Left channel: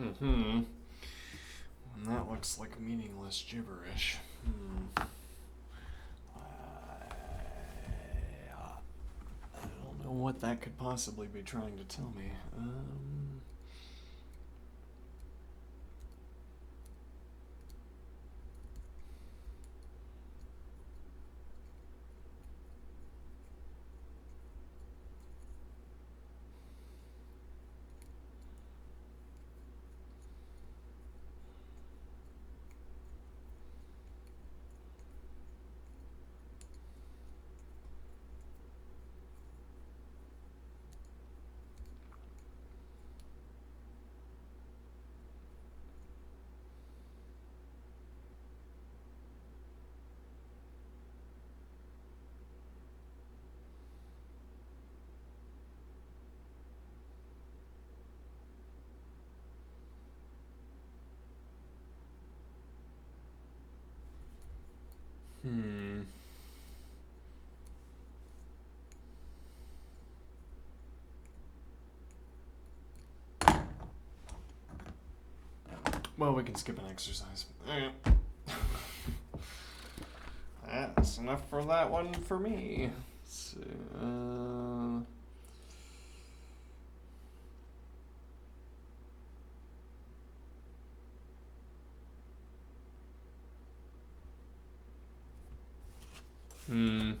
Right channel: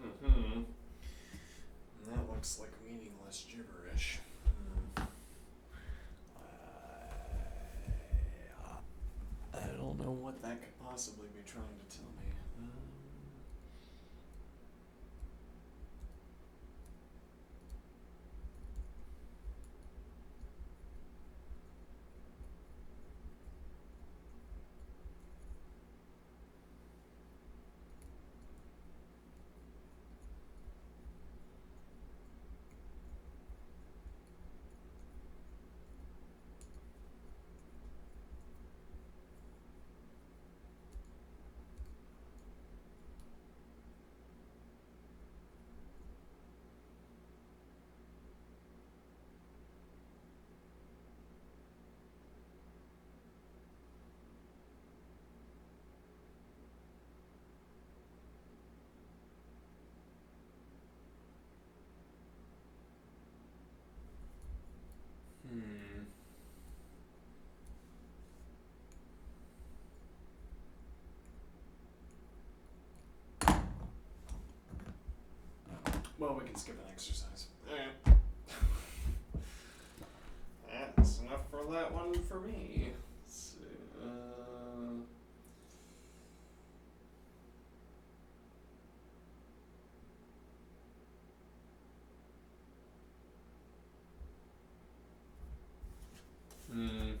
Mm-hmm. And that looks like meaningless gibberish. I don't know what that could possibly be trying to tell me. Hmm. Well, we can skip an exercise. That's enough for that one for me. So, hmm.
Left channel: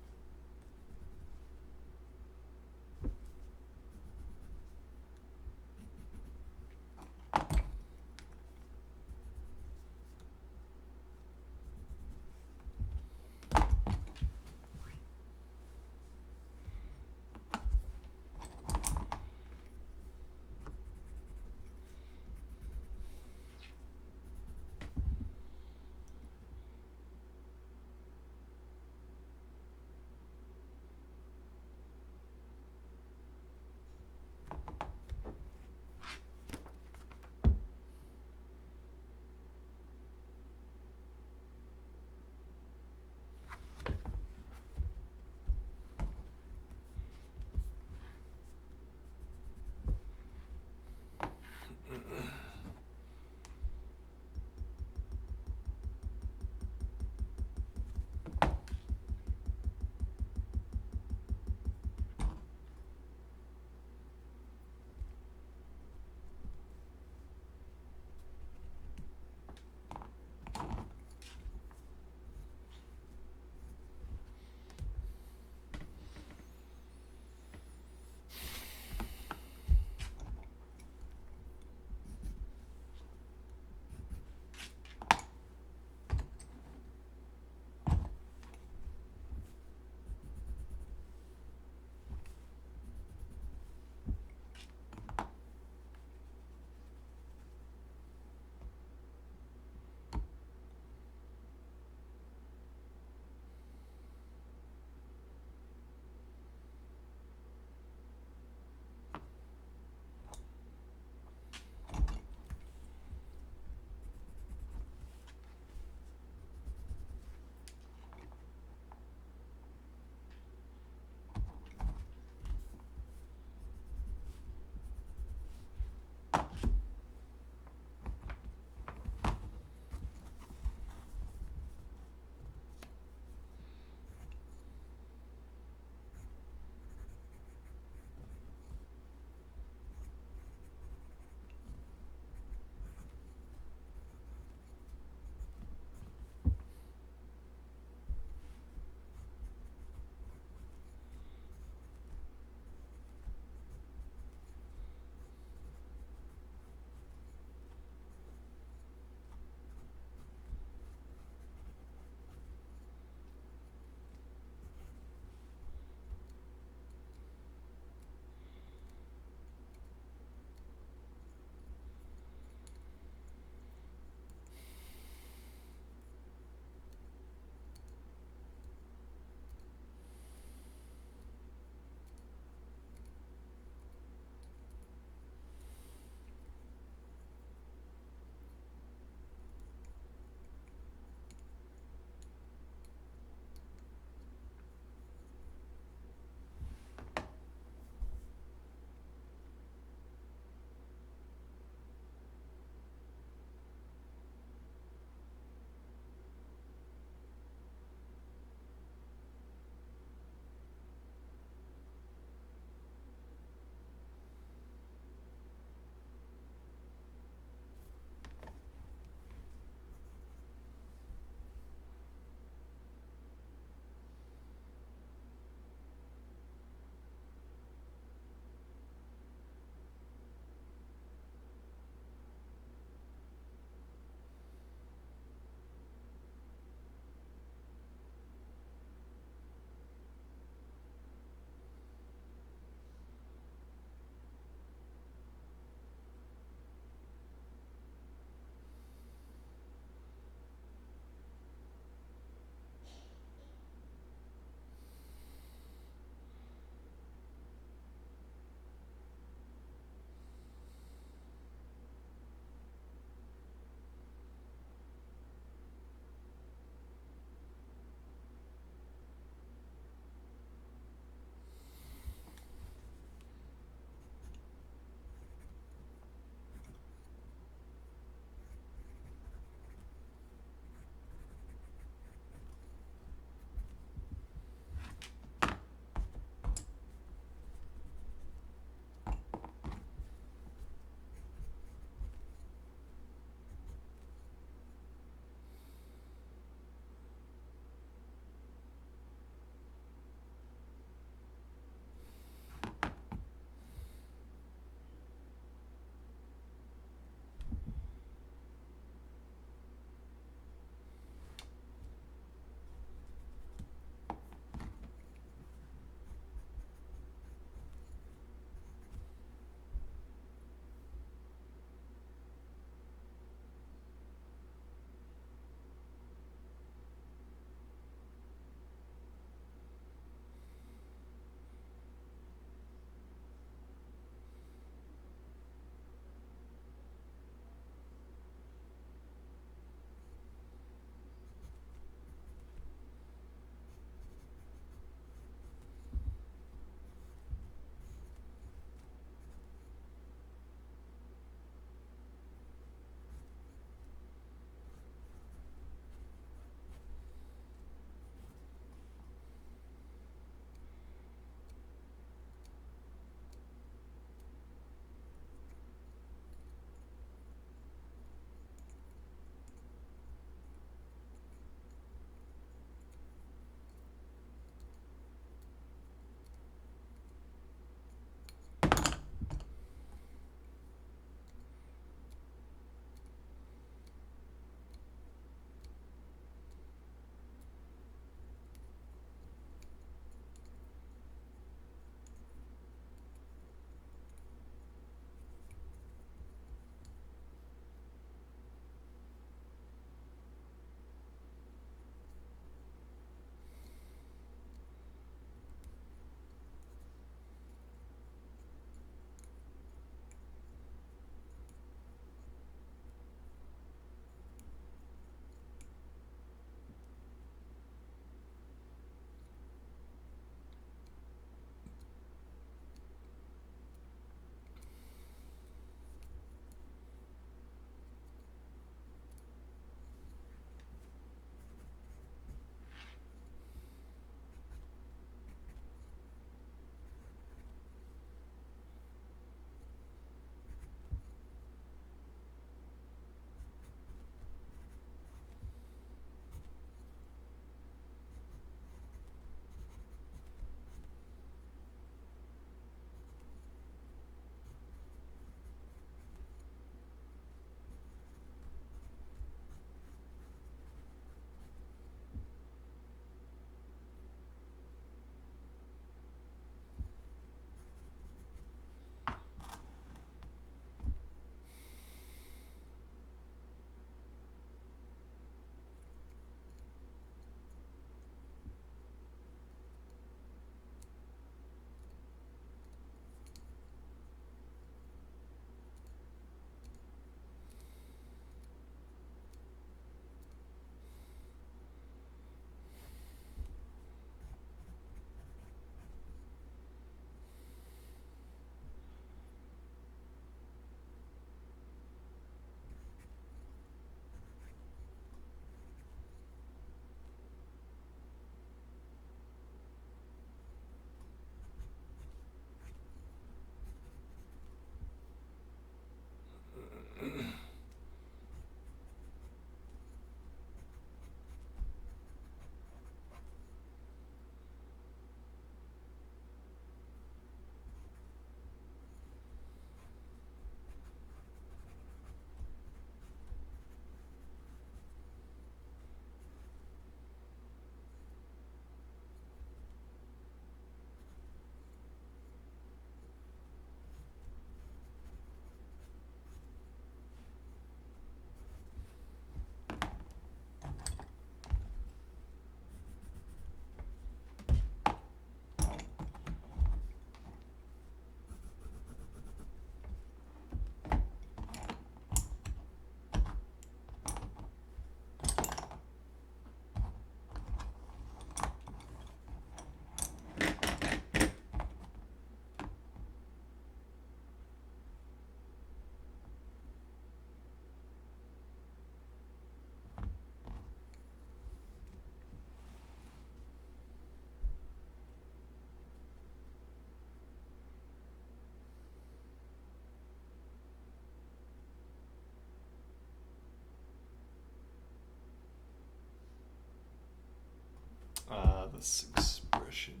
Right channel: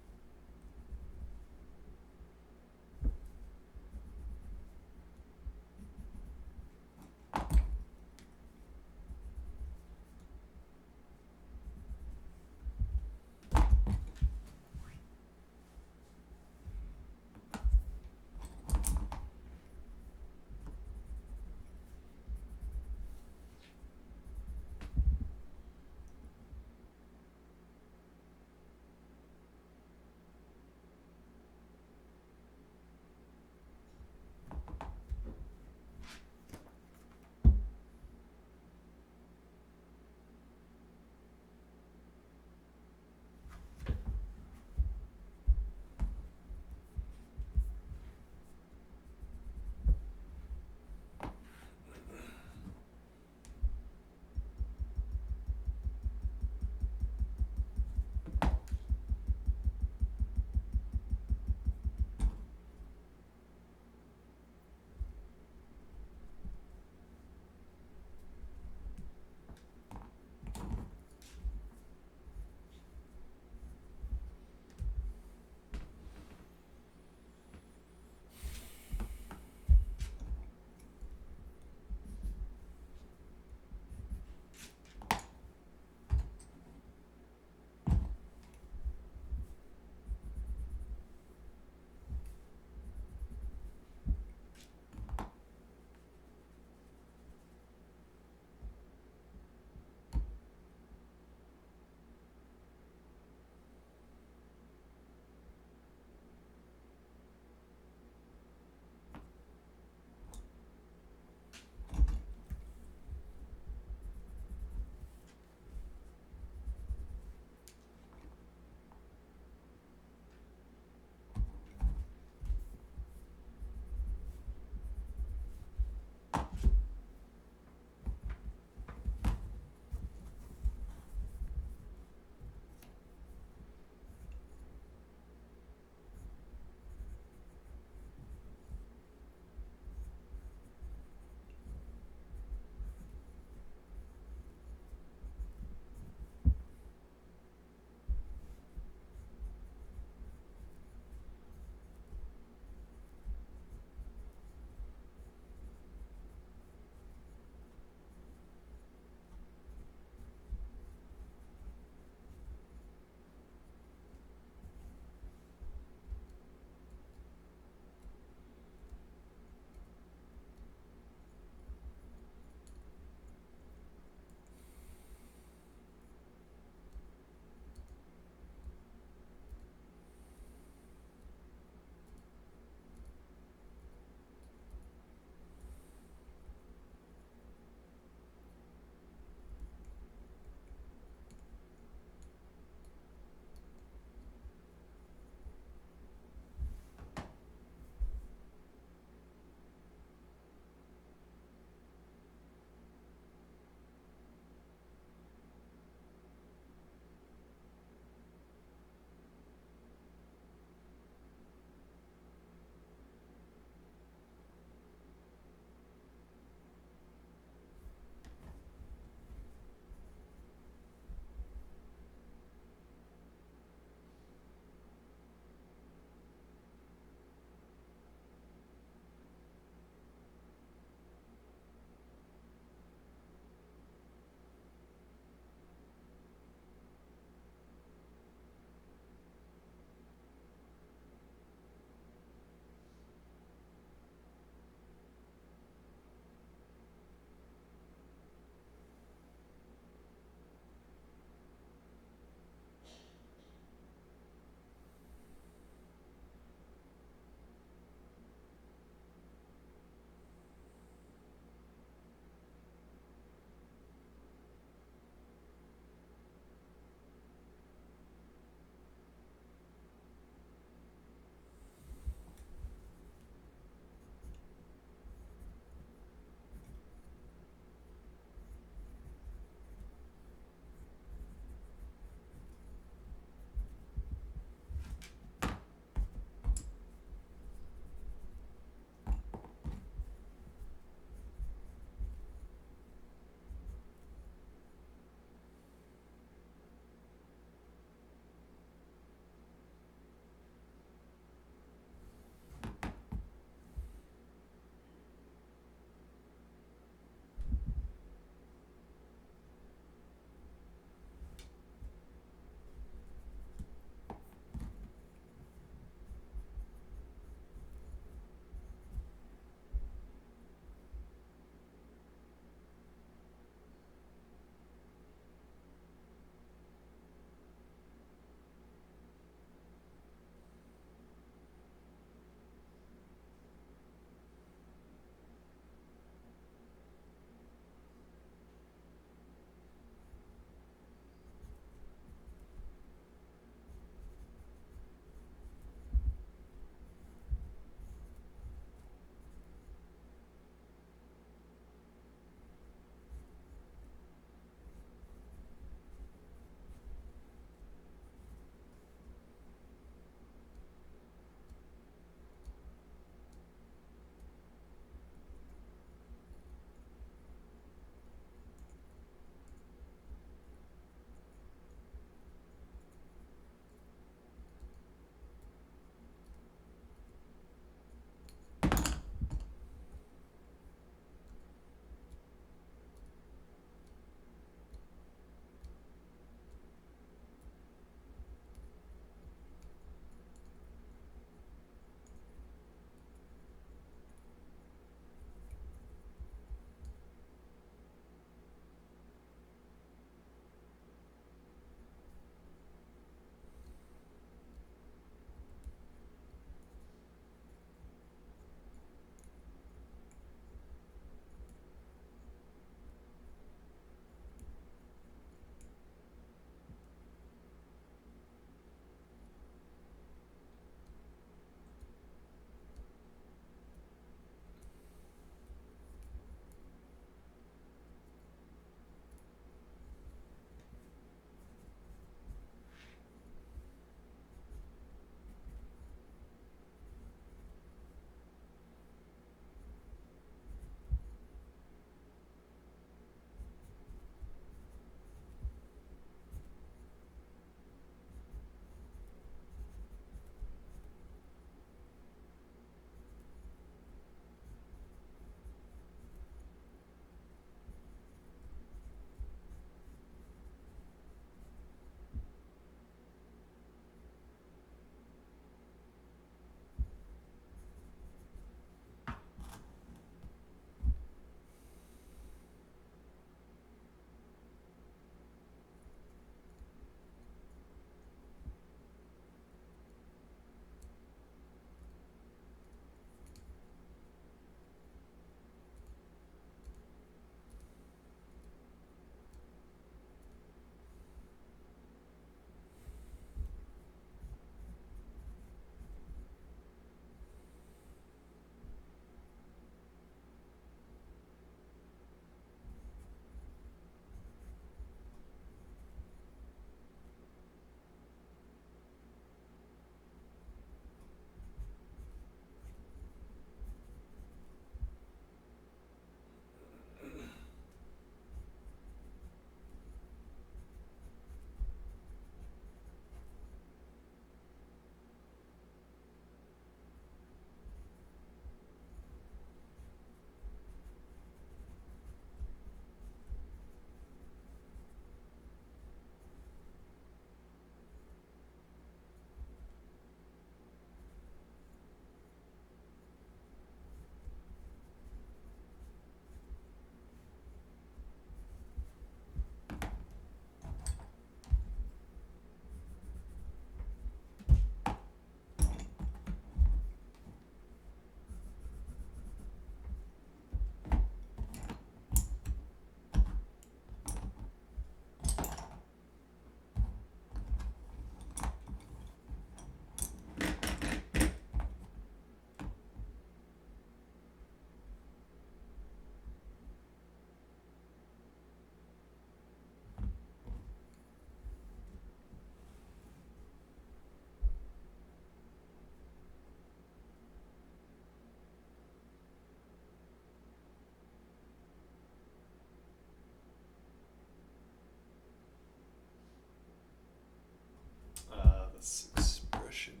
This expression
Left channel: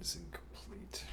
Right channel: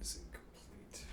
is incomplete.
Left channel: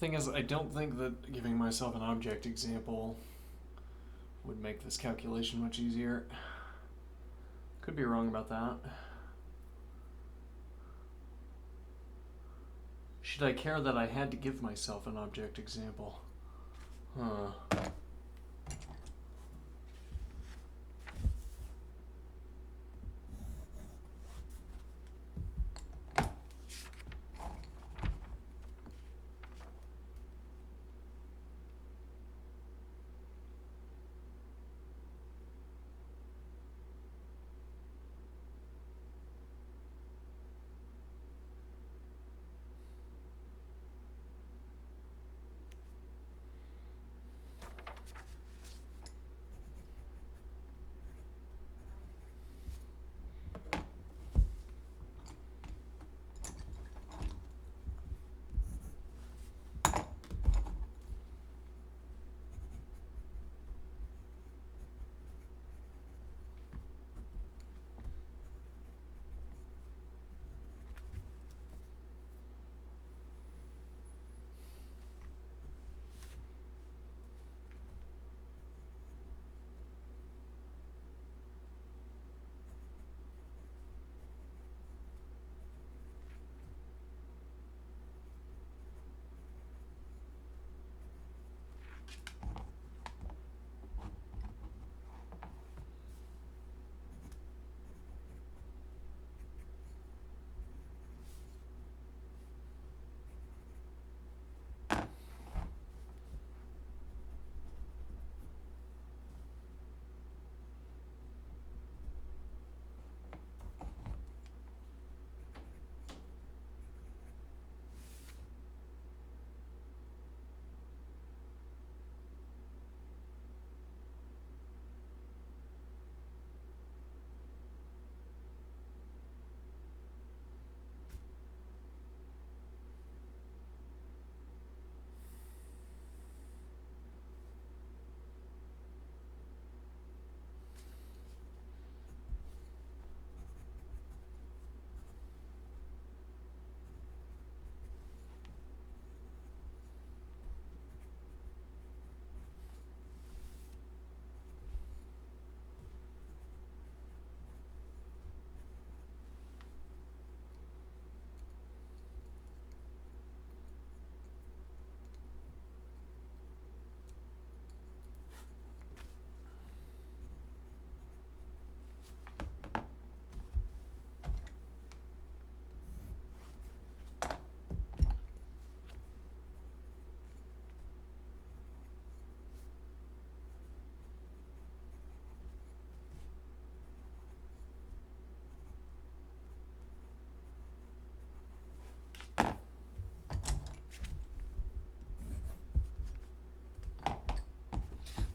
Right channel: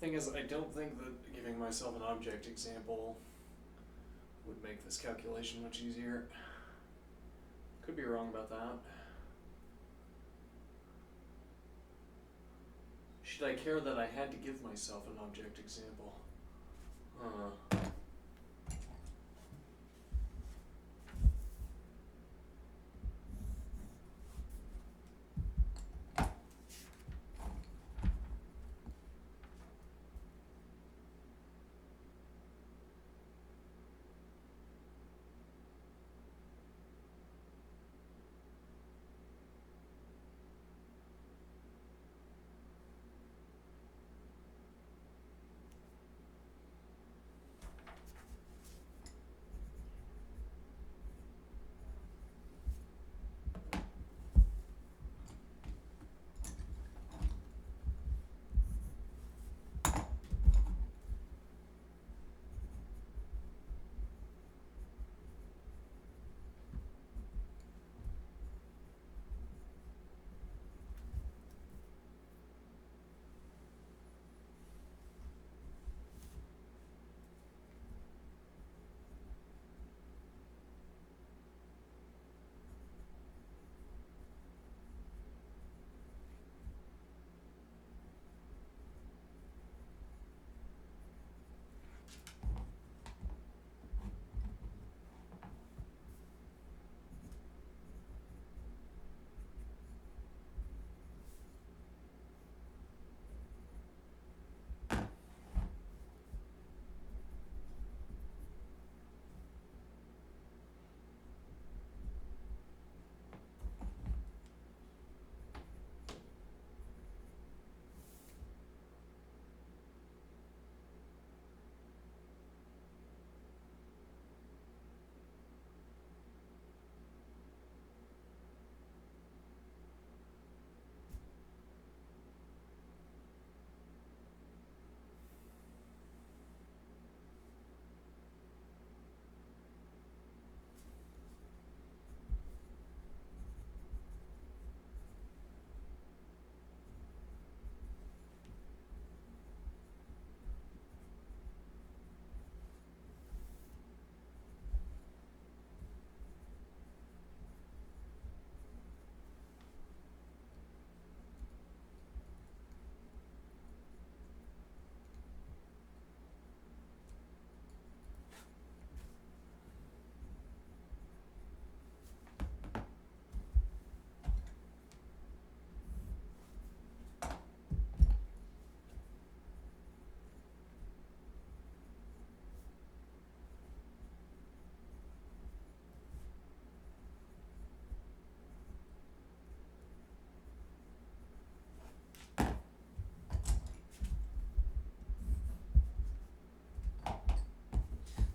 Thing is, I don't think that giving myself an object example would make this calculation much easier. Could be wrong about that. Should I care that I had to give myself an object example? Huh.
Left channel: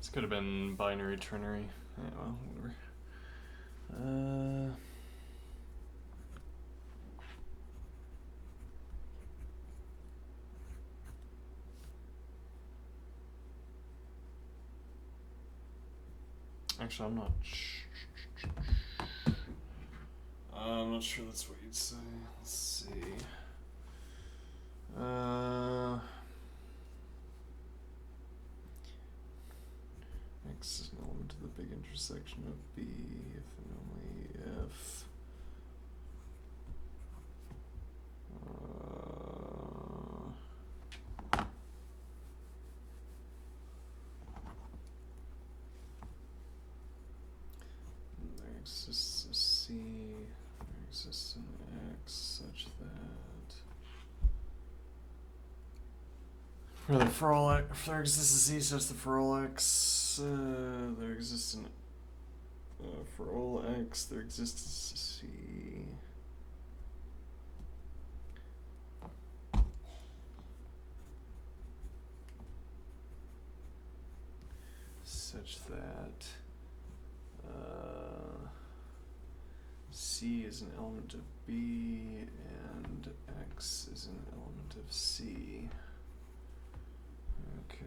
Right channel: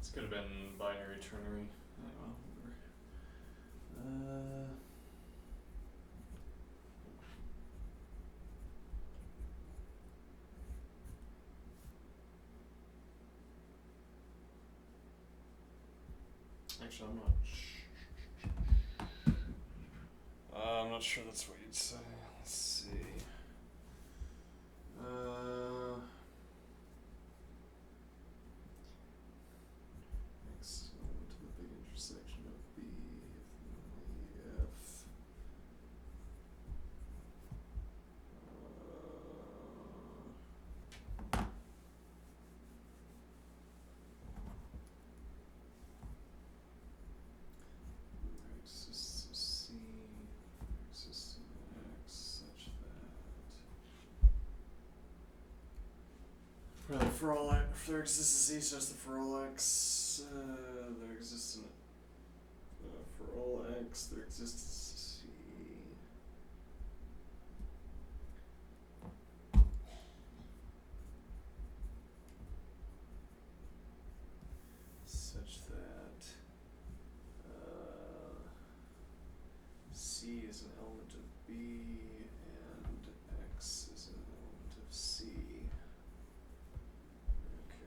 This could have been binary ternary. Yeah, well, whatever. Actually, I'm not sure that's what you'd say. Let's see. X is an element of the big intersection of B if and only if. There exists a C, there exists an X such that if there exists a C such that for all X there exists an for all X there exists a C such that C is an element of B and X is an element of C. Okay.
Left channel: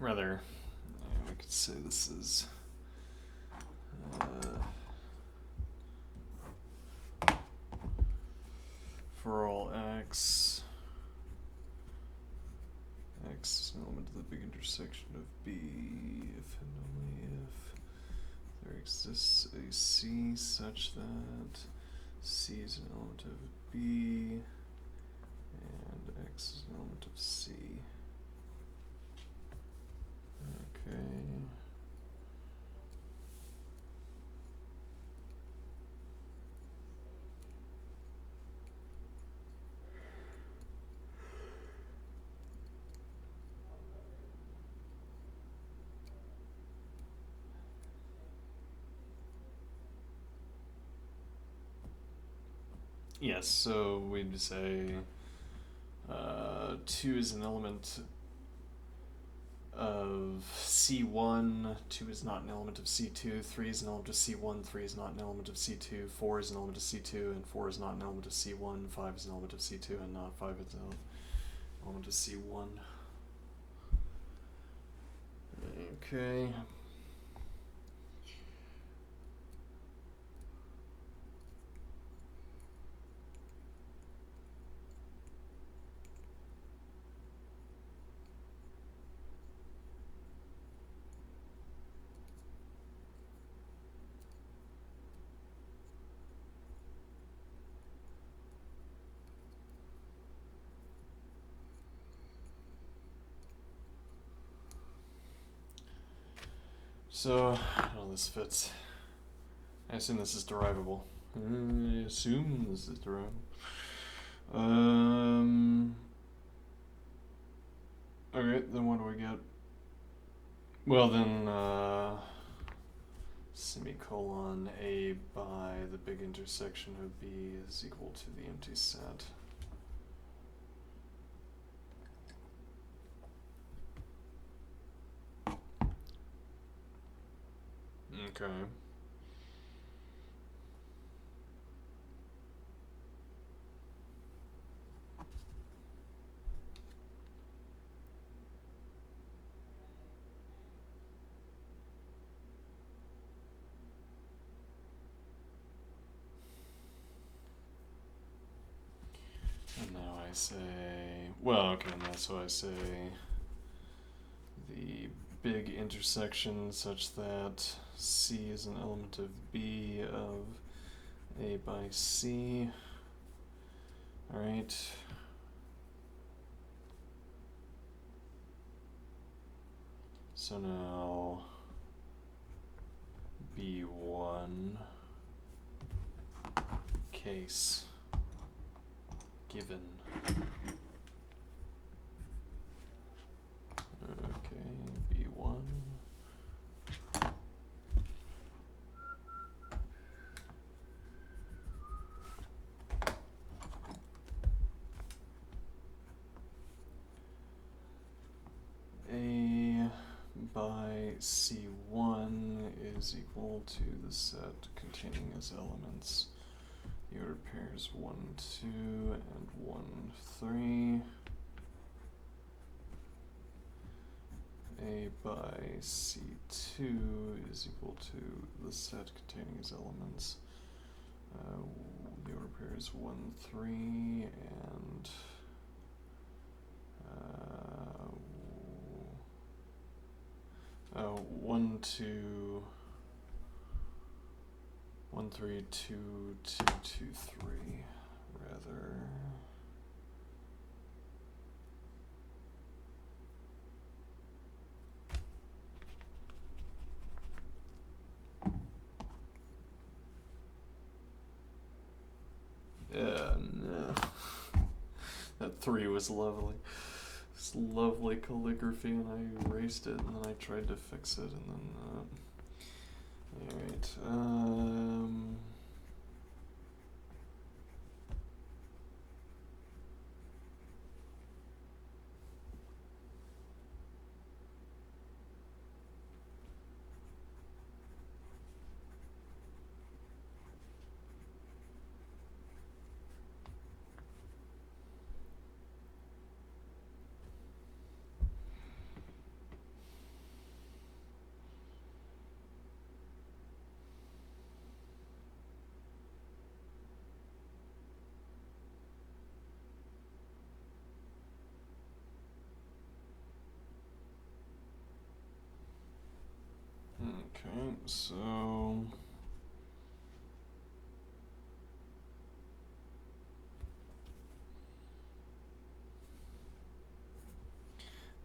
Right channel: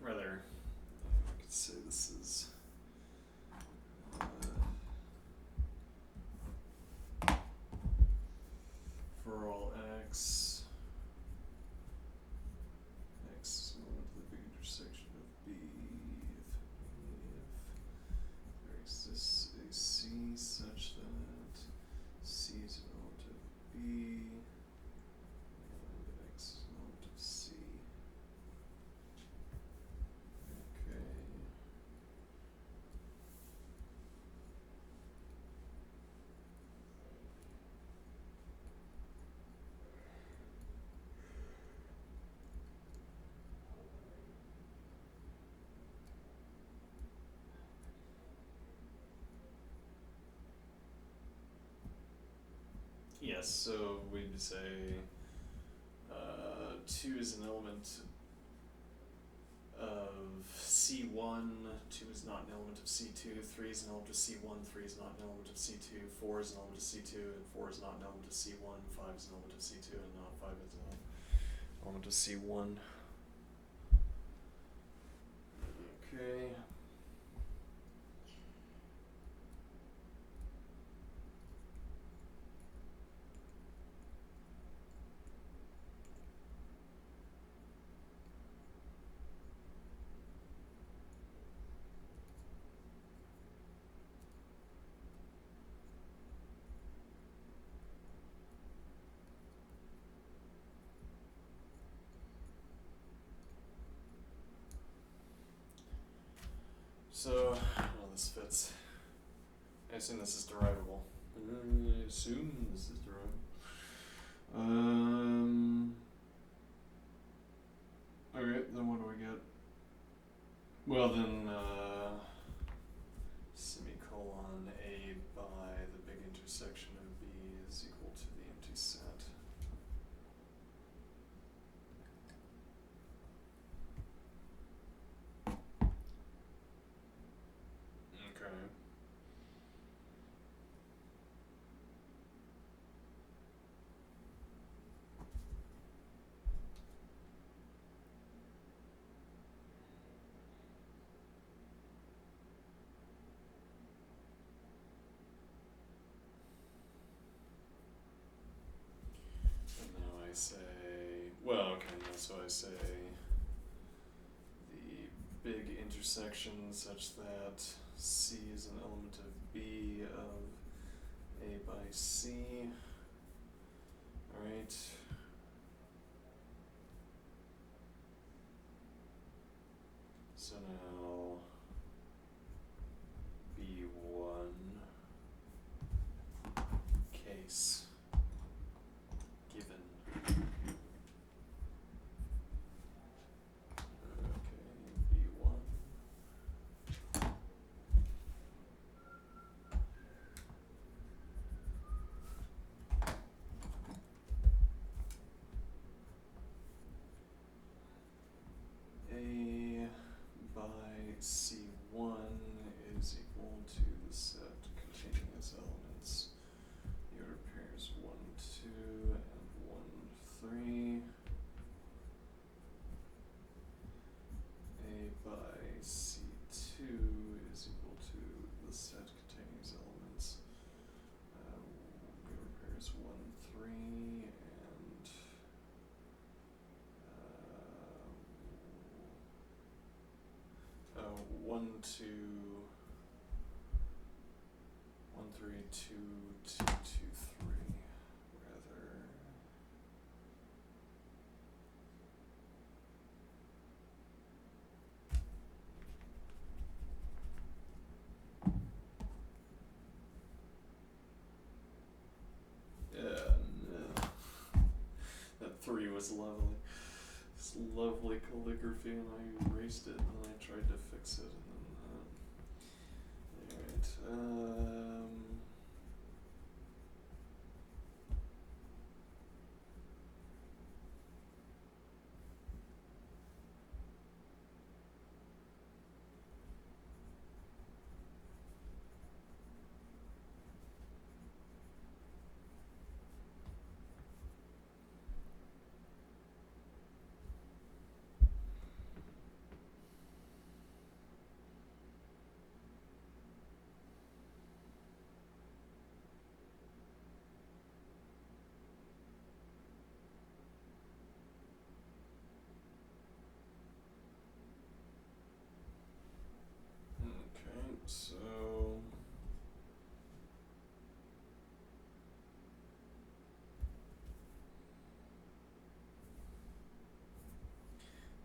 rather, we could say this is for all x is an element of the big intersection of B if and only if there exists a C such that C is an element of B and X is an element of C. Okay. Yes, so we'd say 2 is an element of C1, 2 is not an element of C2, 3 is an element of C1, 3 is not an element of C2, 4 is an element of C2, and 4 is not an element of C1, 5 is an element of C2, and not 5 is an element of C1. Okay. So, well, this fits. I assume this is derivable. I assume this is derivable. Okay, then what do we get? Well, then, semicolon A by the big intersection of B is equal to the empty set. Okay. And now I say, well, okay, now so I say the big intersection such that C is an element of B of A by C. Alright. So now B1 case given. Okay, B1. A by C1 is equal to the set containing as elements the ordered pairs 1, 2, and 1, 3. A by C2 is equal to the set containing as elements the order pairs 1, 3, and 1, 2, 1, 3, 2, 2, 2, 3, rather. No. That 3 was lovely. It's lovely calligraphy, and I erased it, and then I tried to fix it, and then, alright, Okay, so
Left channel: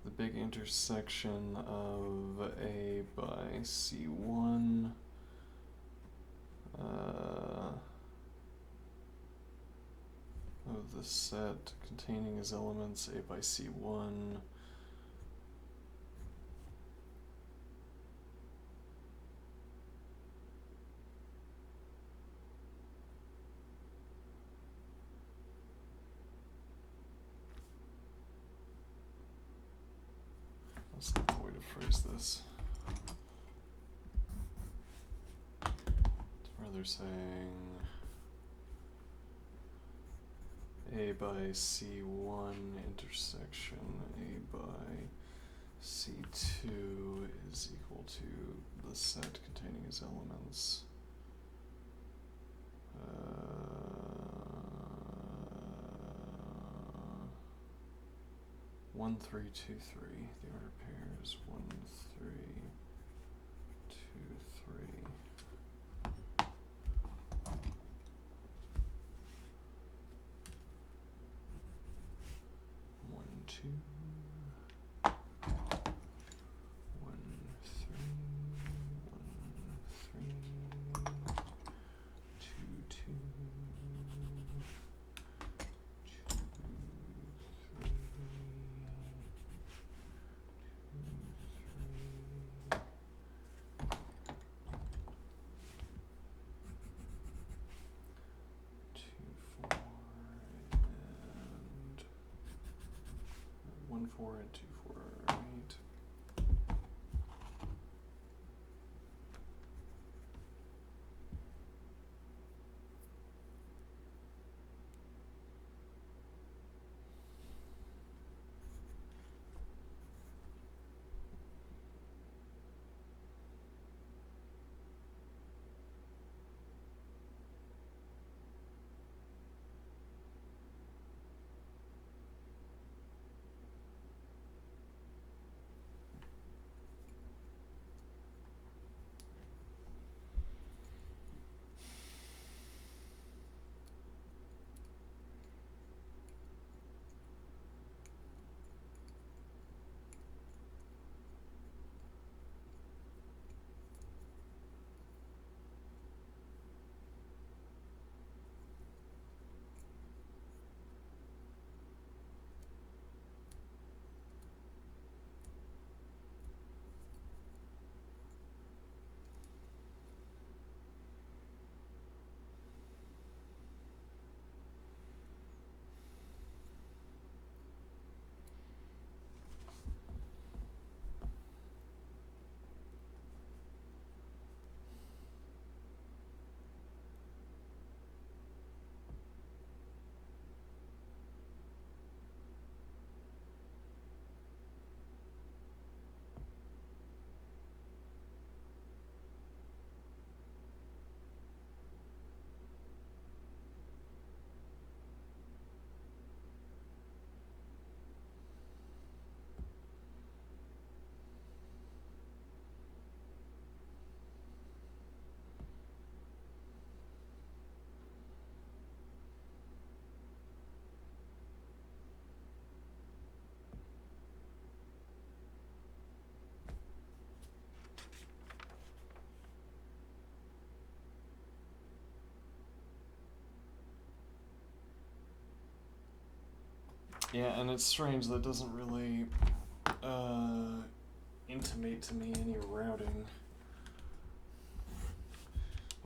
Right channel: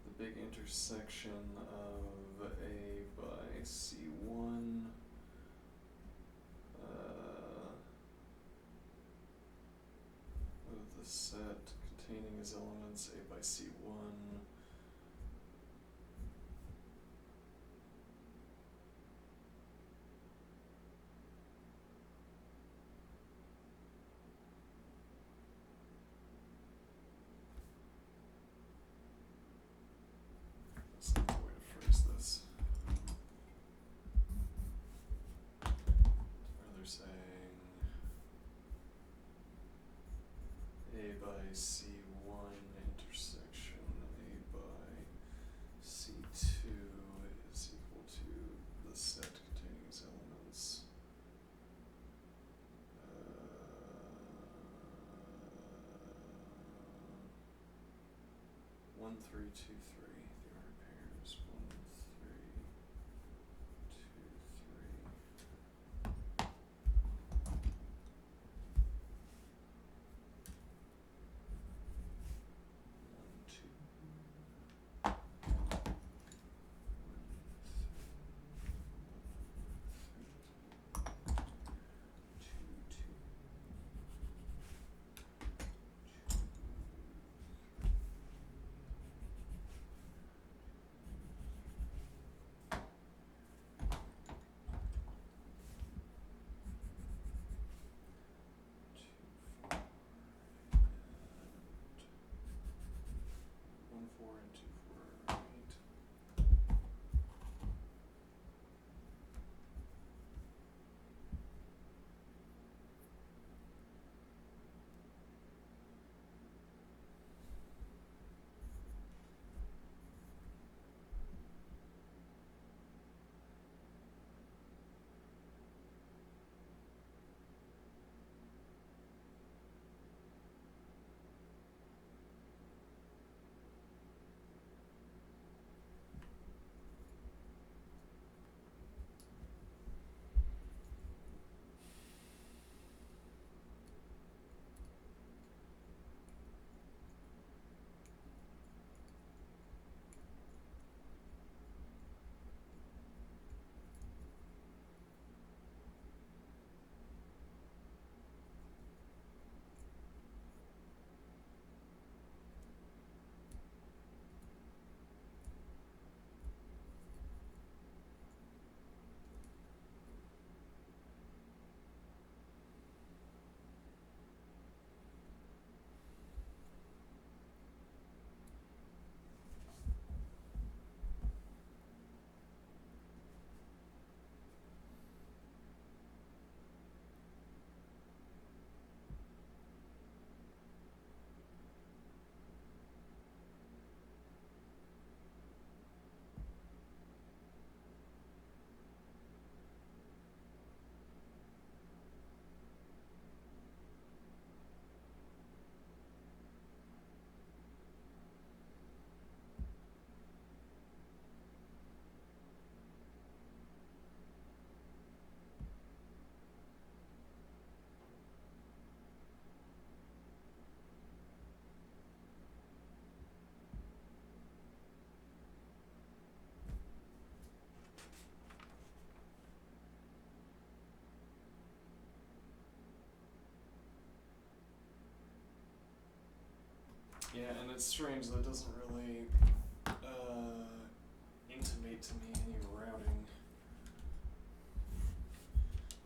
the big intersection of A by C1 of the set containing as elements A by C1 that's not the way to phrase this. It's rather saying A by C1 intersection A by C2 is equal to the set containing its elements 1, 3, 2, 3. The order pair is 1, 3, 2, 3. One, two, 1, 3, 1, 3, 2, 2, 2, 3, 2, 4, and 1, 4, and 2, 4, right? Yeah, and it's strange that doesn't really intimate to me any routing.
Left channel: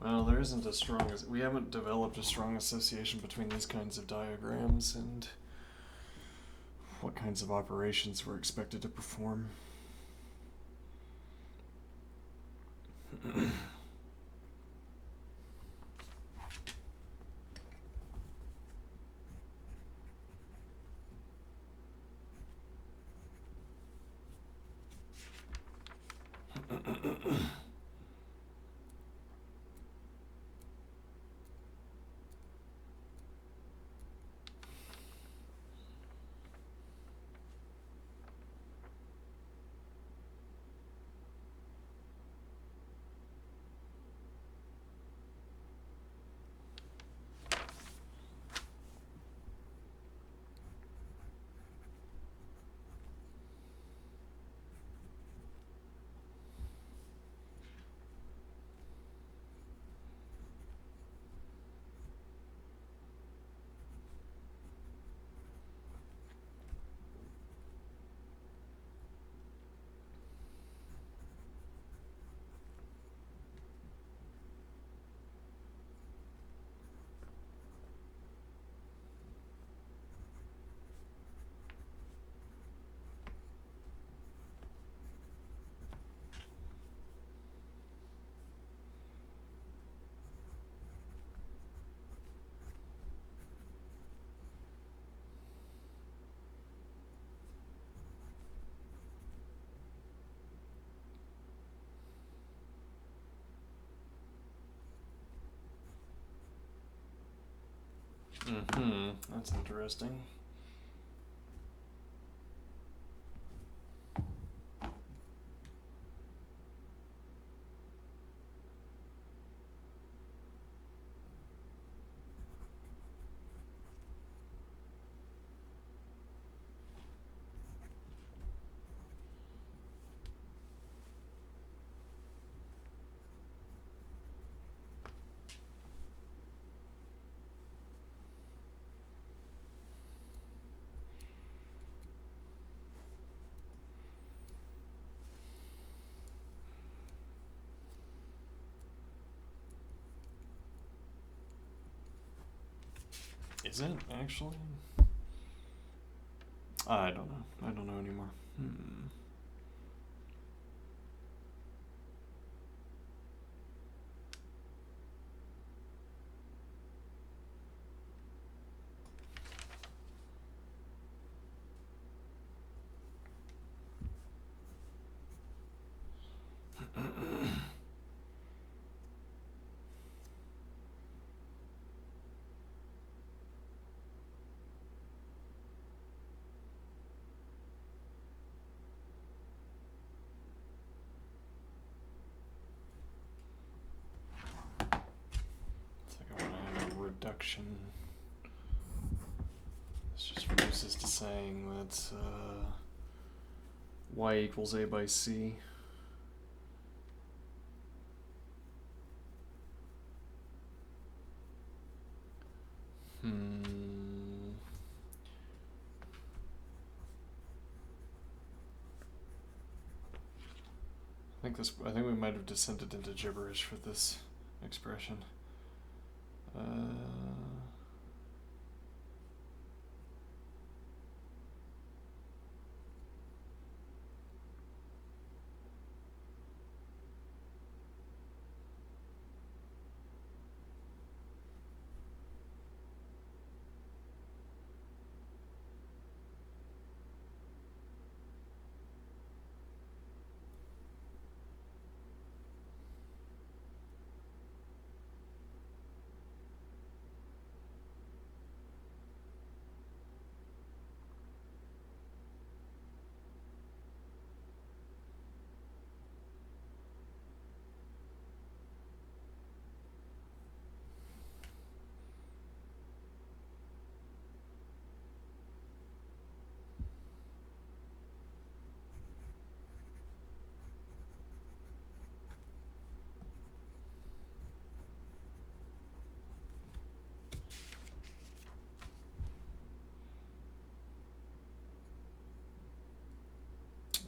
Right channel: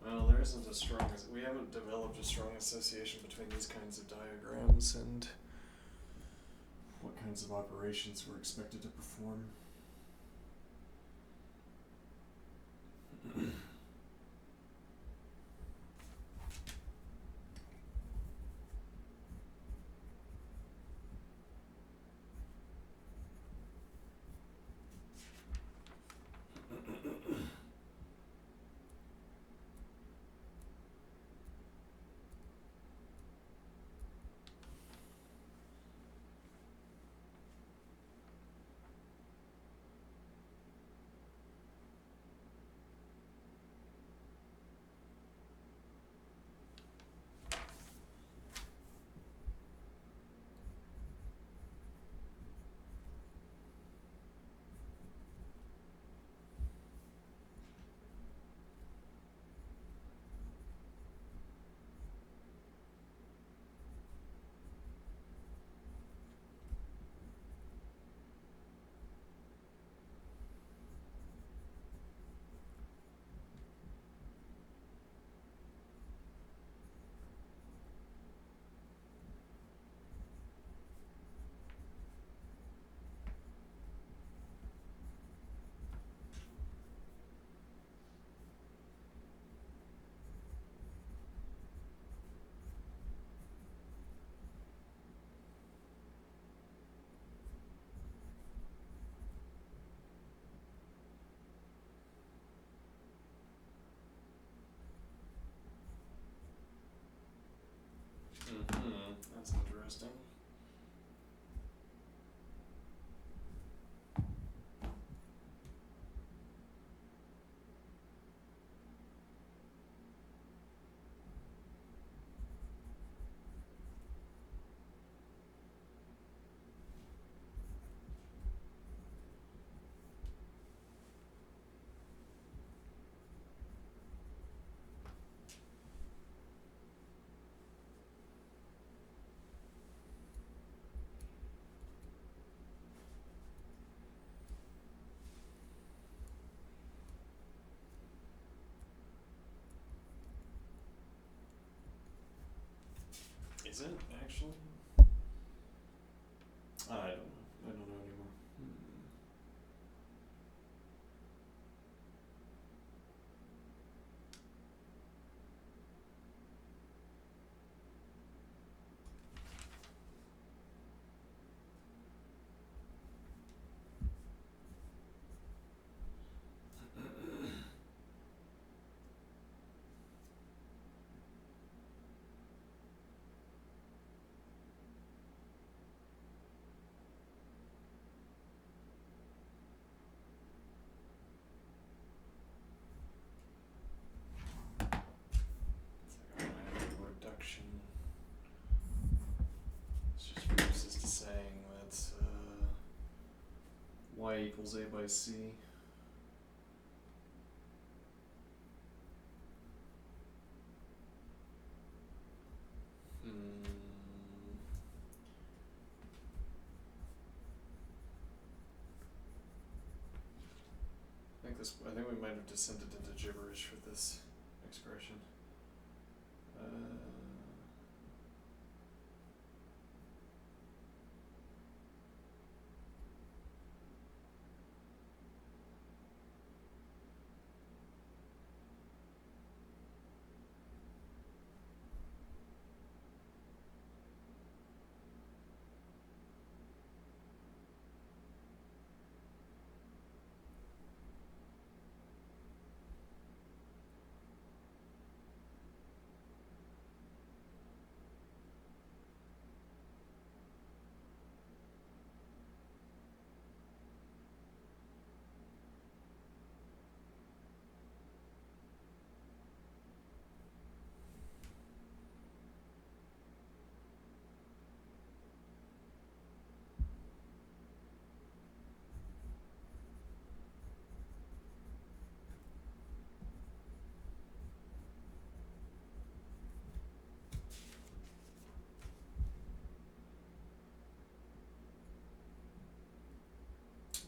Well, there isn't a strong, we haven't developed a strong association between these kinds of diagrams and what kinds of operations we're expected to perform. Mm-hmm. That's interesting. Is it actually? I don't know. I don't know anymore. Hmm. It's like I want to have a reduction. This just reduces to saying that y equals a by c. Hmm. I think we might have descended into gibberish for this expression. Uh,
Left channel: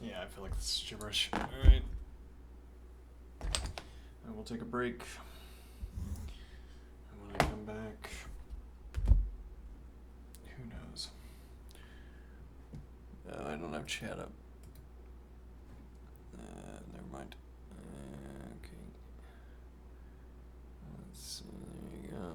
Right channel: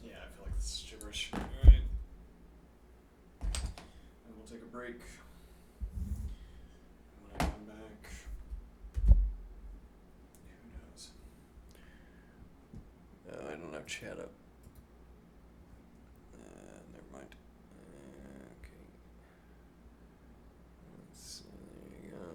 yeah, I feel like this is gibberish. Alright. I will take a break. And when I come back, who knows? I don't have chat up. Never mind. Okay. Let's see. There you go.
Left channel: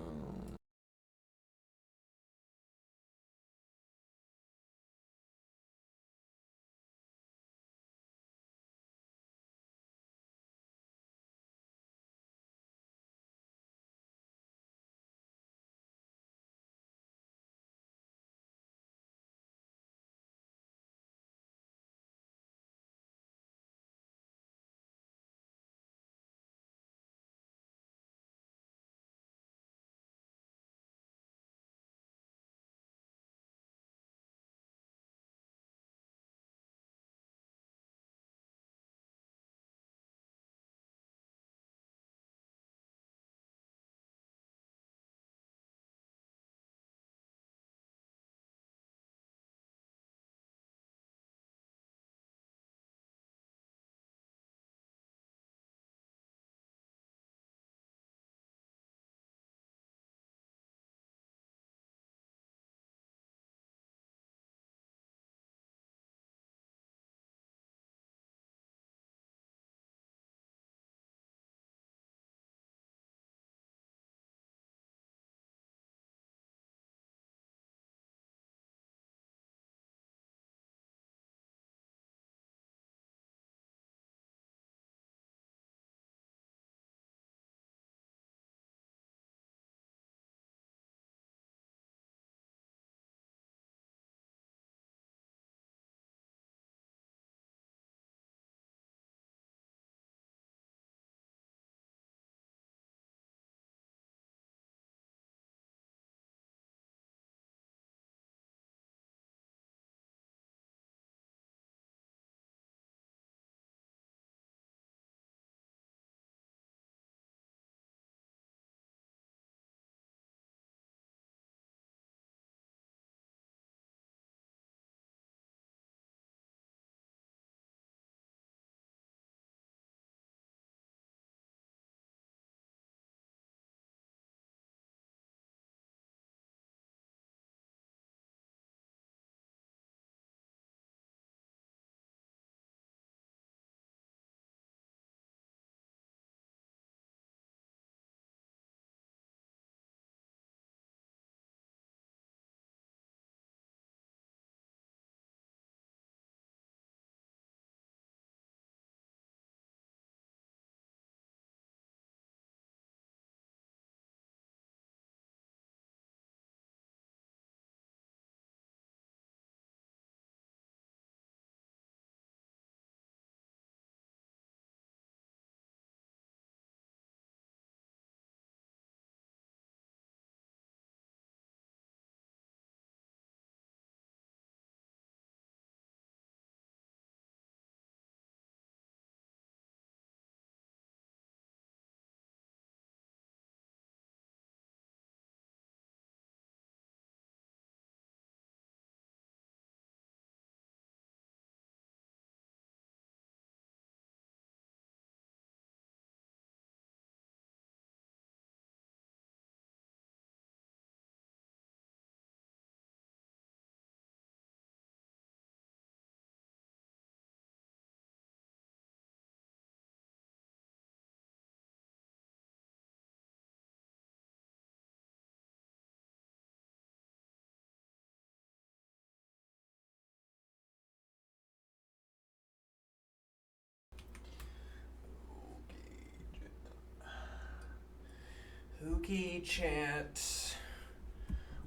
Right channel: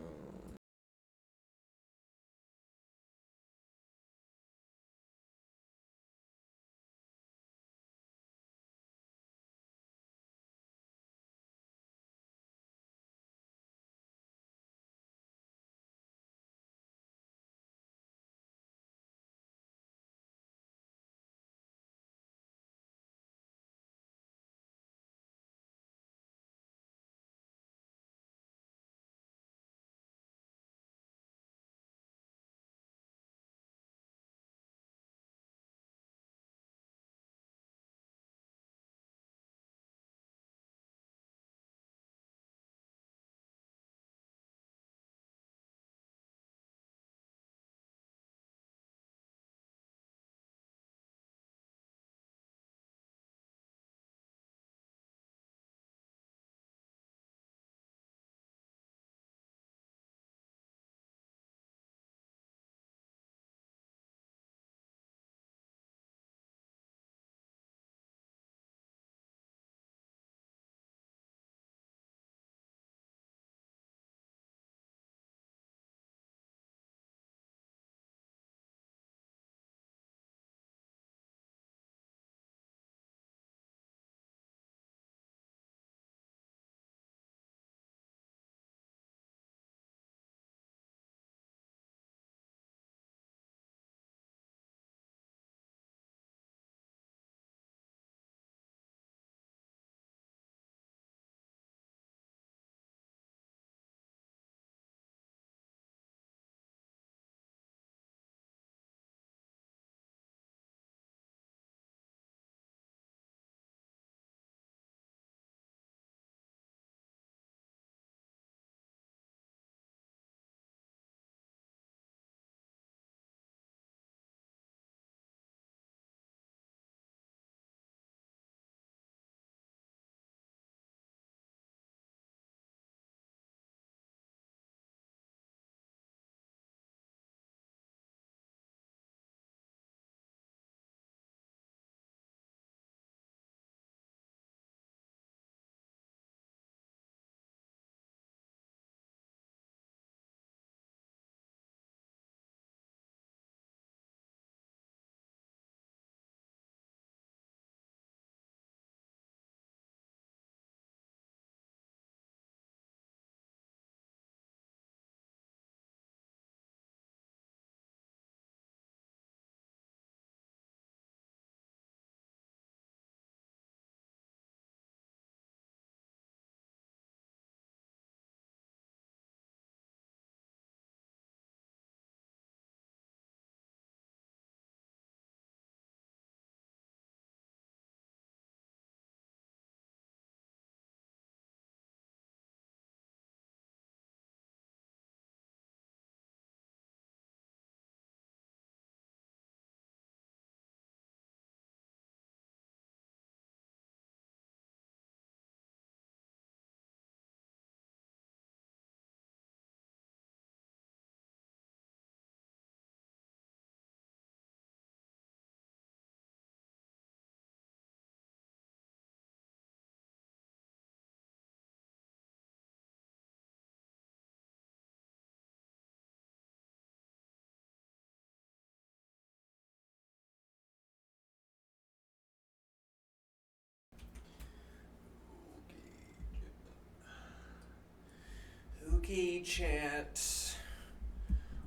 Okay, chat.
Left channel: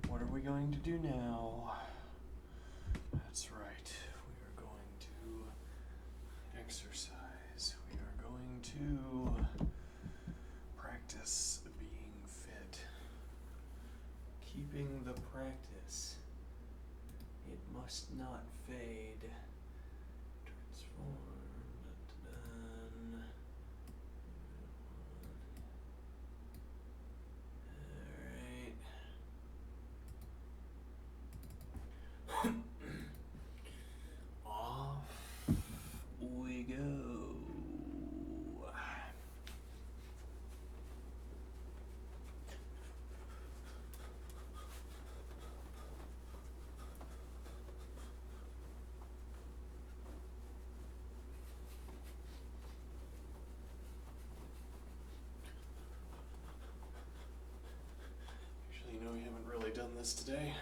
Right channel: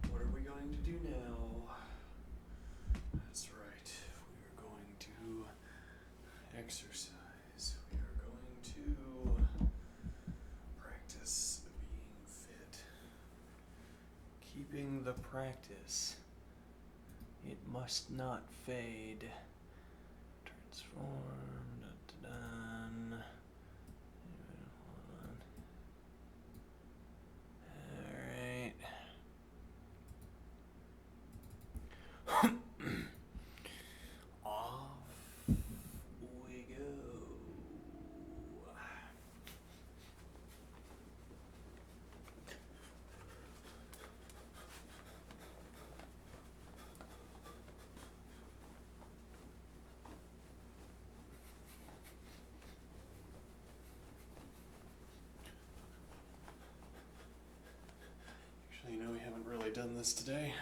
What are we going to do now? That's right. We are going to exercise. We are going to practice being fit. Keeping the practice. It must not fade. Transform. Done. Alright. Off we go. Actually, we haven't really done this today.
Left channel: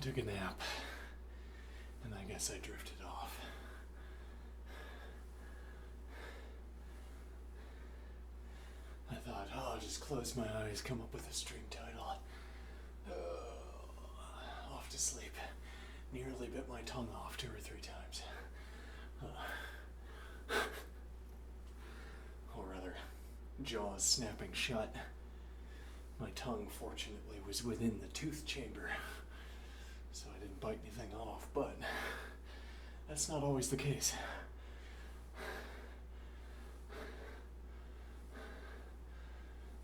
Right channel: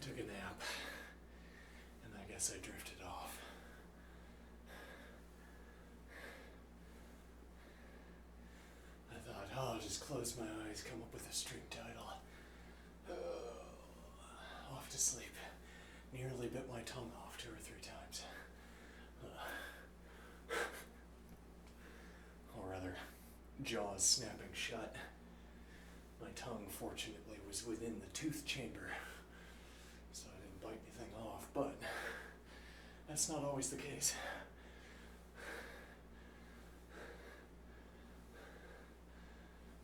took a nap, and I guess I drifted off. I thought, oh, I'll just close my eyes, come up with a string title. Off to sleep. Nearly bit my tongue off 2 or 3 times. Or rather, jaws snapping shut. My tongue, fortunately, was within the tooth chamber, so I didn't bite anything off, but that's not always the case.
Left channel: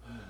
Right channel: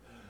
Anyway.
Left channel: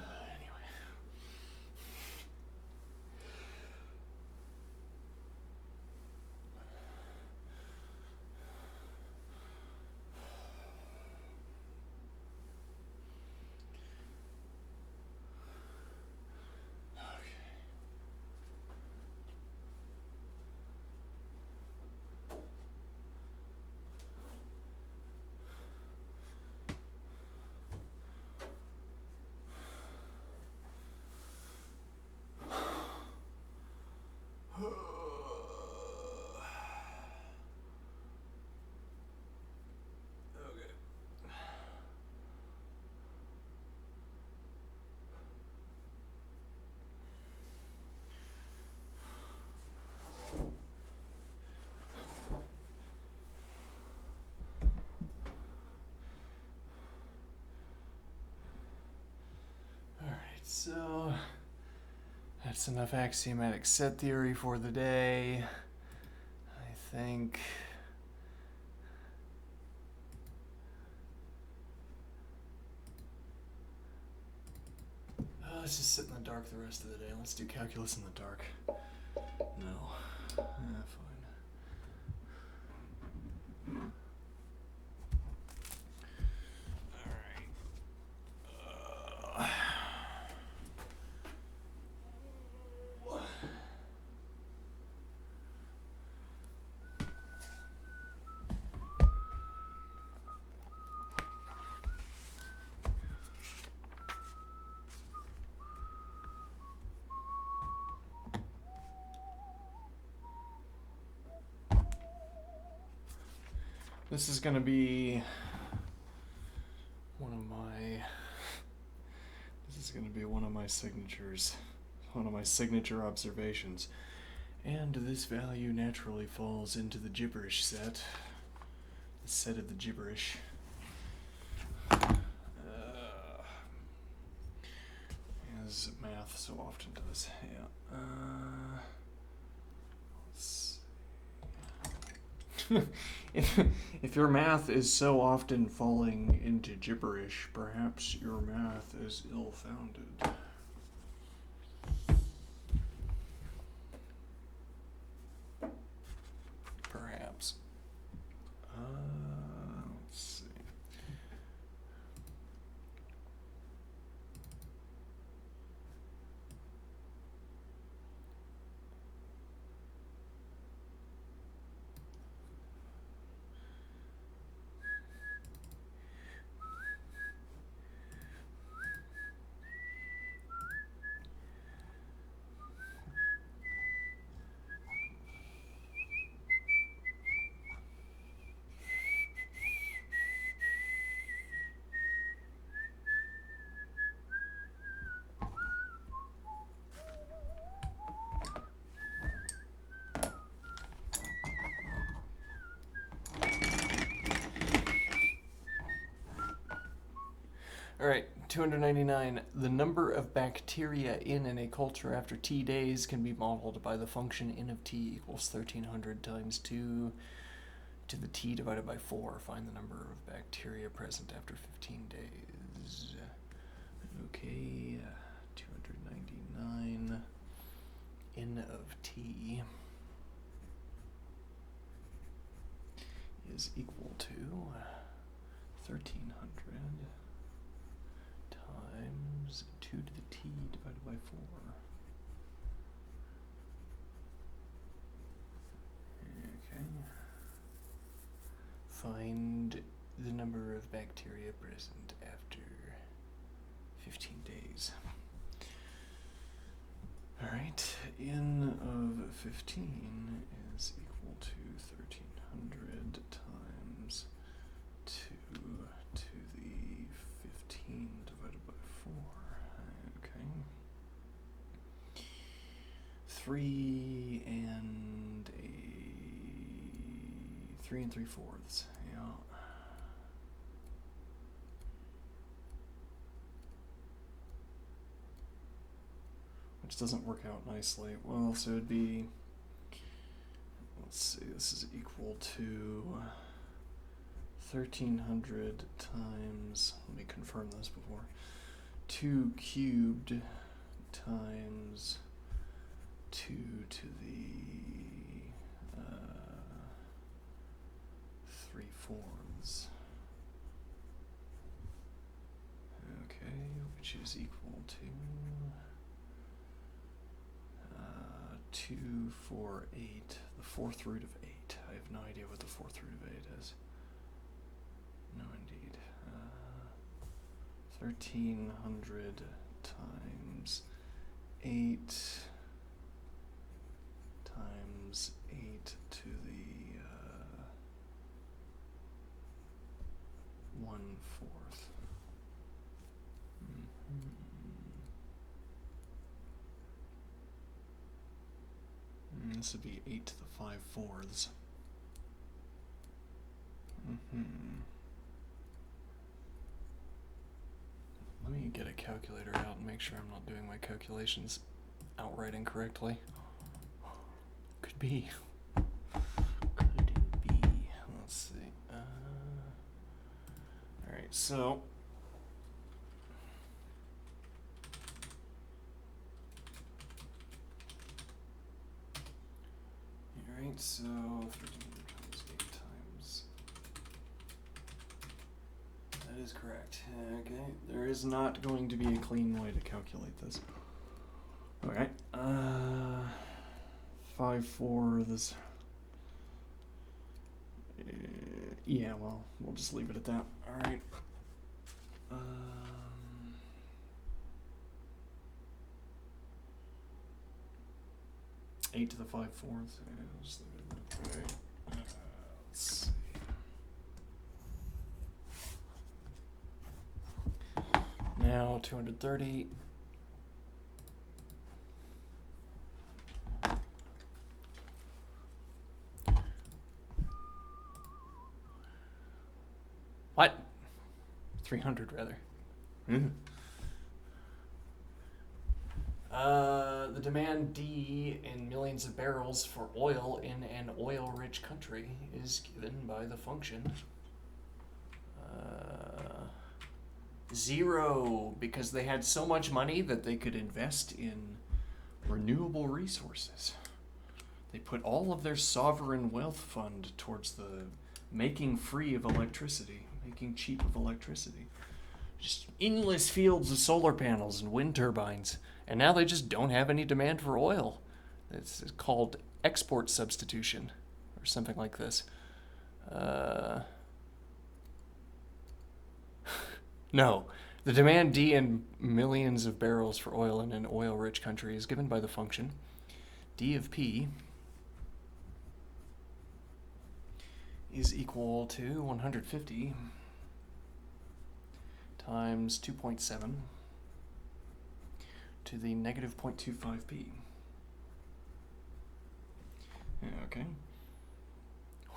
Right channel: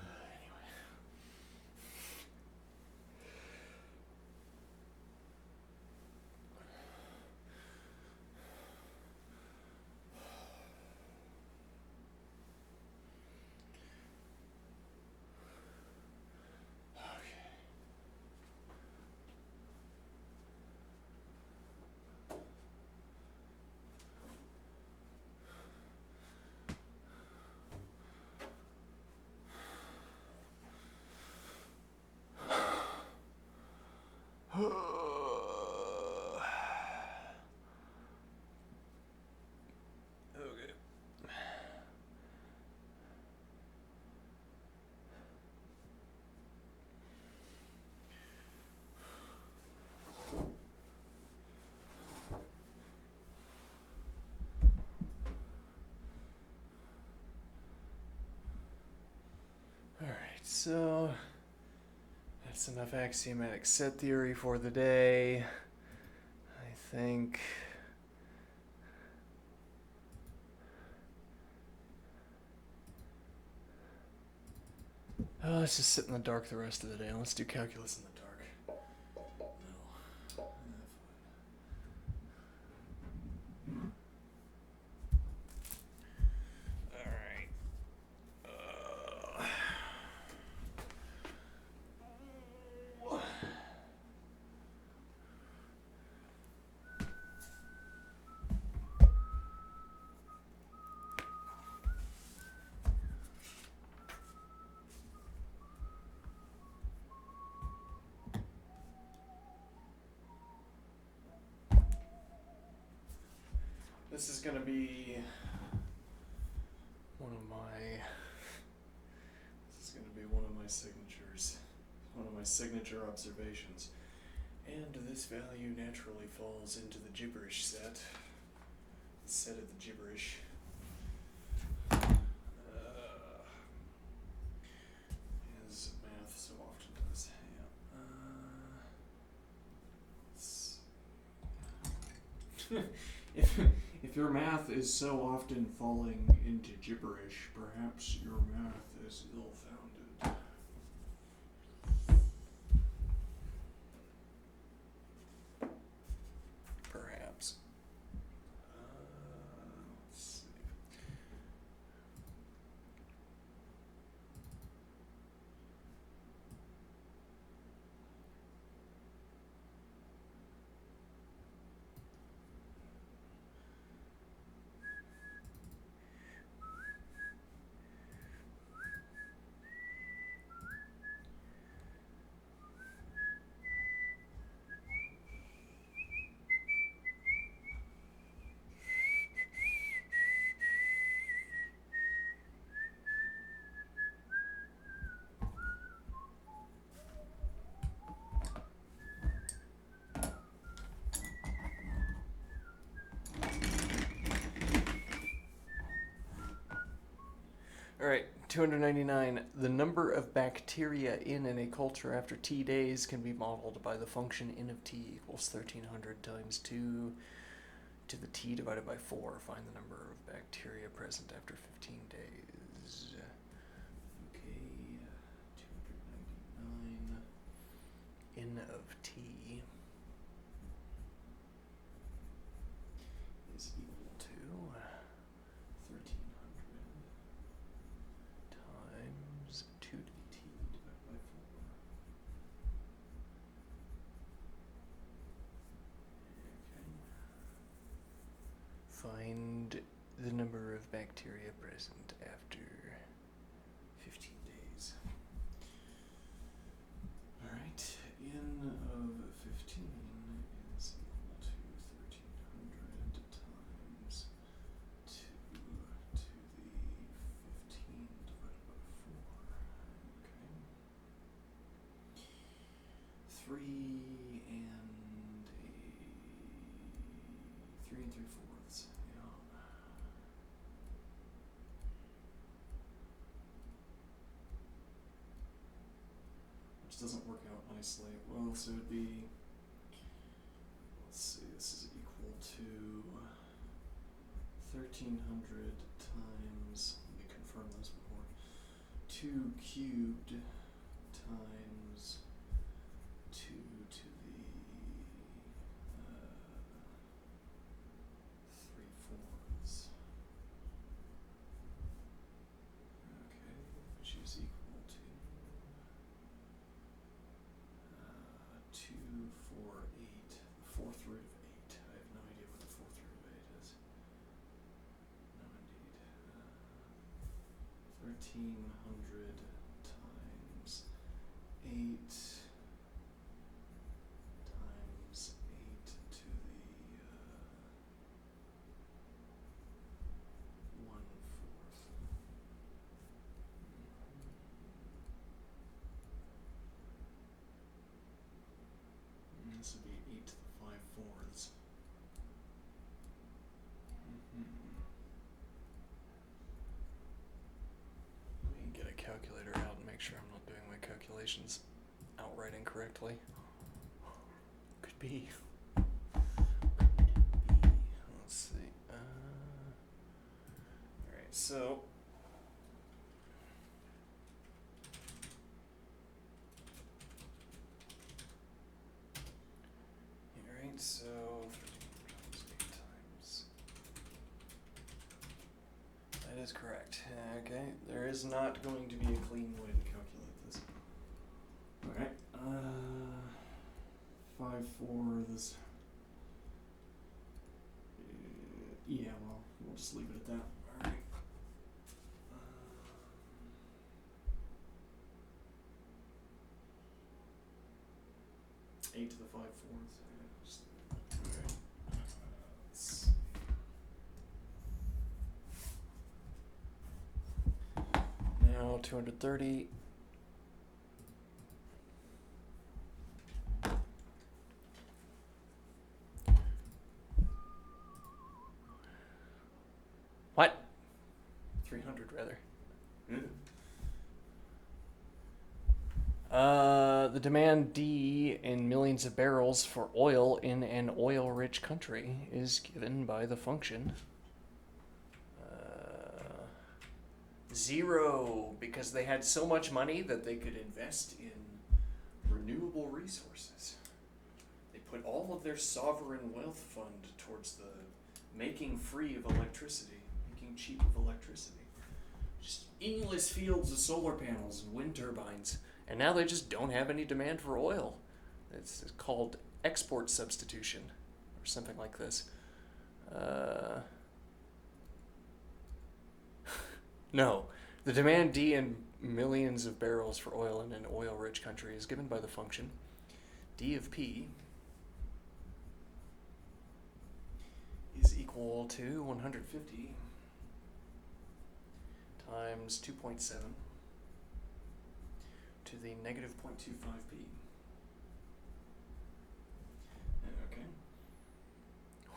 So, that's enough axiomatic set theory for the day, I think. Let's just sit in the dark the rest of the day. Let's do calculus in the dark. No. Fine. This is gonna be one of my signatures, one of my signature observations. And this value naturally falls into the gibberish set, the set of the gibberish. As math so often does. Yeah. If your math is so often falling into gibberish, perhaps your math is ill-founded. Perhaps. Let's see. All right, 299. The number of bacteria in a culture after T days can be modeled by the function n of t equals 1300 times 2 to the t divided by 4. Find the number of bacteria present after 15 days. Okay, 299. N of t is equal to 1300 times 2 to the t divided by 4. Okay. Find the number of bacteria present after 15 days. Alright, N of 15 is equal to 1300 times 2 to the 15 divided by 4. Okay. 3 and 3 3/4. Yeah. Which doesn't work out nicely. Well, so it'd be, let's see, this is equal to 1300 times, let me confirm this before, 2 cubed times 2 to the 3/4. Okay, which is equal to 2, 4, 8, the 4th root of 8. I have no idea what the 4th root of 8 is. No, indeed. 1300 times 8 times 8 to the 1/4. This would be 8 to the 5/4. Let me get a calculator out and make sure I'm not doing my calculations outright incorrectly. Could be. Could be. Let's see. Alright, so alright, so 1300 times 8 times. That is correct. Okay, there is not going to be a clean way to calculate this. Alright, 5/4. Yeah, well, we'll just leave it at that. Alright. 8 to the 5/4. Just leave it at that. Alright. Let's see. Now 230. What? 300 rather. The demand D in millions of barrels for oil in an oil-rich country is given by the function 0, because they had so much money that they could invest in renewable resources. They put all of their sovereign wealth fund towards the making free of electricity, making cheap of electricity. Just endless fields of solar panels and wind turbines, and now they just don't have any demand for oil. It's called export substitution, or something like this. No, the demand D in millions of barrels for oil in an oil-rich country is given by the function D of P is equal to 150 times 2.7 to the negative 0.25p. Okay.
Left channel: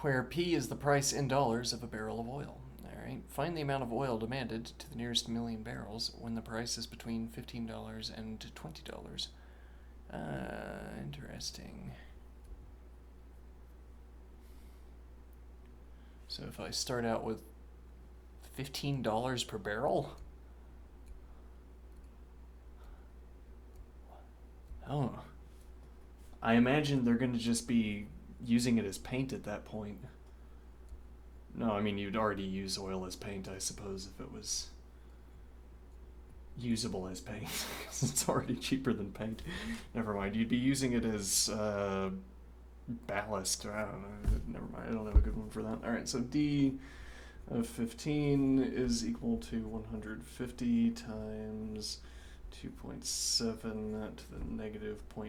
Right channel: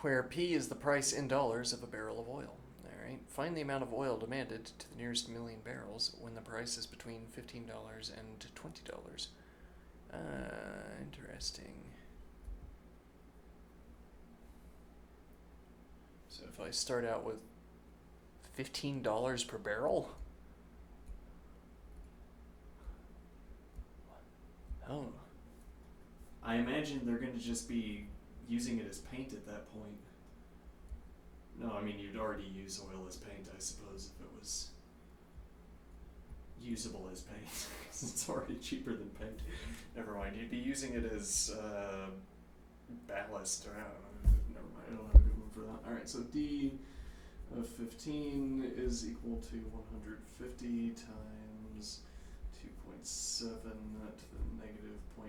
Where P is the price in dollars of a barrel of oil. All right. Find the amount of oil demanded to the nearest million barrels when the price is between $15 and $20. Interesting. So if I start out with $15 per barrel? Oh. I imagine they're going to just be using it as paint at that point. No, I mean, you'd already use oil as paint, I suppose, if it was usable as paint, because it's already cheaper than paint. Never mind, you'd be using it as ballast. I don't know. Never mind, I don't have a good one for that. Alright, so D of 15 is equal to 150 times 2.7 to the negative 0.25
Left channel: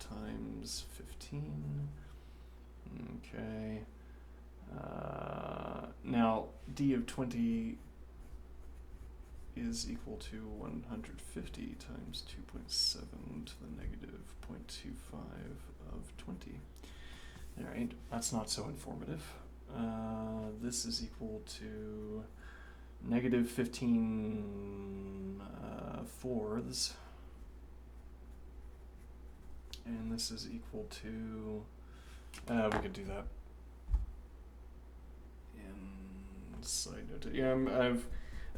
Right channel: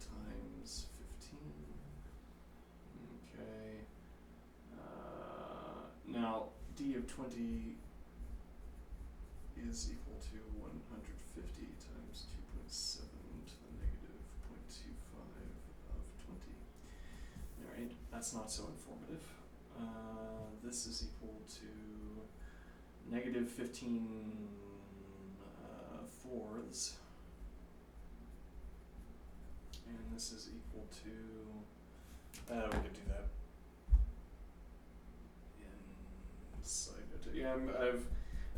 times 15. Okay. Now, d of 20 is equal to 150 times 2.7 to the negative 0.25 of 20. Alright, that's not so informative. This is equal to negative 15 fourths. And this is equal to, we could do that in side note. Yeah,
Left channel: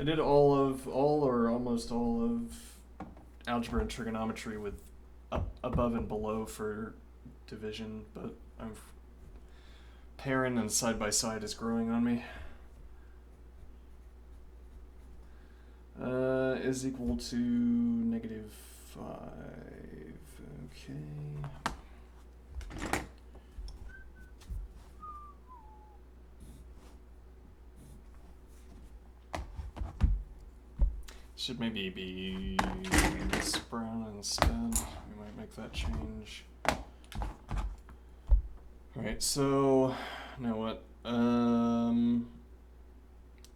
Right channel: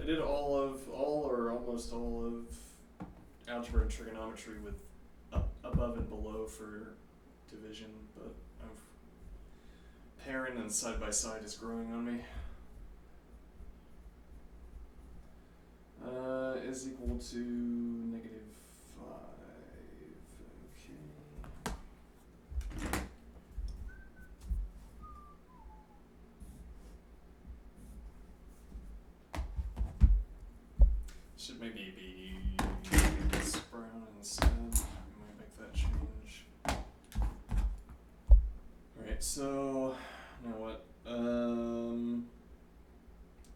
I did all or almost all of algebra and trigonometry with above and below for division, but pairing and side by side is growing on me. Is equal to negative 5. Okay. Should maybe be this brown instead. We might make that change. Alright, so now what?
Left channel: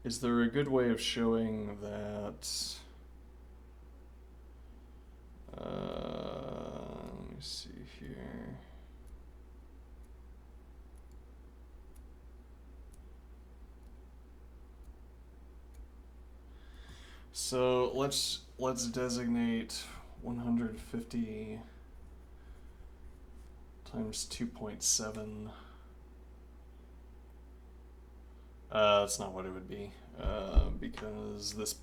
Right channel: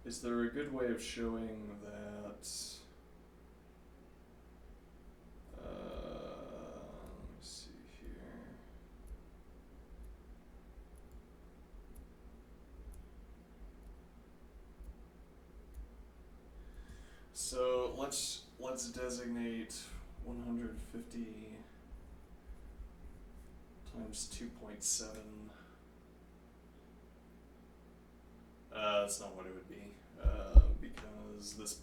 Is there a good way of showing that? Let me see here. So let's designate 150 times 2.7. That's not what it would be, because this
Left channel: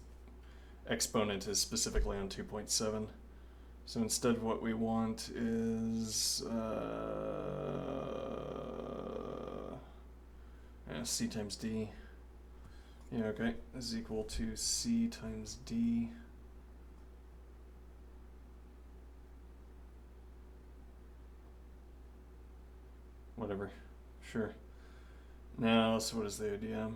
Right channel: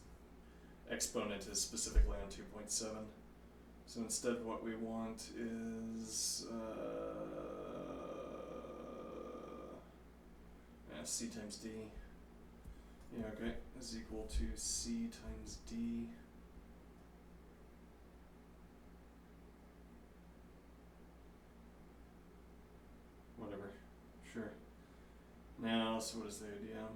exponent is specifically on 2.7. So instead what we want is c times d. Yeah, okay, is equal to c times d. Whatever, sure. Now, so what is the idea?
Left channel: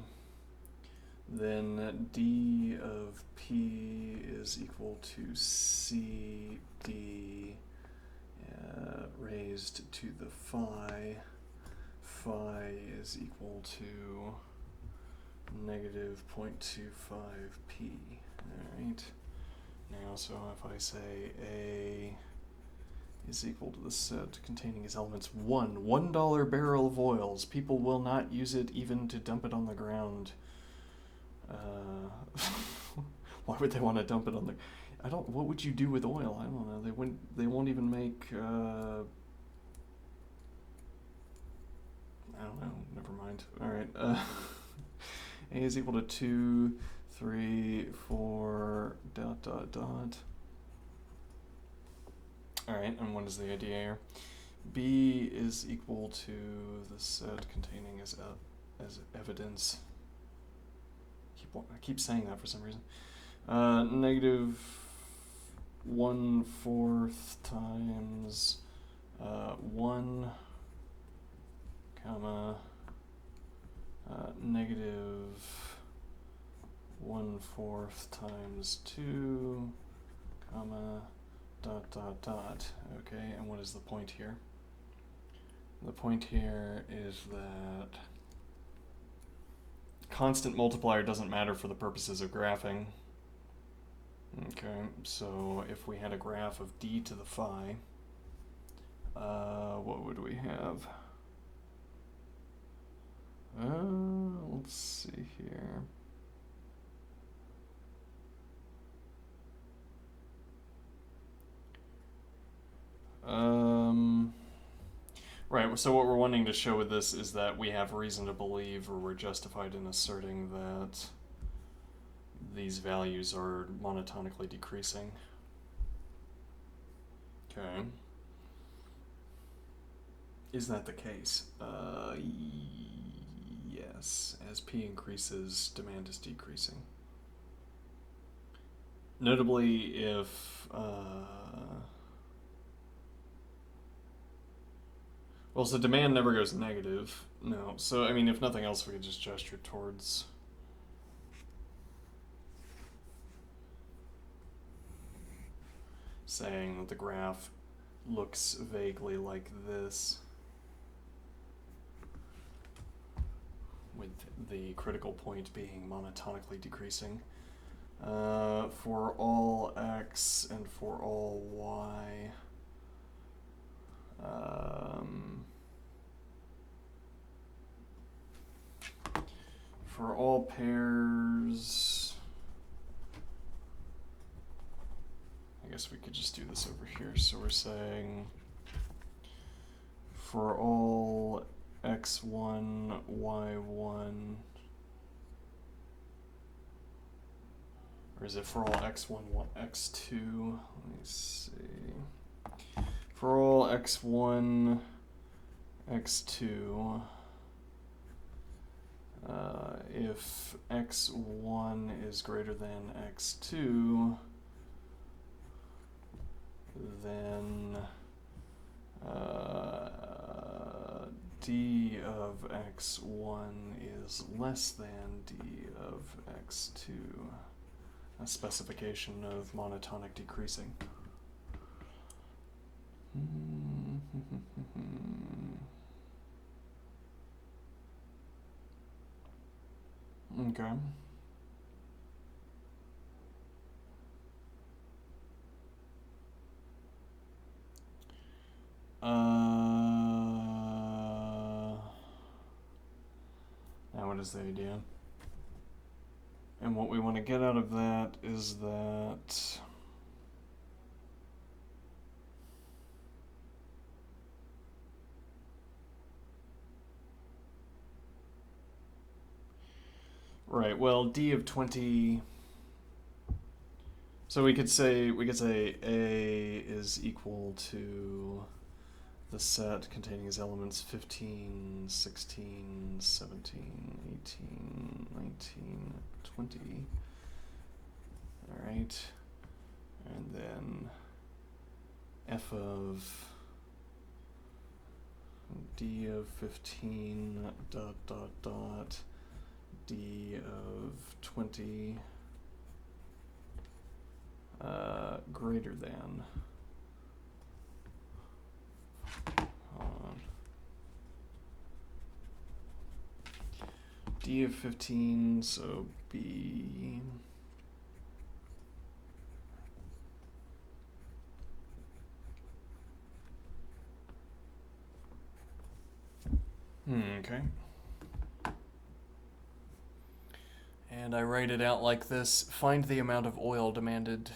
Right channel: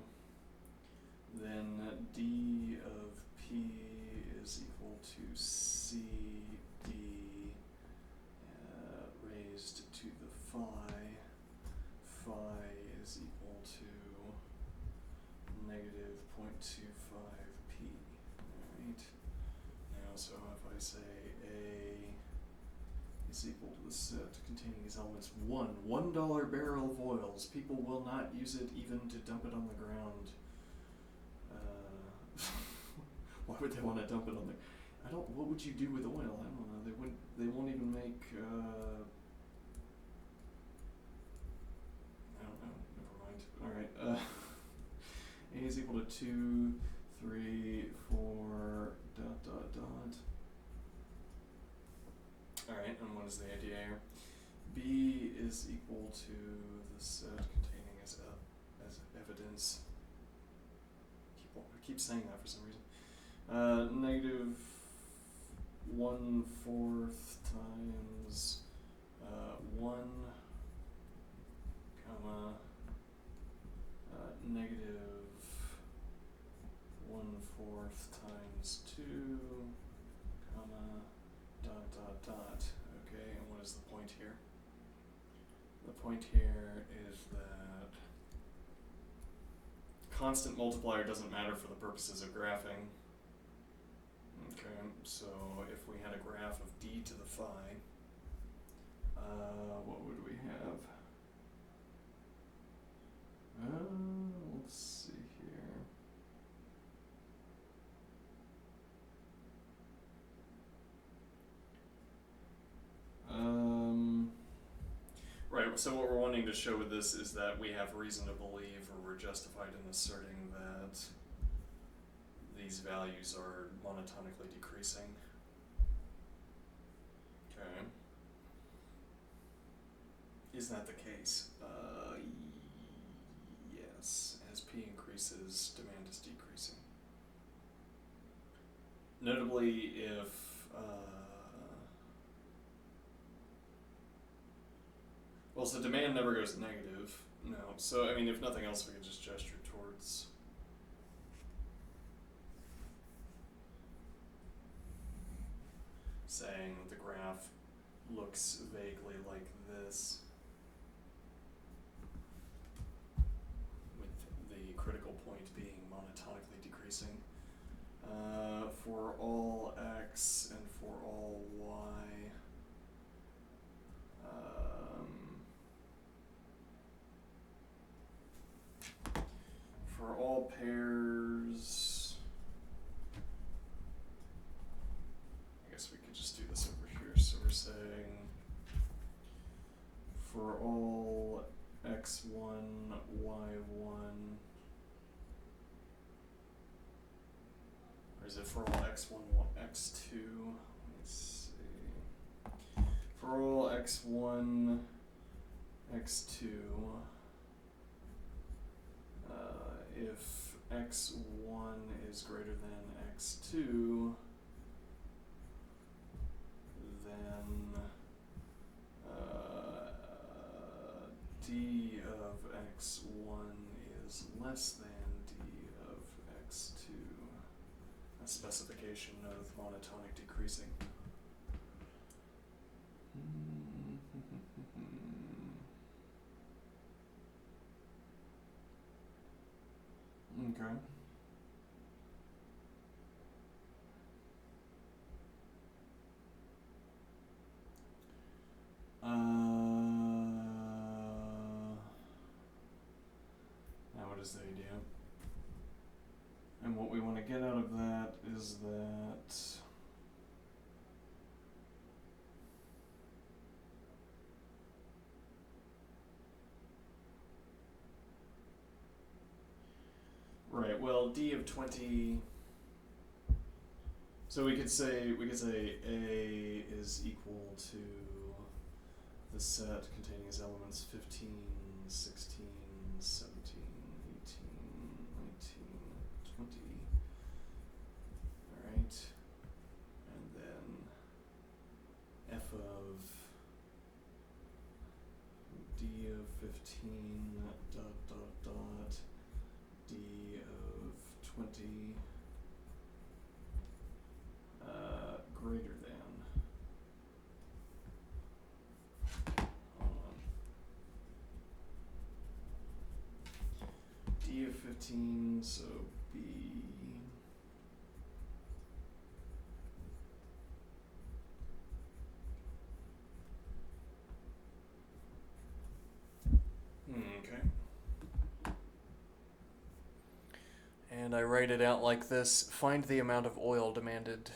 Then d of p is equal to c d raised to the phi. Phi is equal to negative 0.25 p. Alright. Now, so if I say A is equal to the set containing its elements $1 barrel of oils. People will not use it even to dump it on the ground. Why would they want to dump it on the? What would you do with oil? I don't know. They won't even make. I don't know. Never mind. All right. A is equal to 2, 3, 4. ... Alright, and what is the idea here? B is equal to the set containing as evidence. I keep saying that for some reason. Negative 1/4 times 1, comma, negative 1/4 times 2, comma, ... Okay, and what is the point here? The point here is that constant multiplier doesn't matter for the purposes of graphing. Okay, so if we had a graph of d to the phi, what would we have? Let's see here. Right, so what we're wanting to show with this is that we have reason to believe, or we're justified in asserting that these values are monotonically decreasing. Okay. Is that the case? Yes. As P increases, demand is decreasing. Notably, if well, so demand never goes negative. No. So, I mean, if nothing else, we could just gesture towards saying that the graph looks vaguely like this, with the critical point being monotonically decreasing. For all x and for all y, for all pairs, I guess we could just do this over here. So we're saying for all x1, y1, or is it for all x1, x2? Let me see. For all x1, x2, if x1 is greater than x2, then d of x1 is less than d of x2, a specification of monotonic decreasing. Okay. Now what is the idea? And what we want to get out of that is that right, well, d of 20, so we could say A is equal to the set containing as elements 15, 16, 17, 18, 19, 20. All right. And then f of d of 15 dot dot dot d of 20 greater than, d of 15, so b okay. And I write it out like this: find the amount of oil demanded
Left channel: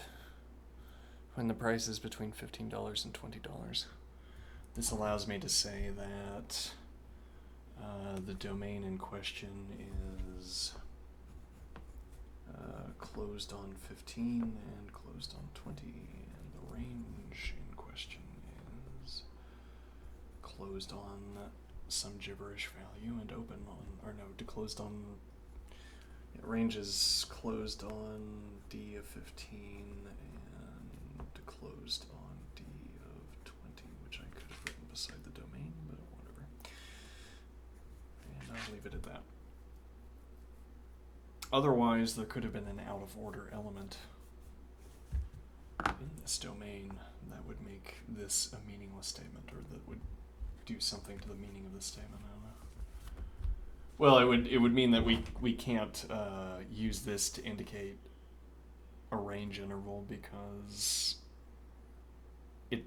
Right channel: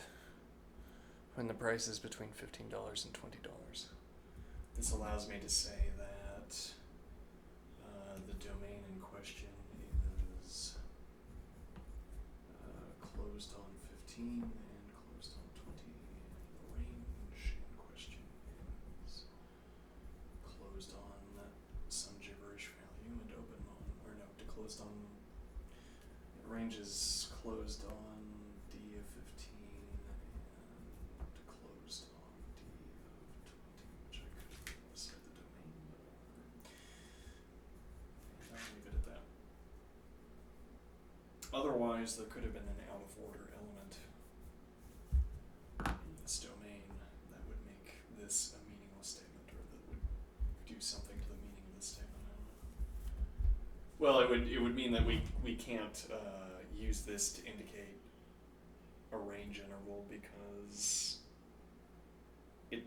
when the price is between $15 and $20. This allows me to say that the domain in question is closed on 15 and closed on 20, and the range in question is closed on some gibberish value and open on, or no, closed on, range is closed on d of 15 and closed on d of 20, which I could have written beside the domain, but whatever. And I'll leave it at that. Otherwise, there could have been an out of order element in this domain that would make this a meaningless statement, or that would do something to the meaning of the statement. I don't know. Well, it would mean that we can't use this to indicate a range interval, because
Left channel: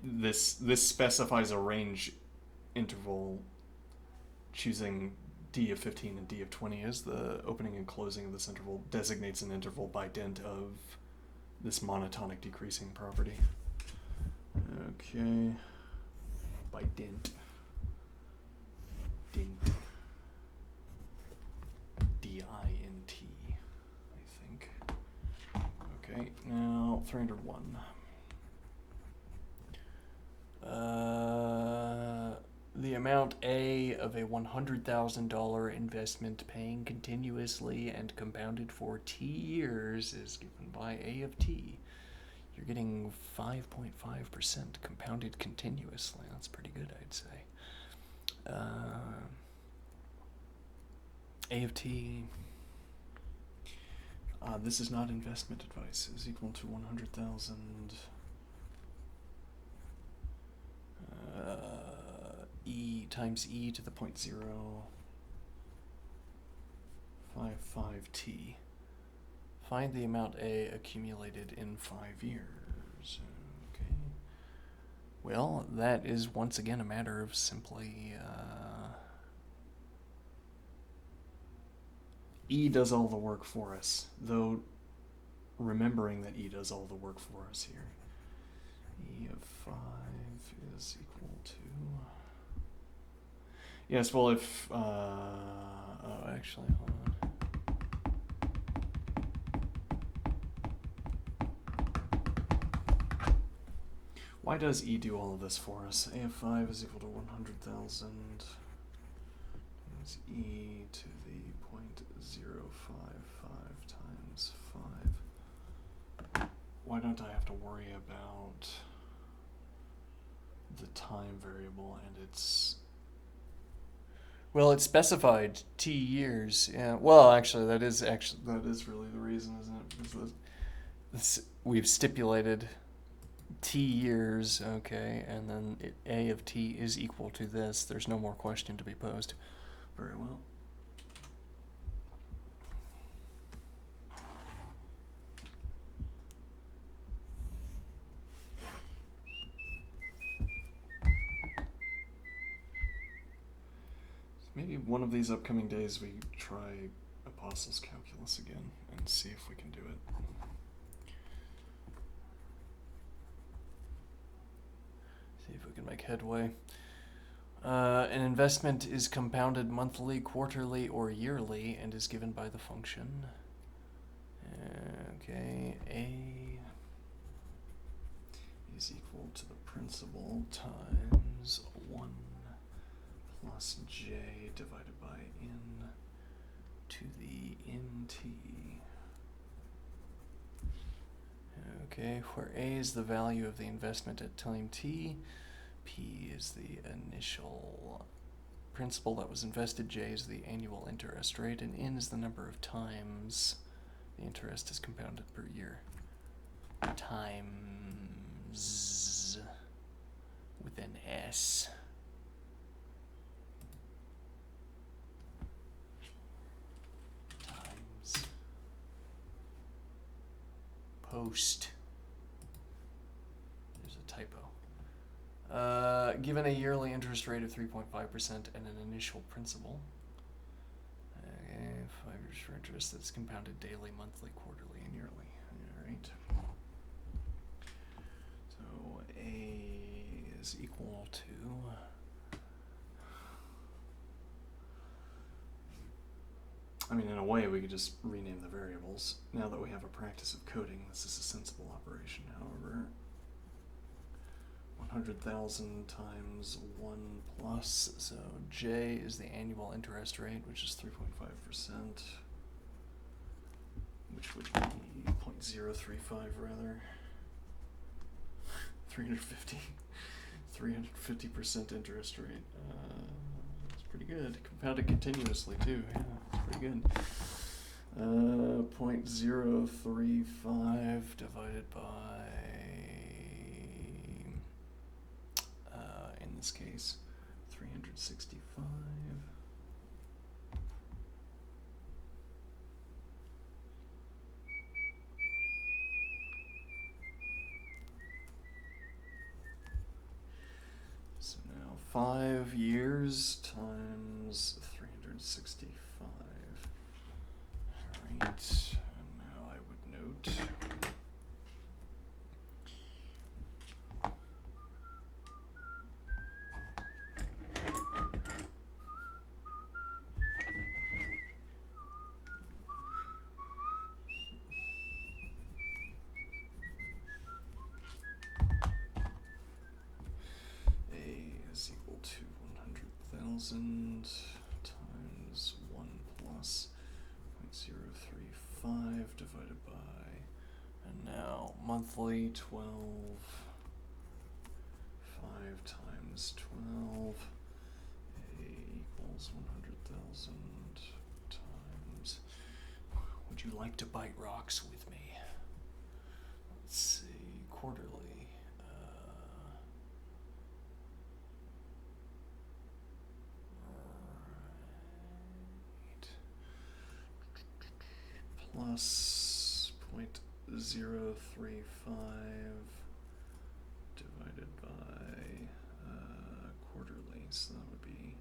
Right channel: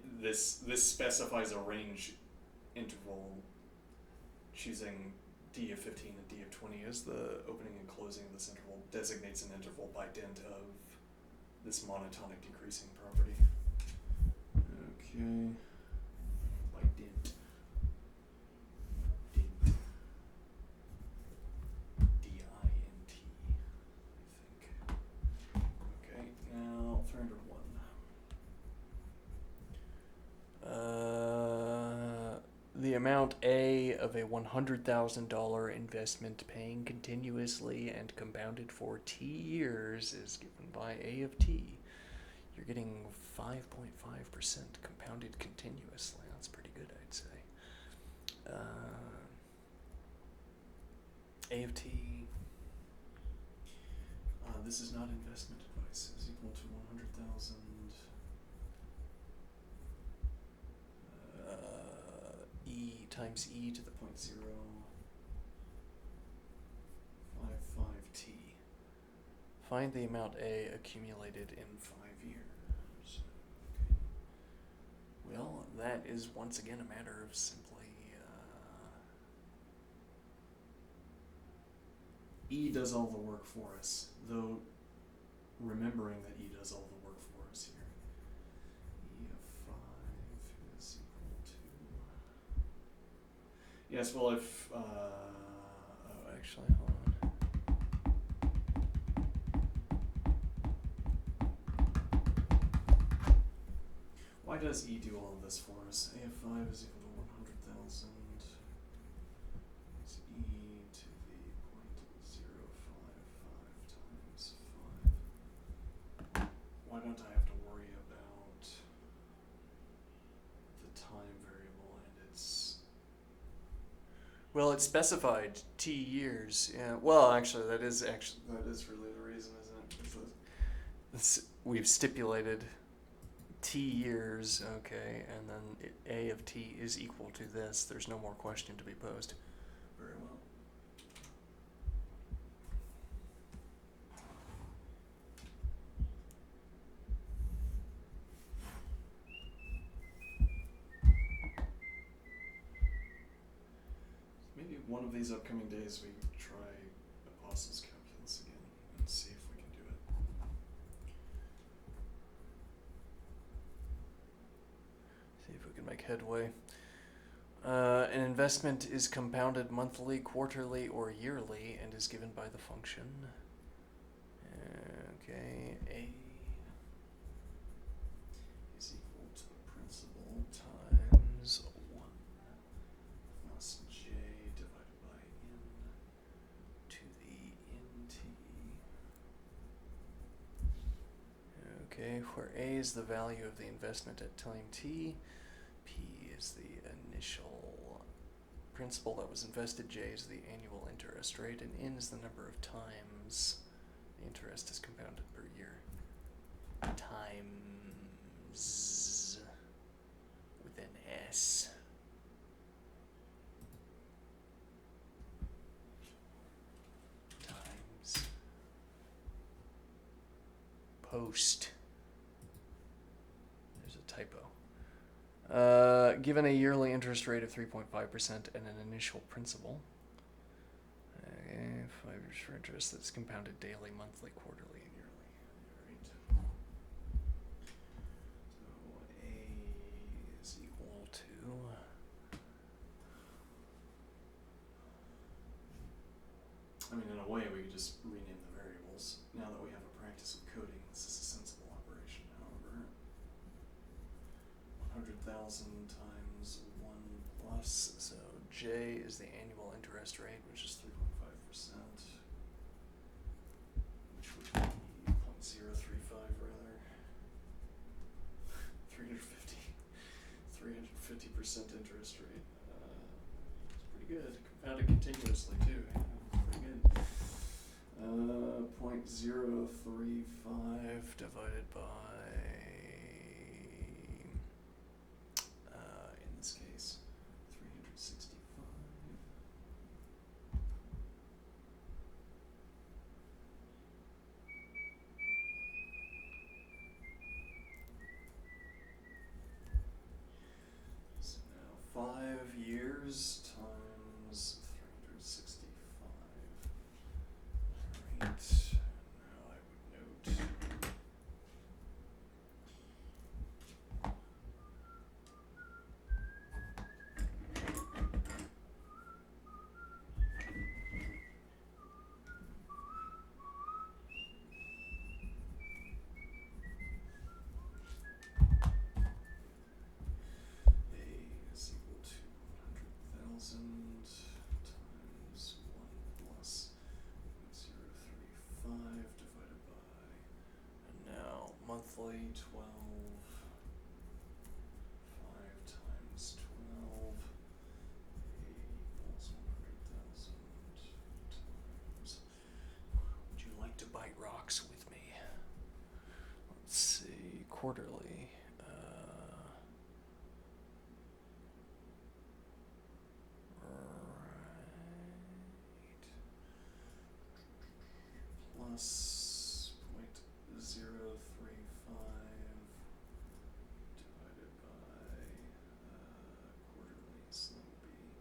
this specifies a range interval, choosing d of 15 and d of 20 as the opening and closing of this interval designates an interval by dint of this monotonic decreasing property. Okay. By dint. Dint. D-I-N-T, I think. Okay, now 301. The amount A of a $100,000 investment paying continuously and compounded for T years is given by A of T. You're getting 5.5% compounded continuously. That's pretty good, I'd say. A of T. This is not investment advice. Is equal to 100,000 times e to the 0.055t. Find the amount A accumulated in 5 years. Okay. Well, that is once again a matter of simply E does all the work for us, though remembering that E does all the work for us here. E of 5 is equal to... Yes, well, if... oh, actually, hold on. Why does E do all of this for us? A of 5 is equal to 100,000 times E to the 0.055 times 5. Why don't I have to worry about the time variable and its... Well, it's specified t years. Yeah. Well, actually, that is really the reason, isn't it? Because we've stipulated t years, okay, and then A of t is equal to this. There's no more question to be posed. Very well. Maybe one of these upcoming days we try Apostles' Calculus again and see if we can do it. See if we can make headway. An investment is compounded monthly, quarterly, or yearly and is given by the function. Okay, A is equal to the principal times 1 plus J divided by N to the NT. Okay, where A is the value of the investment at time T, P is the initial principal that was invested, J is the annual interest rate, and N is the number of times the interest is compounded per year. Times with an S. Times post. There's a typo. Given a yearly interest rate of 3.5% and an initial principal. Okay, 5 years for interest that's compounded daily, monthly, quarterly, and yearly. Alright. So A is equal to... I mean, in a way, we could just rename the variables. Now that we have a practice of coding, this is a sensible operation. However, 100,000 times 1 plus, so J is the annual interest rate, which is 3.5%, which would be 0.035 rather. 350% interest rate. It's pretty good. Compounded continuously too. Yeah, it's pretty good. 0.035 divided by, in this case, 365. So now 5 years times 365. Alright, and now I would note A is equal to 100,000 times 1 plus 0.035 divided by, and now monthly 12, 5 times 12, A equals 100,000 times, would you like to bite rocks with me? Let's see, quarterly. plus 0.035 divided by quarterly, so that would be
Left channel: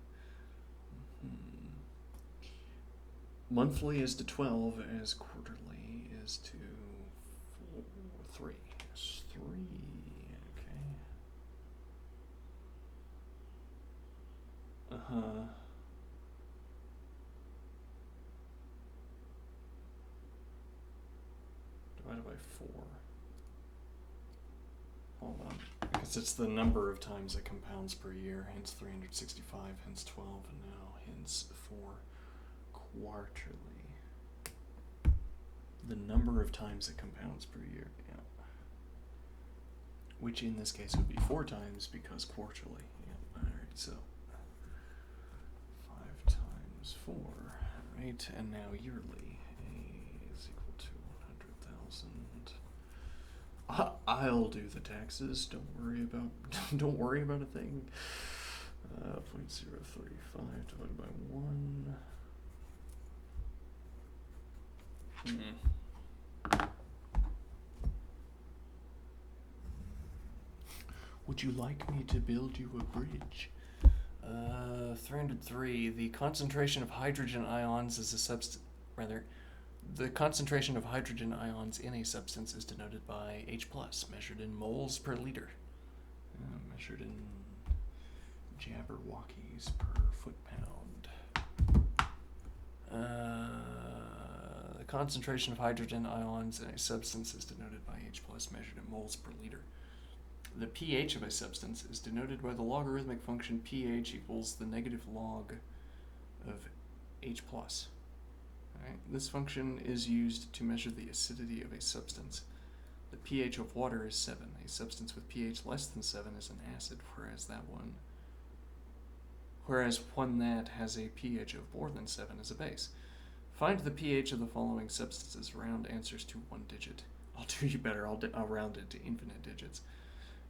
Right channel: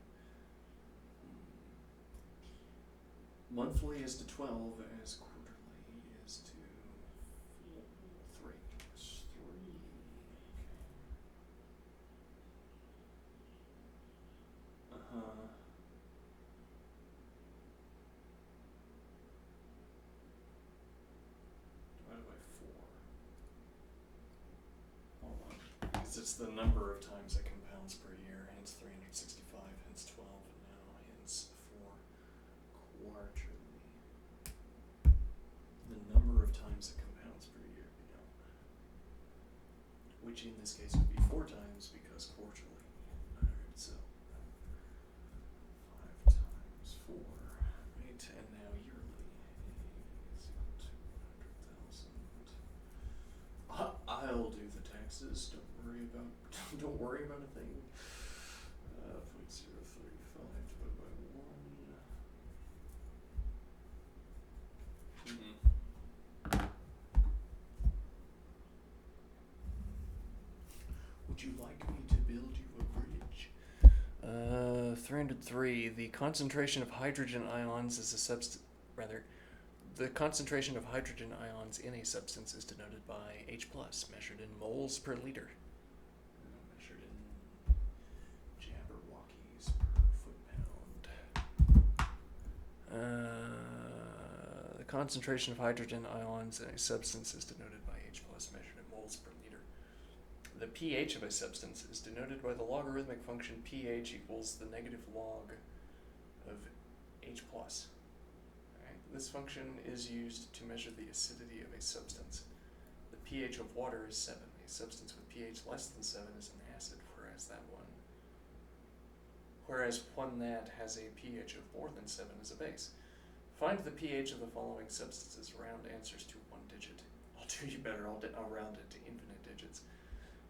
monthly is to 12 as quarterly is to 3. It's 3, okay. Uh-huh. Divided by 4. Hold on. Because it's the number of times it compounds per year, hence 365, hence 12, and now hence 4 quarterly. The number of times it compounds per year, yeah. Which in this case would be 4 times because quarterly. Yeah. Alright, so 5 times 4. Right, and now yearly. A is equal to 100,000. I'll do the taxes. Don't worry about a thing. 0.035 divided by 1. Would you like me to build you a bridge? 303. The concentration of hydrogen ions is a substance. The concentration of hydrogen ions in a substance is denoted by H+, measured in moles per liter. Measured in Jabberwockies per foot-pound. The concentration of hydrogen ions in a substance is denoted by H+, measured in moles per liter. The pH of a substance is denoted by the logarithmic function pH equals the negative log of H+. Alright, this function is used to measure the acidity of a substance. The pH of water is 7. A substance with pH less than 7 is an acid, whereas one that has a pH of more than 7 is a base. Find the pH of the following substances. Round answers to 1 digit. I'll do you better. I'll round it to infinite digits.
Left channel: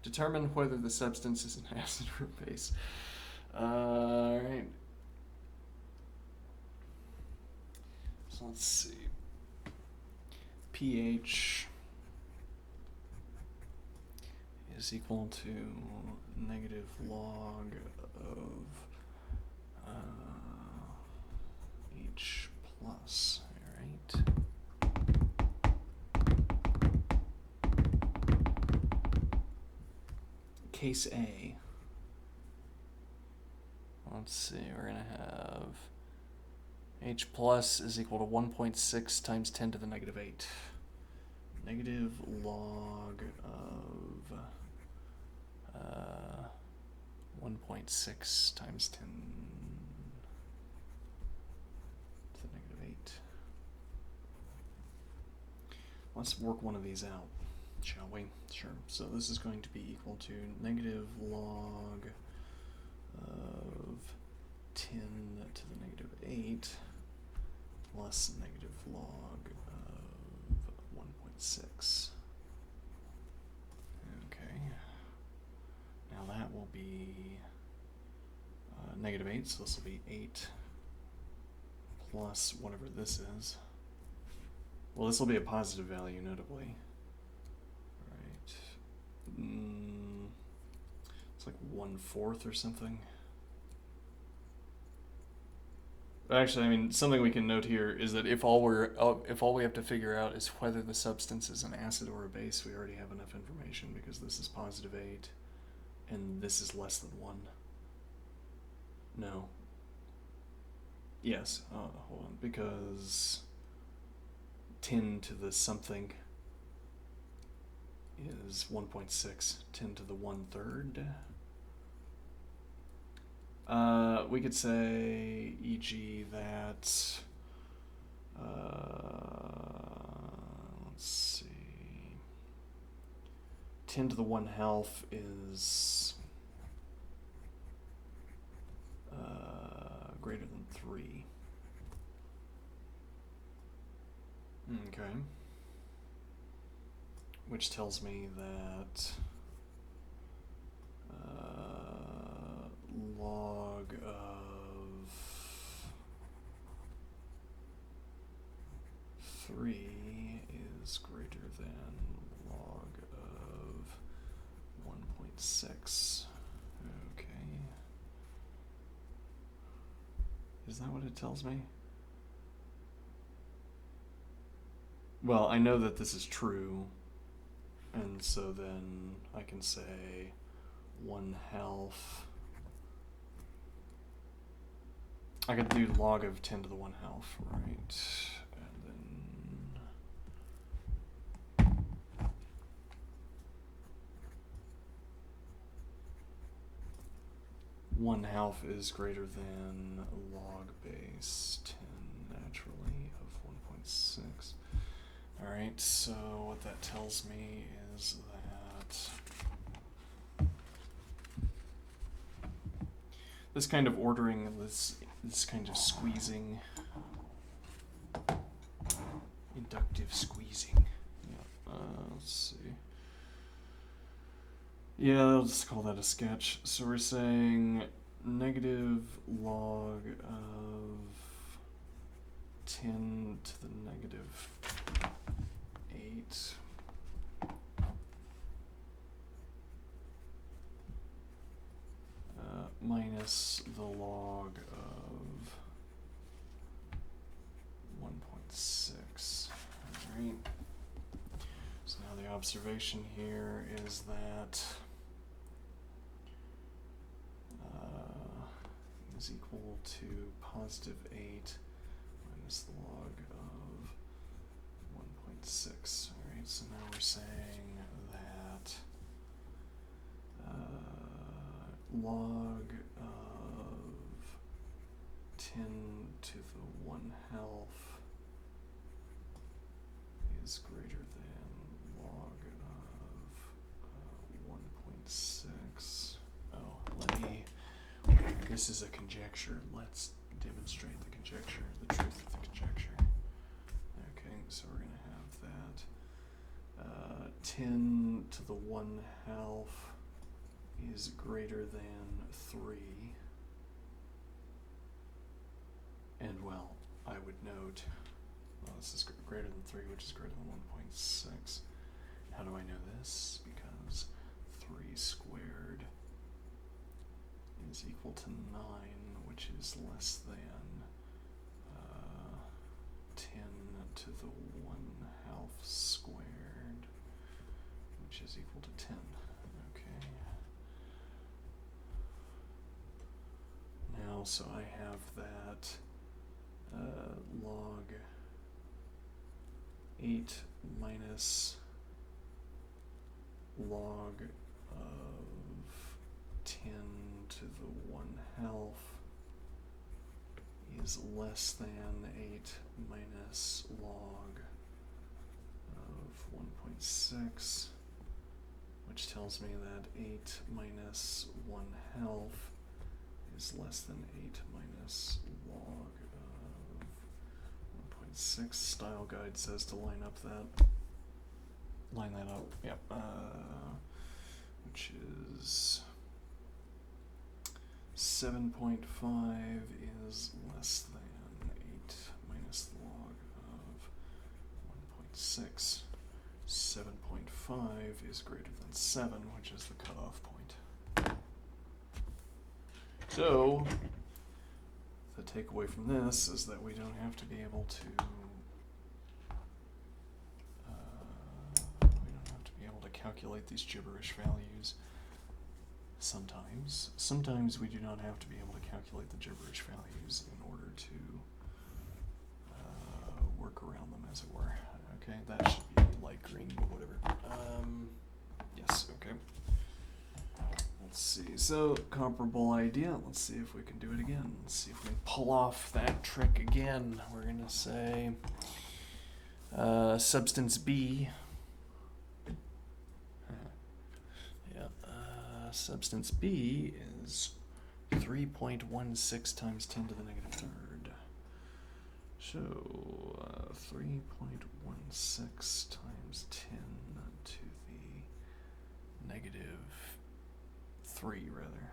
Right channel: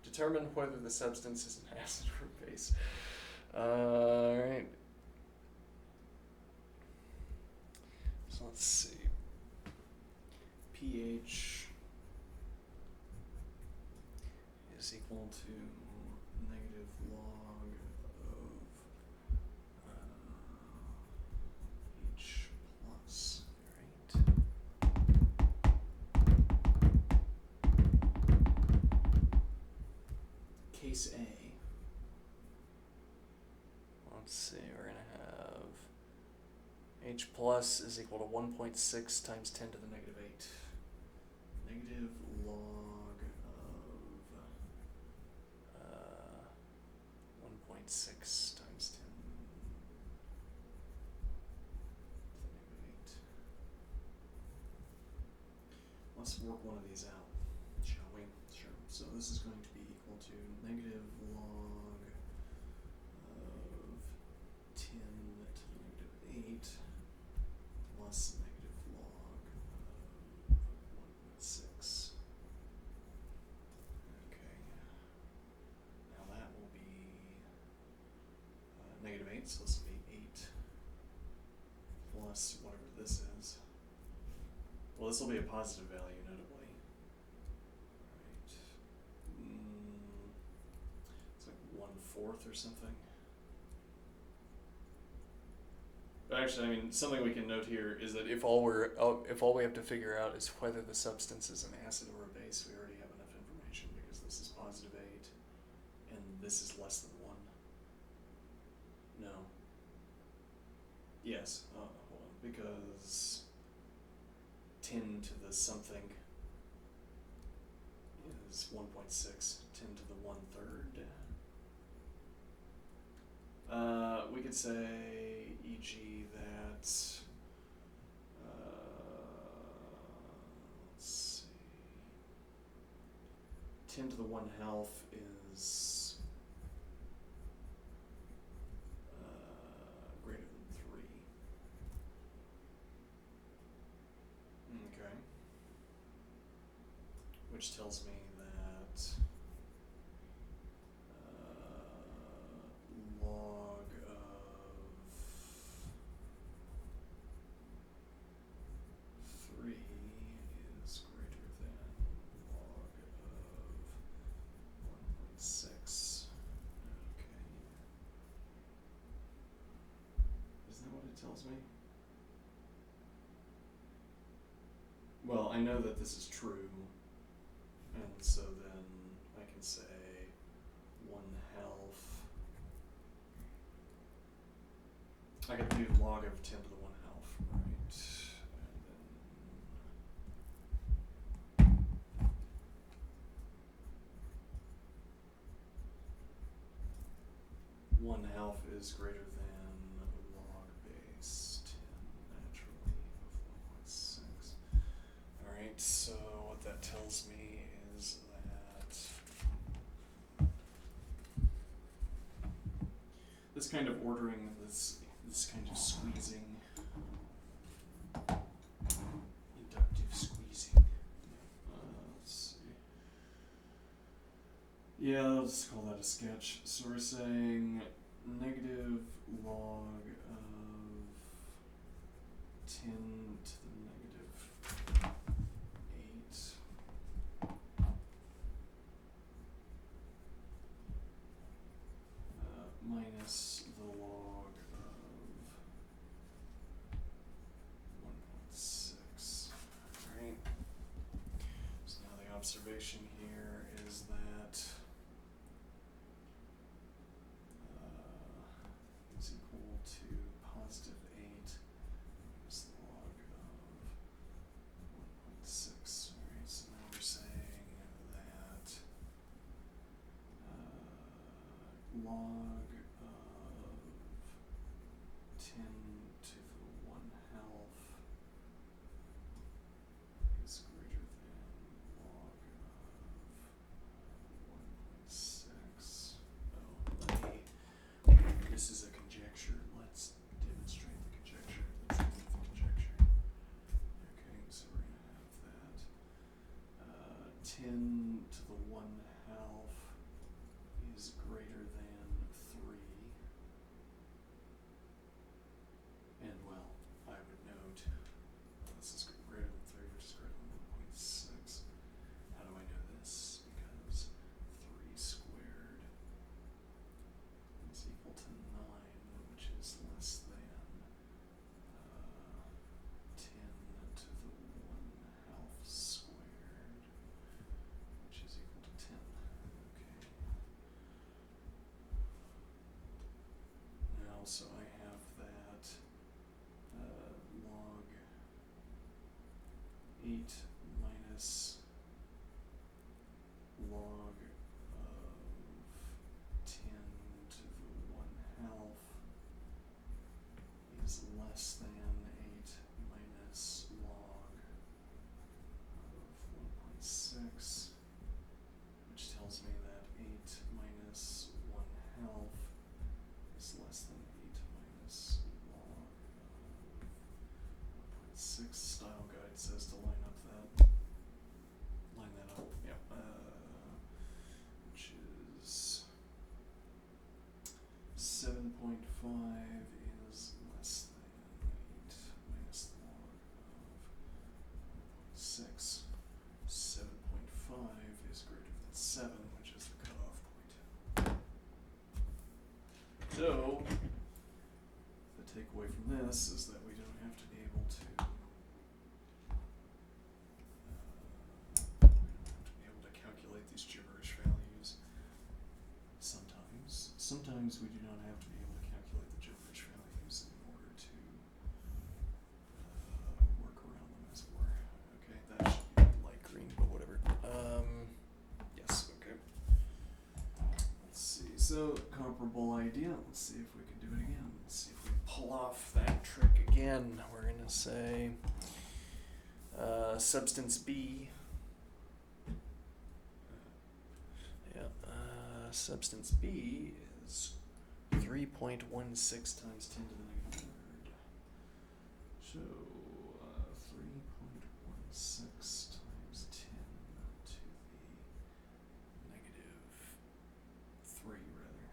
Determine whether the substance is an acid or a base. Alright. So let's see. pH is equal to negative log of H+. Alright. Case A. Let's see, we're going to have H+ is equal to 1.6 times 10 to the negative 8. Negative log of 1.6 times 10 to the negative 8. Let's work one of these out, shall we? Sure. So this is going to be equal to negative log of 10 to the negative 8 plus negative log of 1.6. Okay. Now that will be negative 8, so this will be 8 plus whatever this is. Well, this will be a positive value, notably. Right. It's like 1/4 or something. Actually, I mean, something we can note here is that if all we have to figure out is whether the substance is an acid or a base, we already have enough information because this is positive 8 and this is less than 1. No. Yes. Hold on. Because 10 to the something is 1.6. 10 to the 1/3. We could say, e.g., that, let's see, 10 to the 1/2 is greater than 3. Okay. Which tells me that log of 3 that what it tells me? Well, I know that this is true, and so then I can say 1/2. I could do log of 10 to the 1/2, right? And then 1/2 is greater than log base 10 naturally of 1.6. Alright, so what that tells me is that this kind of ordering, this kind of squeezing, inductive squeezing. Yeah, let's see. Yeah, let's call that a sketch. So we're saying negative log of 10 to the negative 8 minus the log of 1.6. Alright. So now the observation here is that is equal to positive 8 minus the log of 1.6. Alright, so now we're saying that log of 10 to the 1/2 is greater than log of 1.6. Oh, this is a conjecture. Let's demonstrate the conjecture, the truth of the conjecture. Okay, so we're going to have that 10 to the 1/2 is greater than 3. And well, I would note, well, this is greater than 3, which is greater than 1.6. How do I know this? Because 3 squared is equal to 9, which is less than 10 to the 1/2 squared, which is equal to 10. Okay. Now, so I have that log 8 minus log of 10 to the 1/2 is less than 8 minus log of 1.6, which tells me that 8 minus 1/2 is less than 8 minus log of 1.6. Style guide says to line that up, yep, which is 7.5 is less than 8 minus the log of 1.6. 7.5 is greater than 7, which is the cutoff point. So, the takeaway from this is that we don't have to be able to calculate these gibberish values. Sometimes we do not have to be able to calculate the gibberish values in order to work around them, as it were. Okay, that should be light green, but whatever. Yes, okay. Let's see, so comparable idea. Let's see if we can do it again. Let's see if we pull off that trick again. We're gonna say substance B. Substance B is 3.16 times 10 to the negative third. So 3.16 times 10 to the negative 3, rather.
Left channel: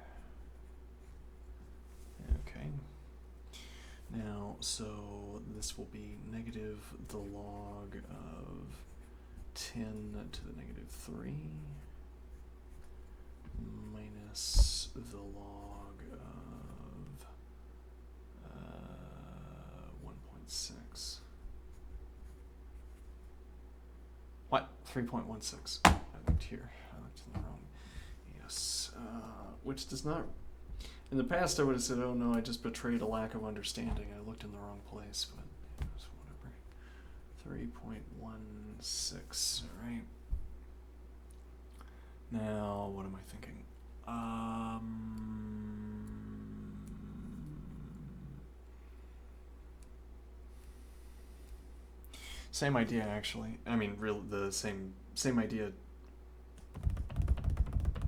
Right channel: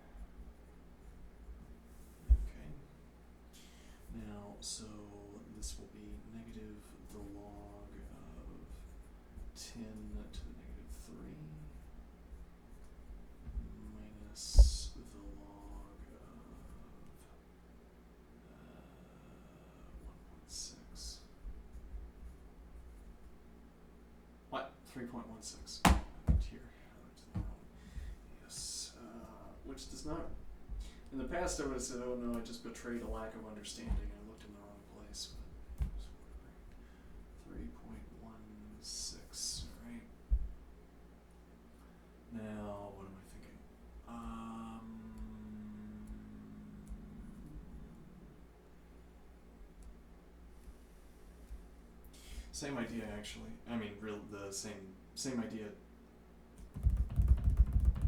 Okay. Now, so this will be negative the log of 10 to the negative 3. Minus the log of 3.16. I looked here. I looked in the wrong. Yes. Which does not. In the past, I would have said, "Oh no, I just betrayed a lack of understanding. I looked in the wrong place." But it was whatever. 3.16. All right. Now, what am I thinking? Same idea, actually. I mean, the same idea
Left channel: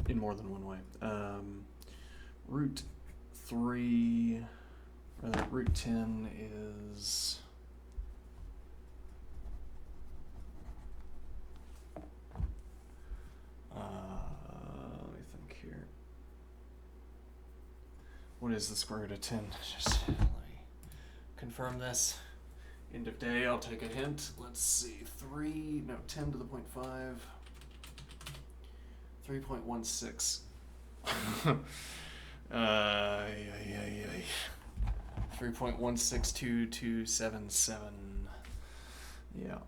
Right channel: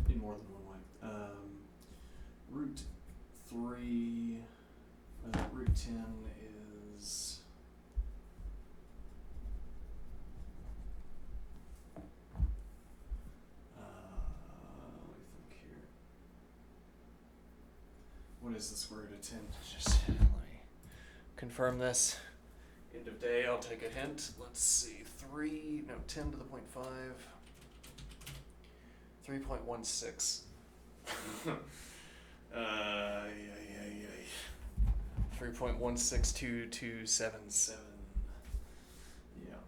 in more than one way. Root 3, rather, root 10 is... let me think here. What is the square root of 10? Just let me confirm this. End of day, I'll take a hint. Let's see, 10 to the 0.5. 3.16. 3.162277. Yeah.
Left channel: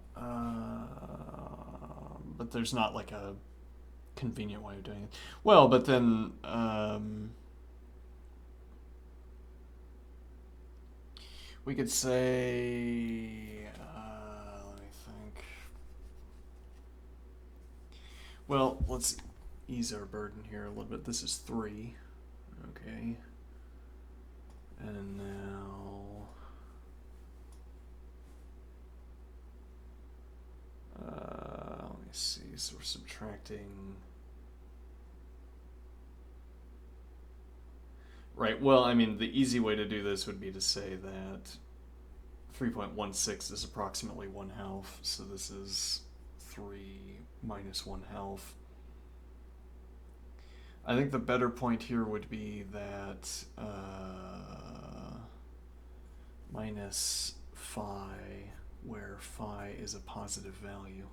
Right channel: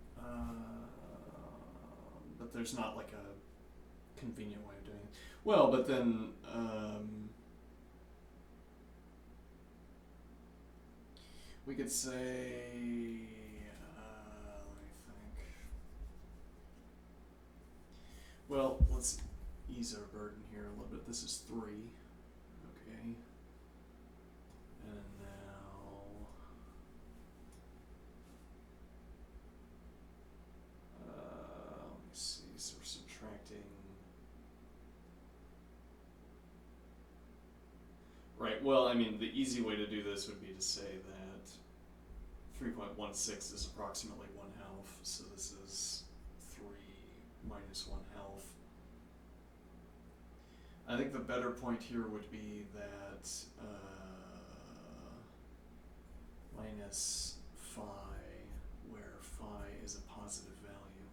But there's not like a convenient way of doing it. Well, but then we could say, let me think. Well, let's ease our burden here a little bit. This is 3. Okay. And now, let me see. So we're subtracting. Right, well, I mean, the easy way to do this would be to say that 3.16 is approximately 1/2, so this is 3 minus 1/2. I think the better point here would be that minus phi, where phi is a positive value.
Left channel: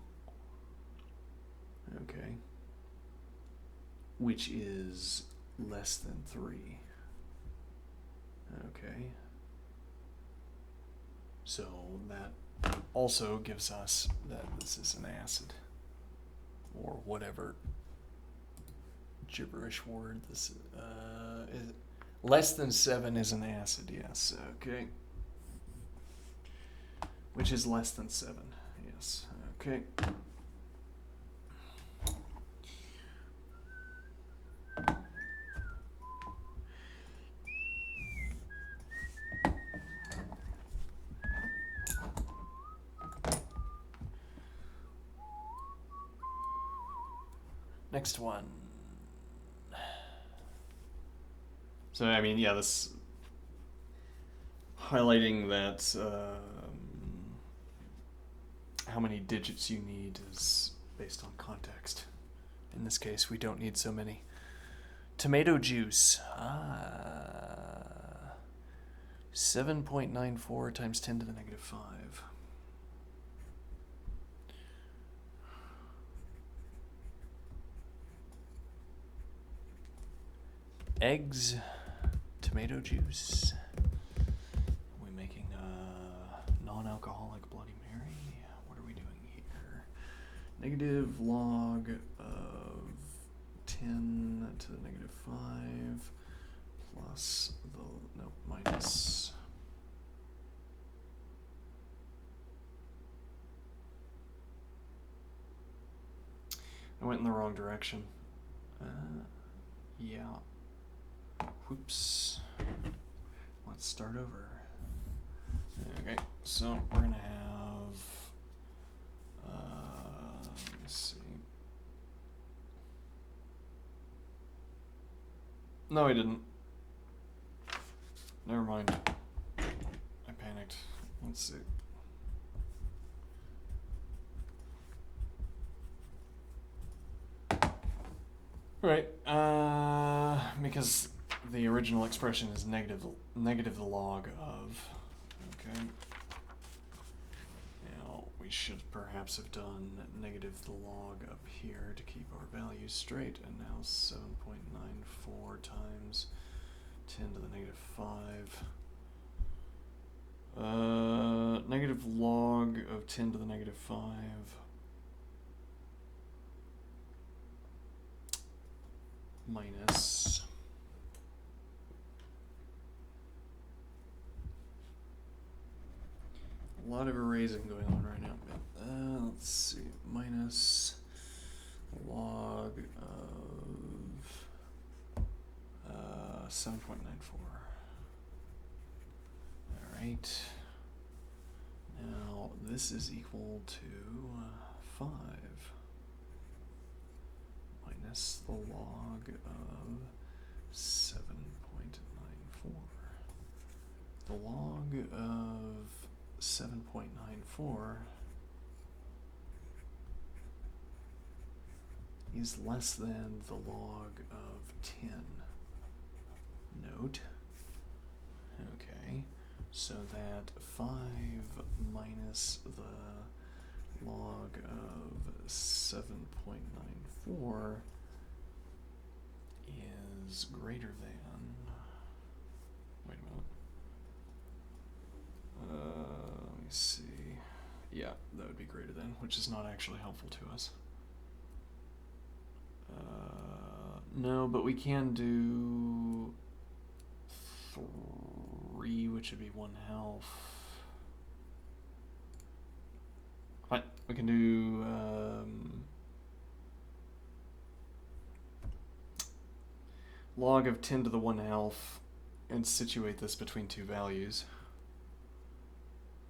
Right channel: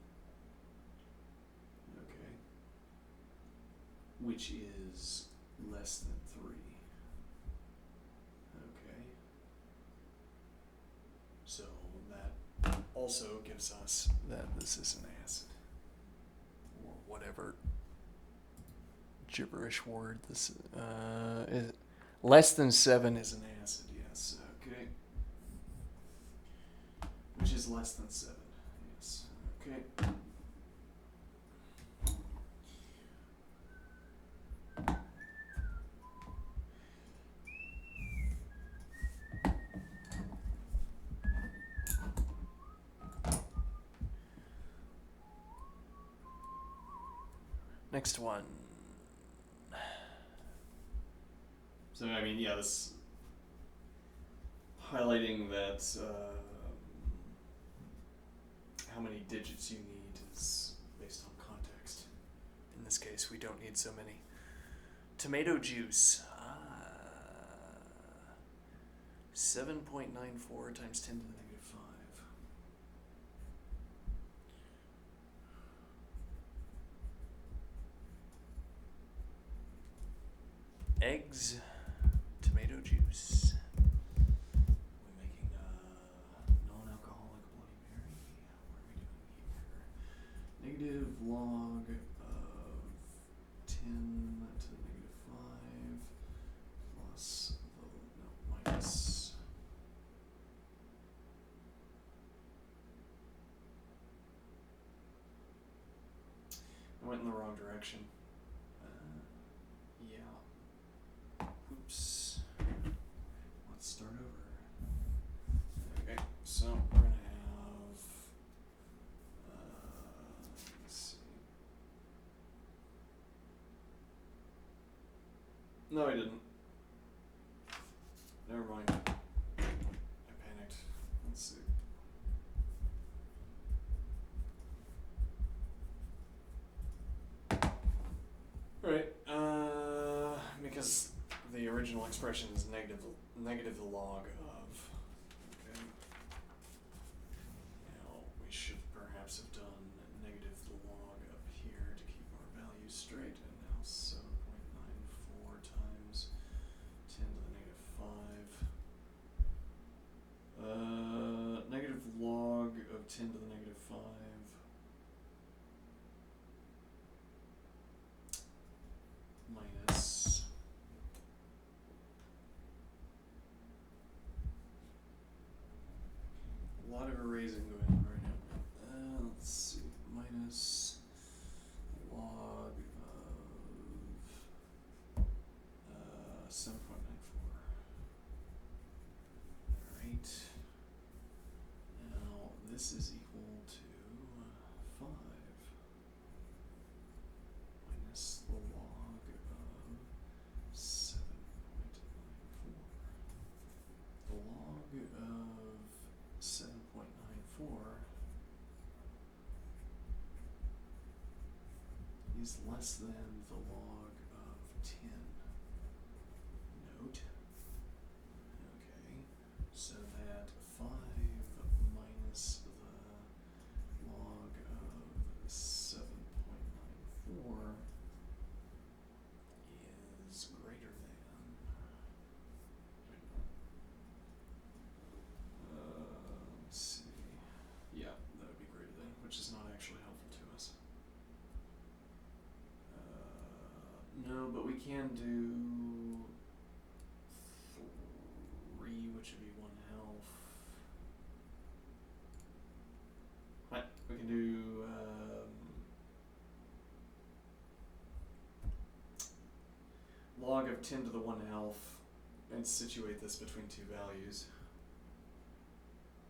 Okay. Which is less than 3. Okay. So that also gives us that this is an acid, or whatever gibberish word this is. Less than 7 is an acid, yes. Okay. Which is less than 7, yes. Okay. Next one. So, I mean, yeah, this highlighting that how many digits you need is based on context. In this case, we don't need so many. Tomato juice. 7.94 times 10 to the negative 5. Eggs, tomato juice. Are we making a non-alcoholic Bloody Mary? What are we doing here? Negative log of 10 to the negative 5 plus minus. I went in the wrong direction. Yeah. Whoops. Let's start over. Okay, so we're gonna have, let me see. No, I didn't. Never mind. I panicked. Let's see. Right, because the original expression is negative the log of. Okay. Now we should perhaps have done negative the log up here to keep our values straight, and now 7.94 times 10 to the negative 5. Negative log of 10 to the negative 5 A lot of erasing going on right now. Let's see. Minus log of 7.94. Alright. Now this is equal to 5 minus the log of 7.94. The log of 7.94 is less than the log of 10. Note. Okay, so that 5 minus the log of 7.94 is greater than, wait a minute, let me see, yeah, that would be greater than, which is not actually helpful to us. No, but we can do 3, which would be 1/2. What? We can do log of 10 to the 1/2 and situate this between two values,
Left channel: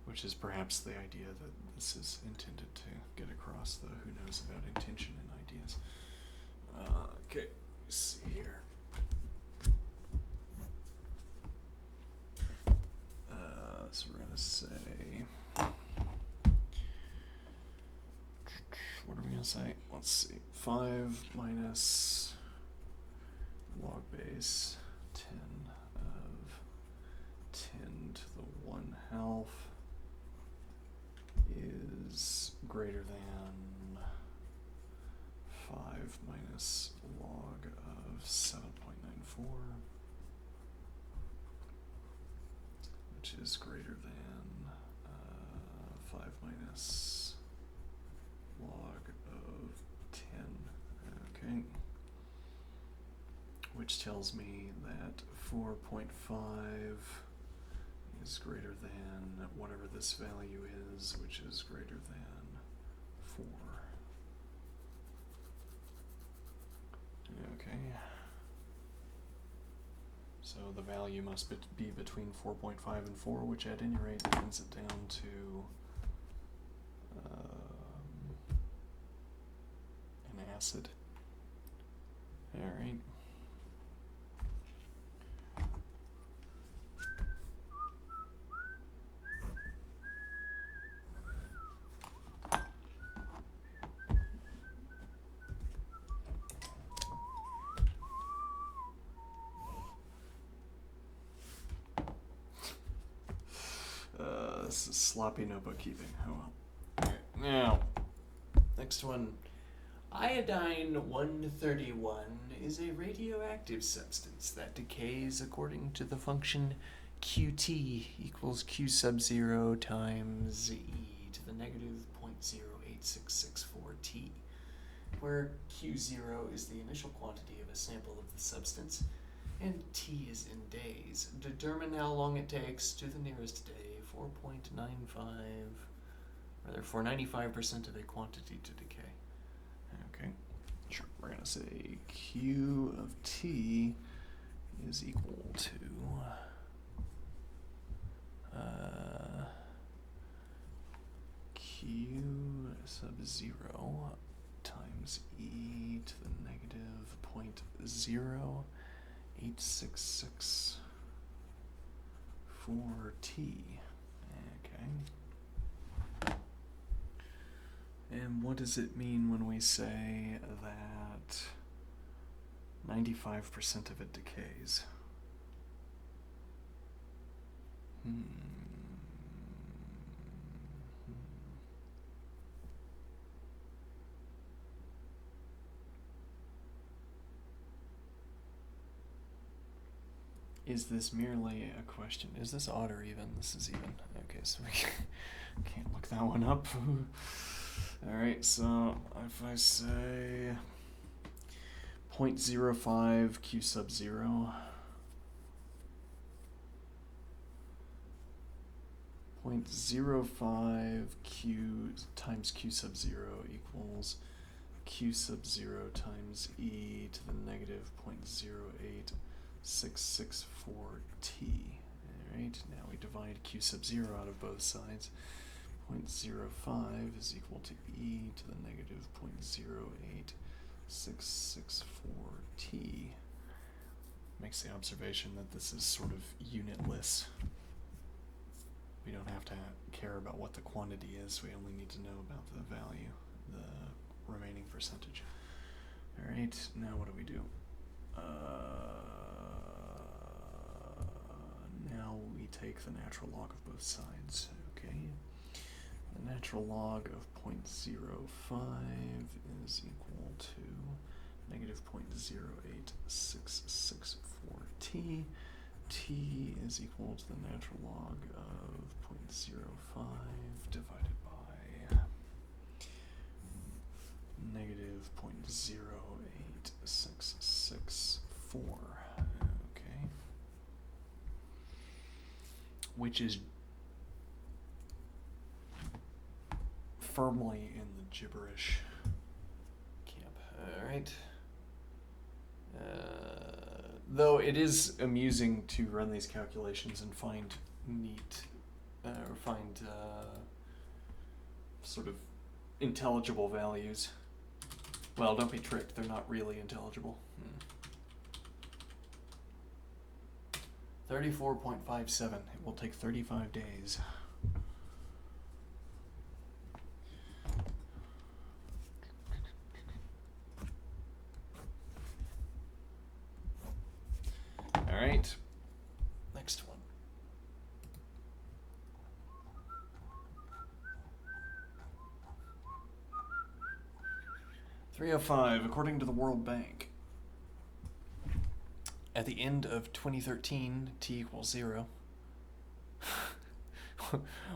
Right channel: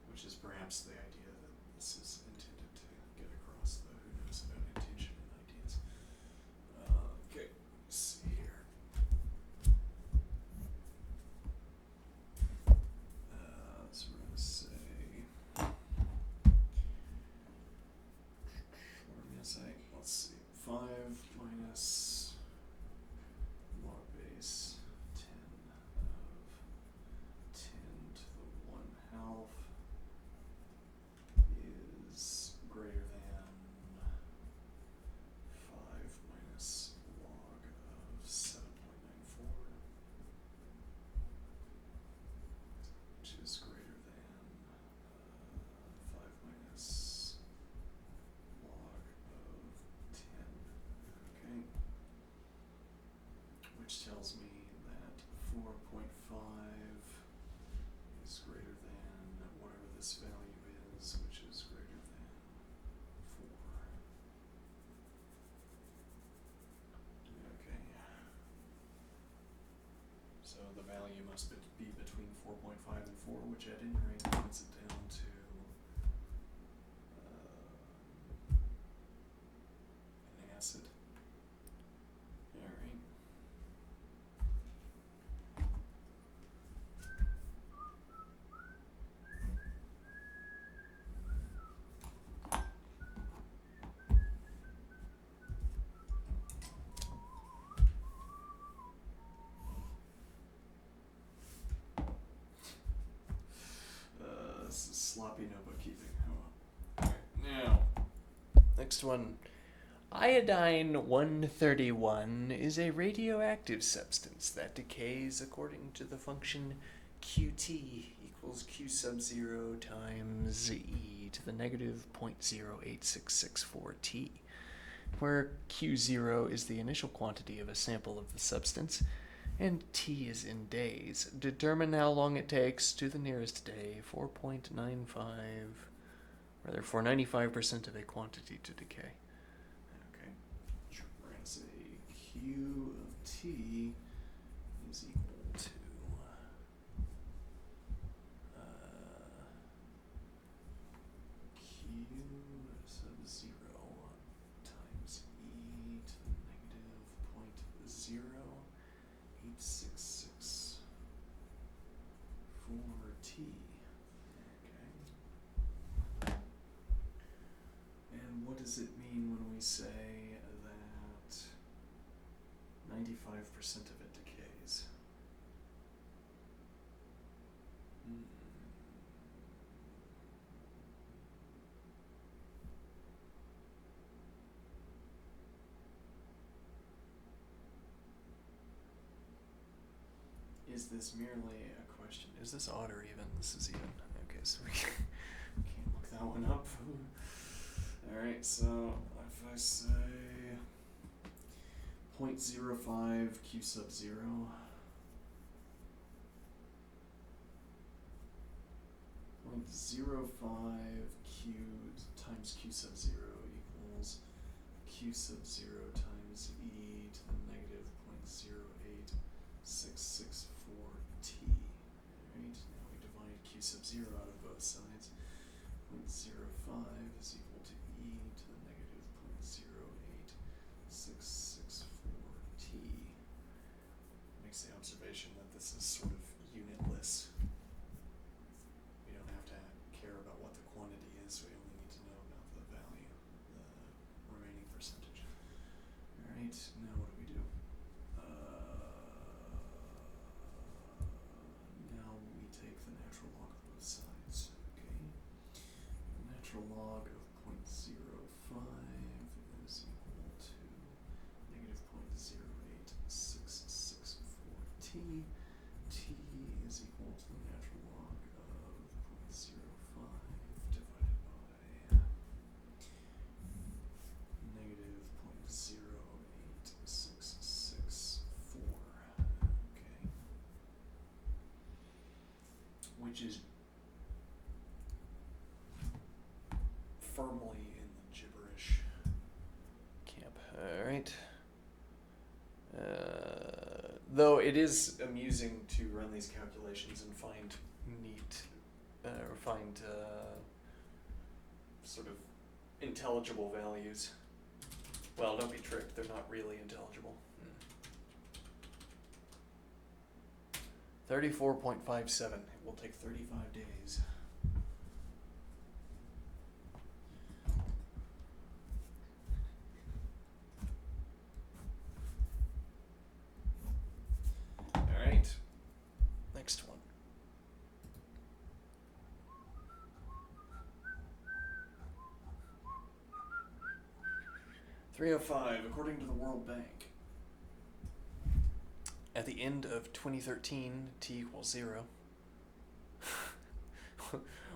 which is perhaps the idea that this is intended to get across the who knows about intention and ideas. Okay, let's see here. So we're gonna say, what are we gonna say? Let's see, 5 minus log base 10 of 10 to the 1/2 is greater than 5 minus log of 7.94, which is greater than 5 minus log of 10. Okay. Which tells me that 4.5 is greater than whatever this value is, which is greater than 4. Okay. So the value must be between 4.5 and 4, which at any rate brings it down to an acid. Alright. This is sloppy notebook keeping. Oh well. Alright, now, next one. Iodine 131 is a radioactive substance that decays according to the function Qt equals Q sub 0 times e to the negative 0.08664 t, where Q0 is the initial quantity of a sample of the substance, and t is in days. Determine how long it takes to the nearest day, 4.95, rather for 95% of a quantity to decay. Okay, sure, we're going to say Q of t is equal to Q sub 0 times e to the negative 0.08664 t. Okay. And what does it mean when we say that 95% of it decays? Is this merely a question? Is this odd or even? This is even. Okay, so we can't look that one up. Alright, so if I say 0.05 Q sub 0, 0.05 0.05 q times q sub 0 equals q sub 0 times e to the negative 0.08664 t. Alright, now we divide q sub 0 out of both sides. 0.05 is equal to e to the negative 0.08664 t. Makes the observation that this is sort of unitless. We don't have to care about what the quantity is, we only need to know about the value, the remaining percentage. Alright, now what do we do? Now we take the natural log of both sides, okay? The natural log of 0.05 is equal to negative 0.08664 t. T is equal to the natural log of 0.05 divided by negative 0.08664. Okay. Which is firmly in the gibberish camp. Alright. Though it is amusing to run these calculations and find neat, or find sort of intelligible values. Well, don't be tricked, they're not really intelligible. 34.57, it will take 35 days. Alright, next one. $305, according to the World Bank. At the end of 2013, t equals 0.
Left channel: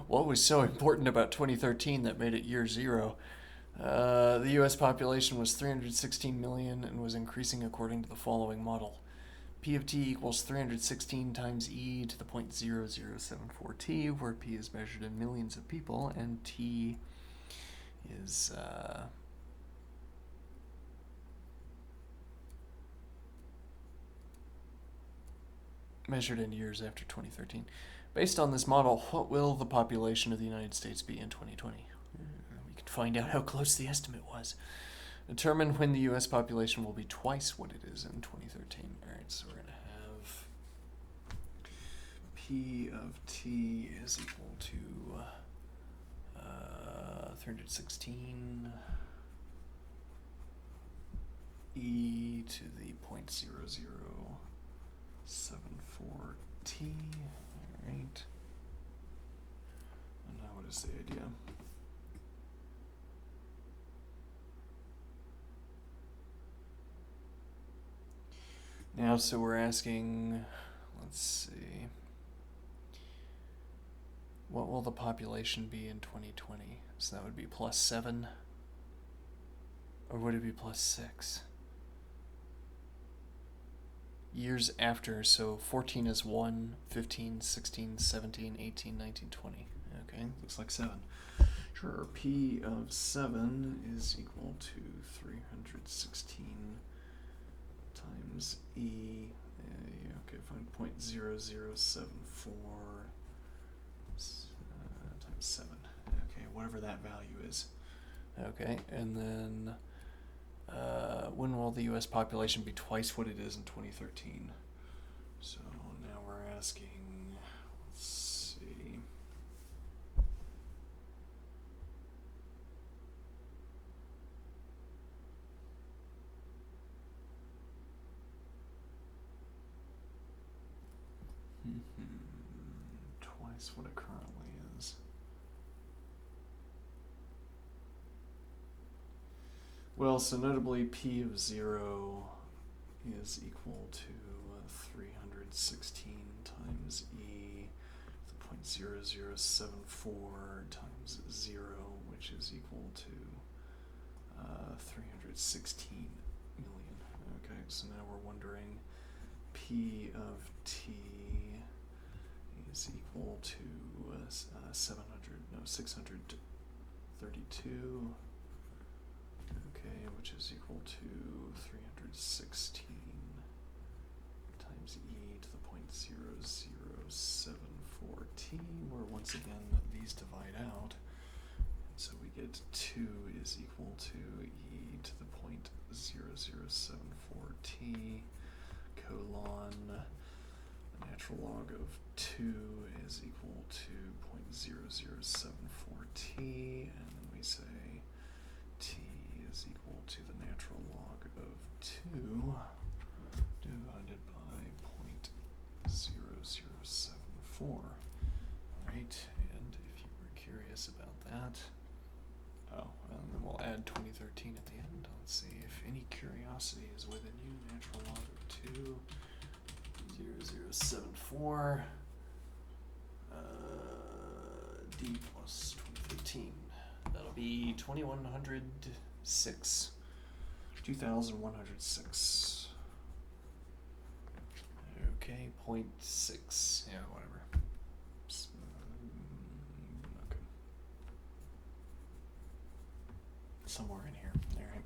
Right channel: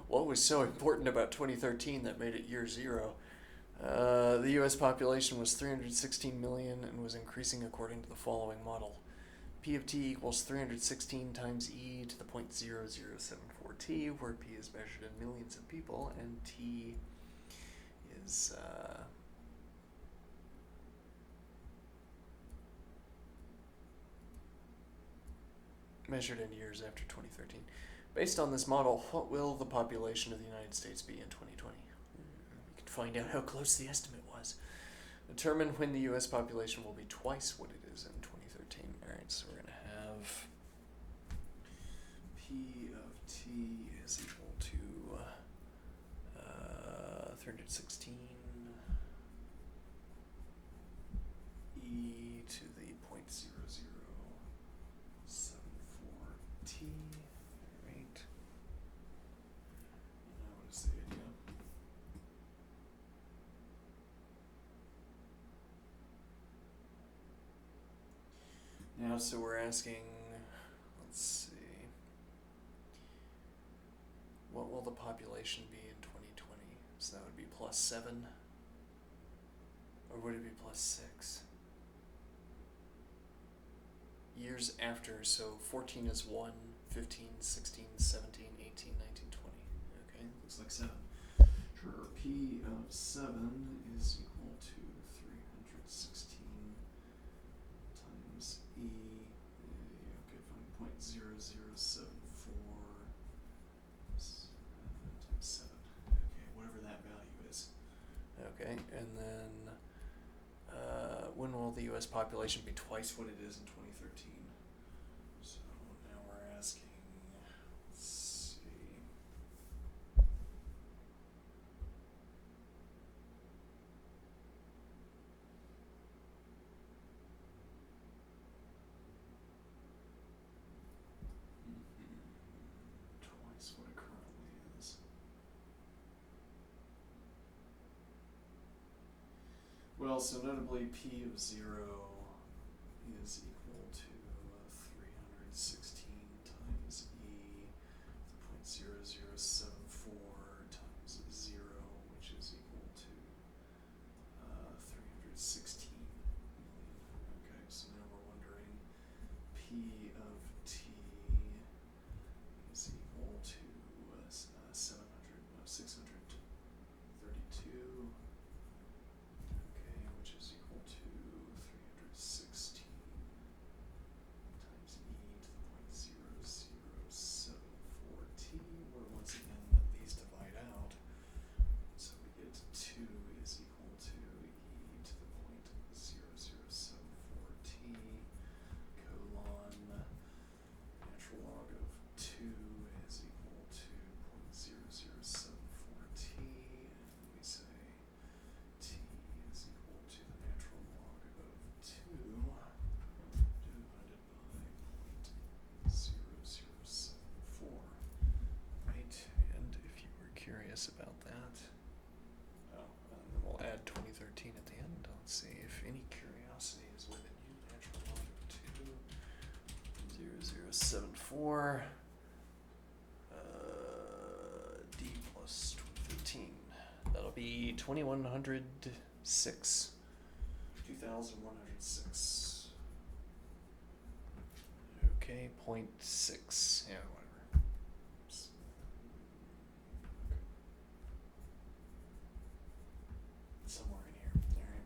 What was so important about 2013 that made it year 0? The US population was 316 million and was increasing according to the following model. P of t equals 316 times e to the 0.0074 t, where p is measured in millions of people, and t is measured in years after 2013. Based on this model, what will the population of the United States be in 2020? We can find out how close the estimate was. Determine when the U.S. population will be twice what it is in 2013. Alright, so we're going to have P of t is equal to 316 e to the 0.0074 t. Alright. And now what is the idea? Now, so we're asking, let's see, what will the population be in 2020? So that would be +7, or would it be +6? Years after, so 14 is 1, 15, 16, 17, 18, 19, 20. Okay, looks like 7. Sure, P of 7 is equal to 316 times E, okay, fine, 0.0074 times 7. Okay, whatever that value is. Okay, and then when will the U.S. population be twice what it is in 2013? So now we're asking, let's see. Twice what it currently is. Well, so notably P of 0 is equal to 316 times E to the 0.0074 times 0, which is equal to 316 million. Okay, so now we're wondering P of t is equal to 7 632. Okay, which is equal to 316 times e to the 0.0074t, where once again these divide out. So we get 2 is equal to e to the 0.0074t colon natural log of 2 is equal to 0.0074t, and then we say t is equal to the natural log of 2 divided by 0.0074. Alright, and if you were curious about that, and then we'll add 2013 at the end. Let's see if any curiosity is within you. Natural log of 2, 0.0074, d plus 2013. That'll be 2106. 2106. Okay, 0.6. Yeah, whatever. Okay. Somewhere in here. All right.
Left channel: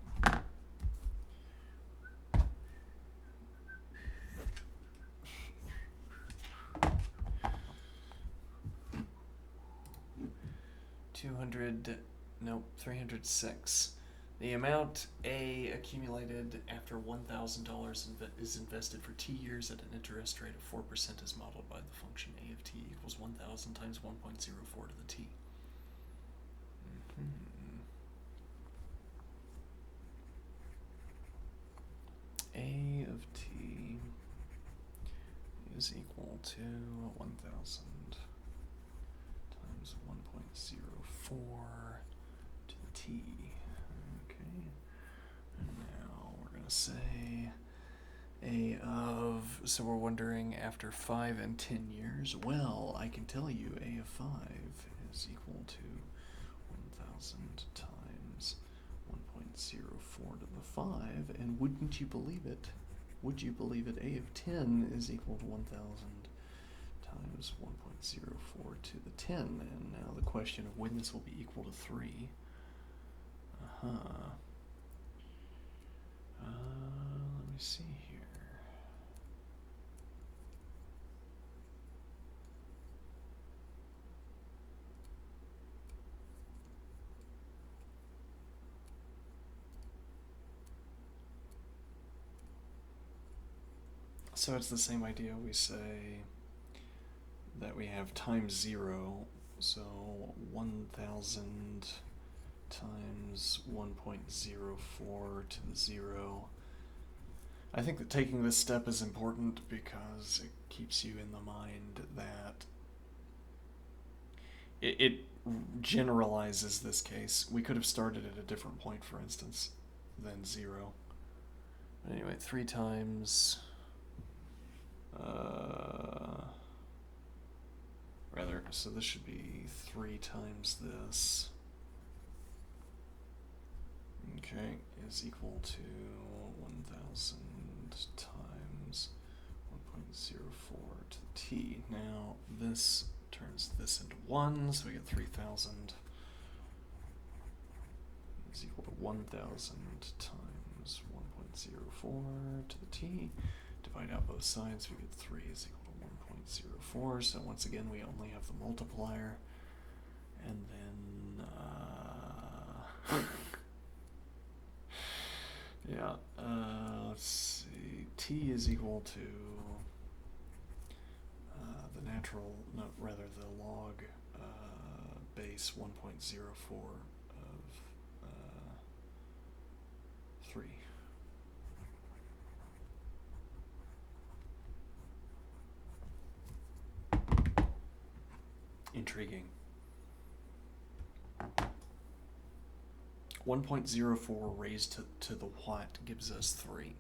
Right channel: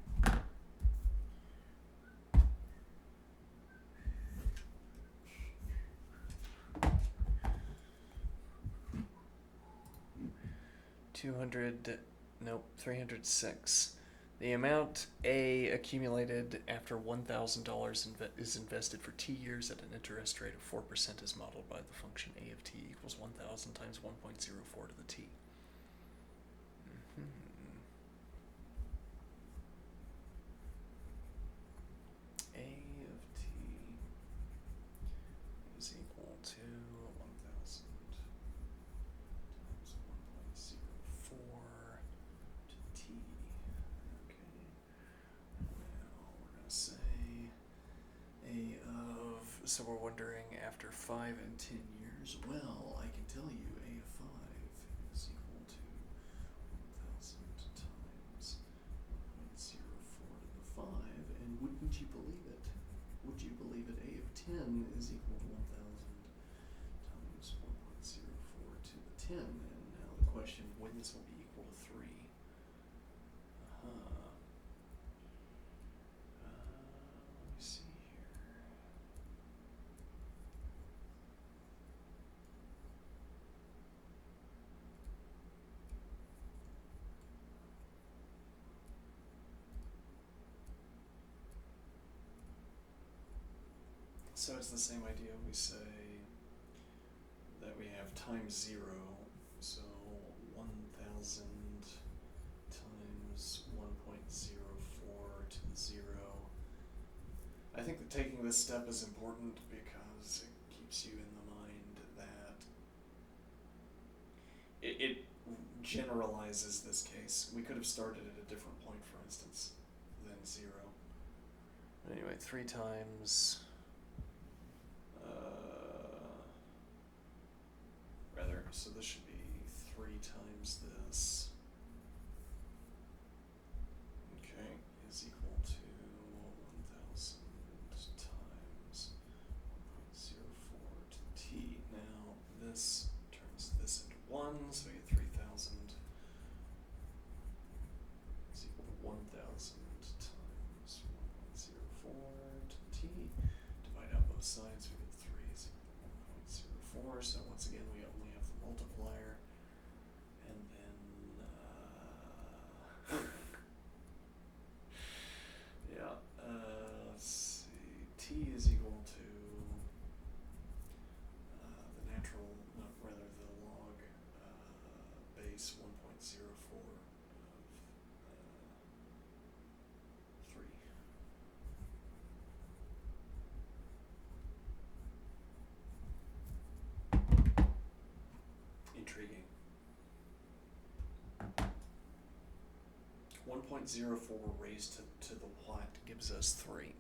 Nope, 306. The amount A accumulated after $1,000 is invested for T years at an interest rate of 4% is modeled by the function A of T equals 1,000 times 1.04 to the T. A of T is equal to 1,000 times 1.04 to the T. Okay. And now we're going to say A of, so we're wondering after 5 and 10 years. Well, I can tell you A of 5 is equal to 1,000 times 1.04 to the 5, and wouldn't you believe it? Would you believe it? A of 10 is equal to 1,000 times 1.04 to the 10, and now the question of when this will be equal to 3. Let me see here. So it's the same idea. We say that we have times 0, so 1,000 times 1.04 to the 0. I think that taking this step is important because it keeps you in the mind that it generalizes this case. We could have started at a different point, for instance, than 0. But anyway, 3 times... so this should be 3 times this. Okay, is equal to 1,000 times 1.04 to the T. Now this turns this into 1, so we get 3,000 is equal to 1,000 times 1.04 to the T. Divide out both sides, we get 3 is equal to 1.04, so once again we only have the multiplier, and then let's see, T is equal to the log base 1.04 of 3. Intriguing. 1.04 raised to the what gives us 3.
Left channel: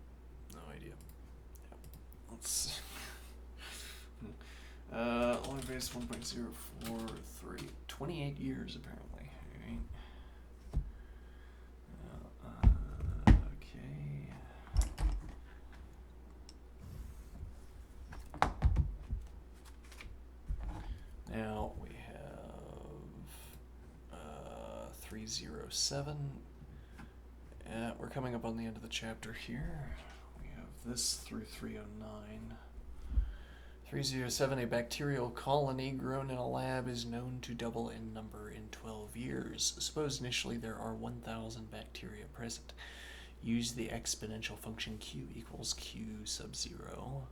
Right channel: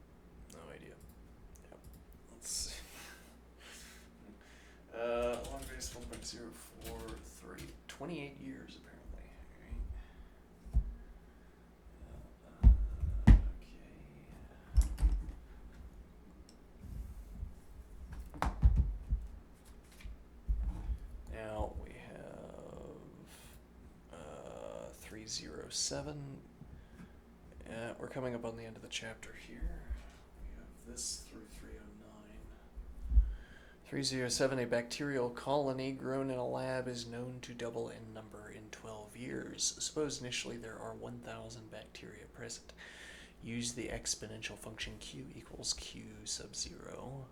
No idea. Yep. Let's log base 1.043. 28 years apparently. Alright. Okay. Now we have 307. We're coming up on the end of the chapter here. We have this through 309. 307, a bacterial colony grown in a lab is known to double in number in 12 years. Suppose initially there are 1,000 bacteria present. Use the exponential function q equals q sub 0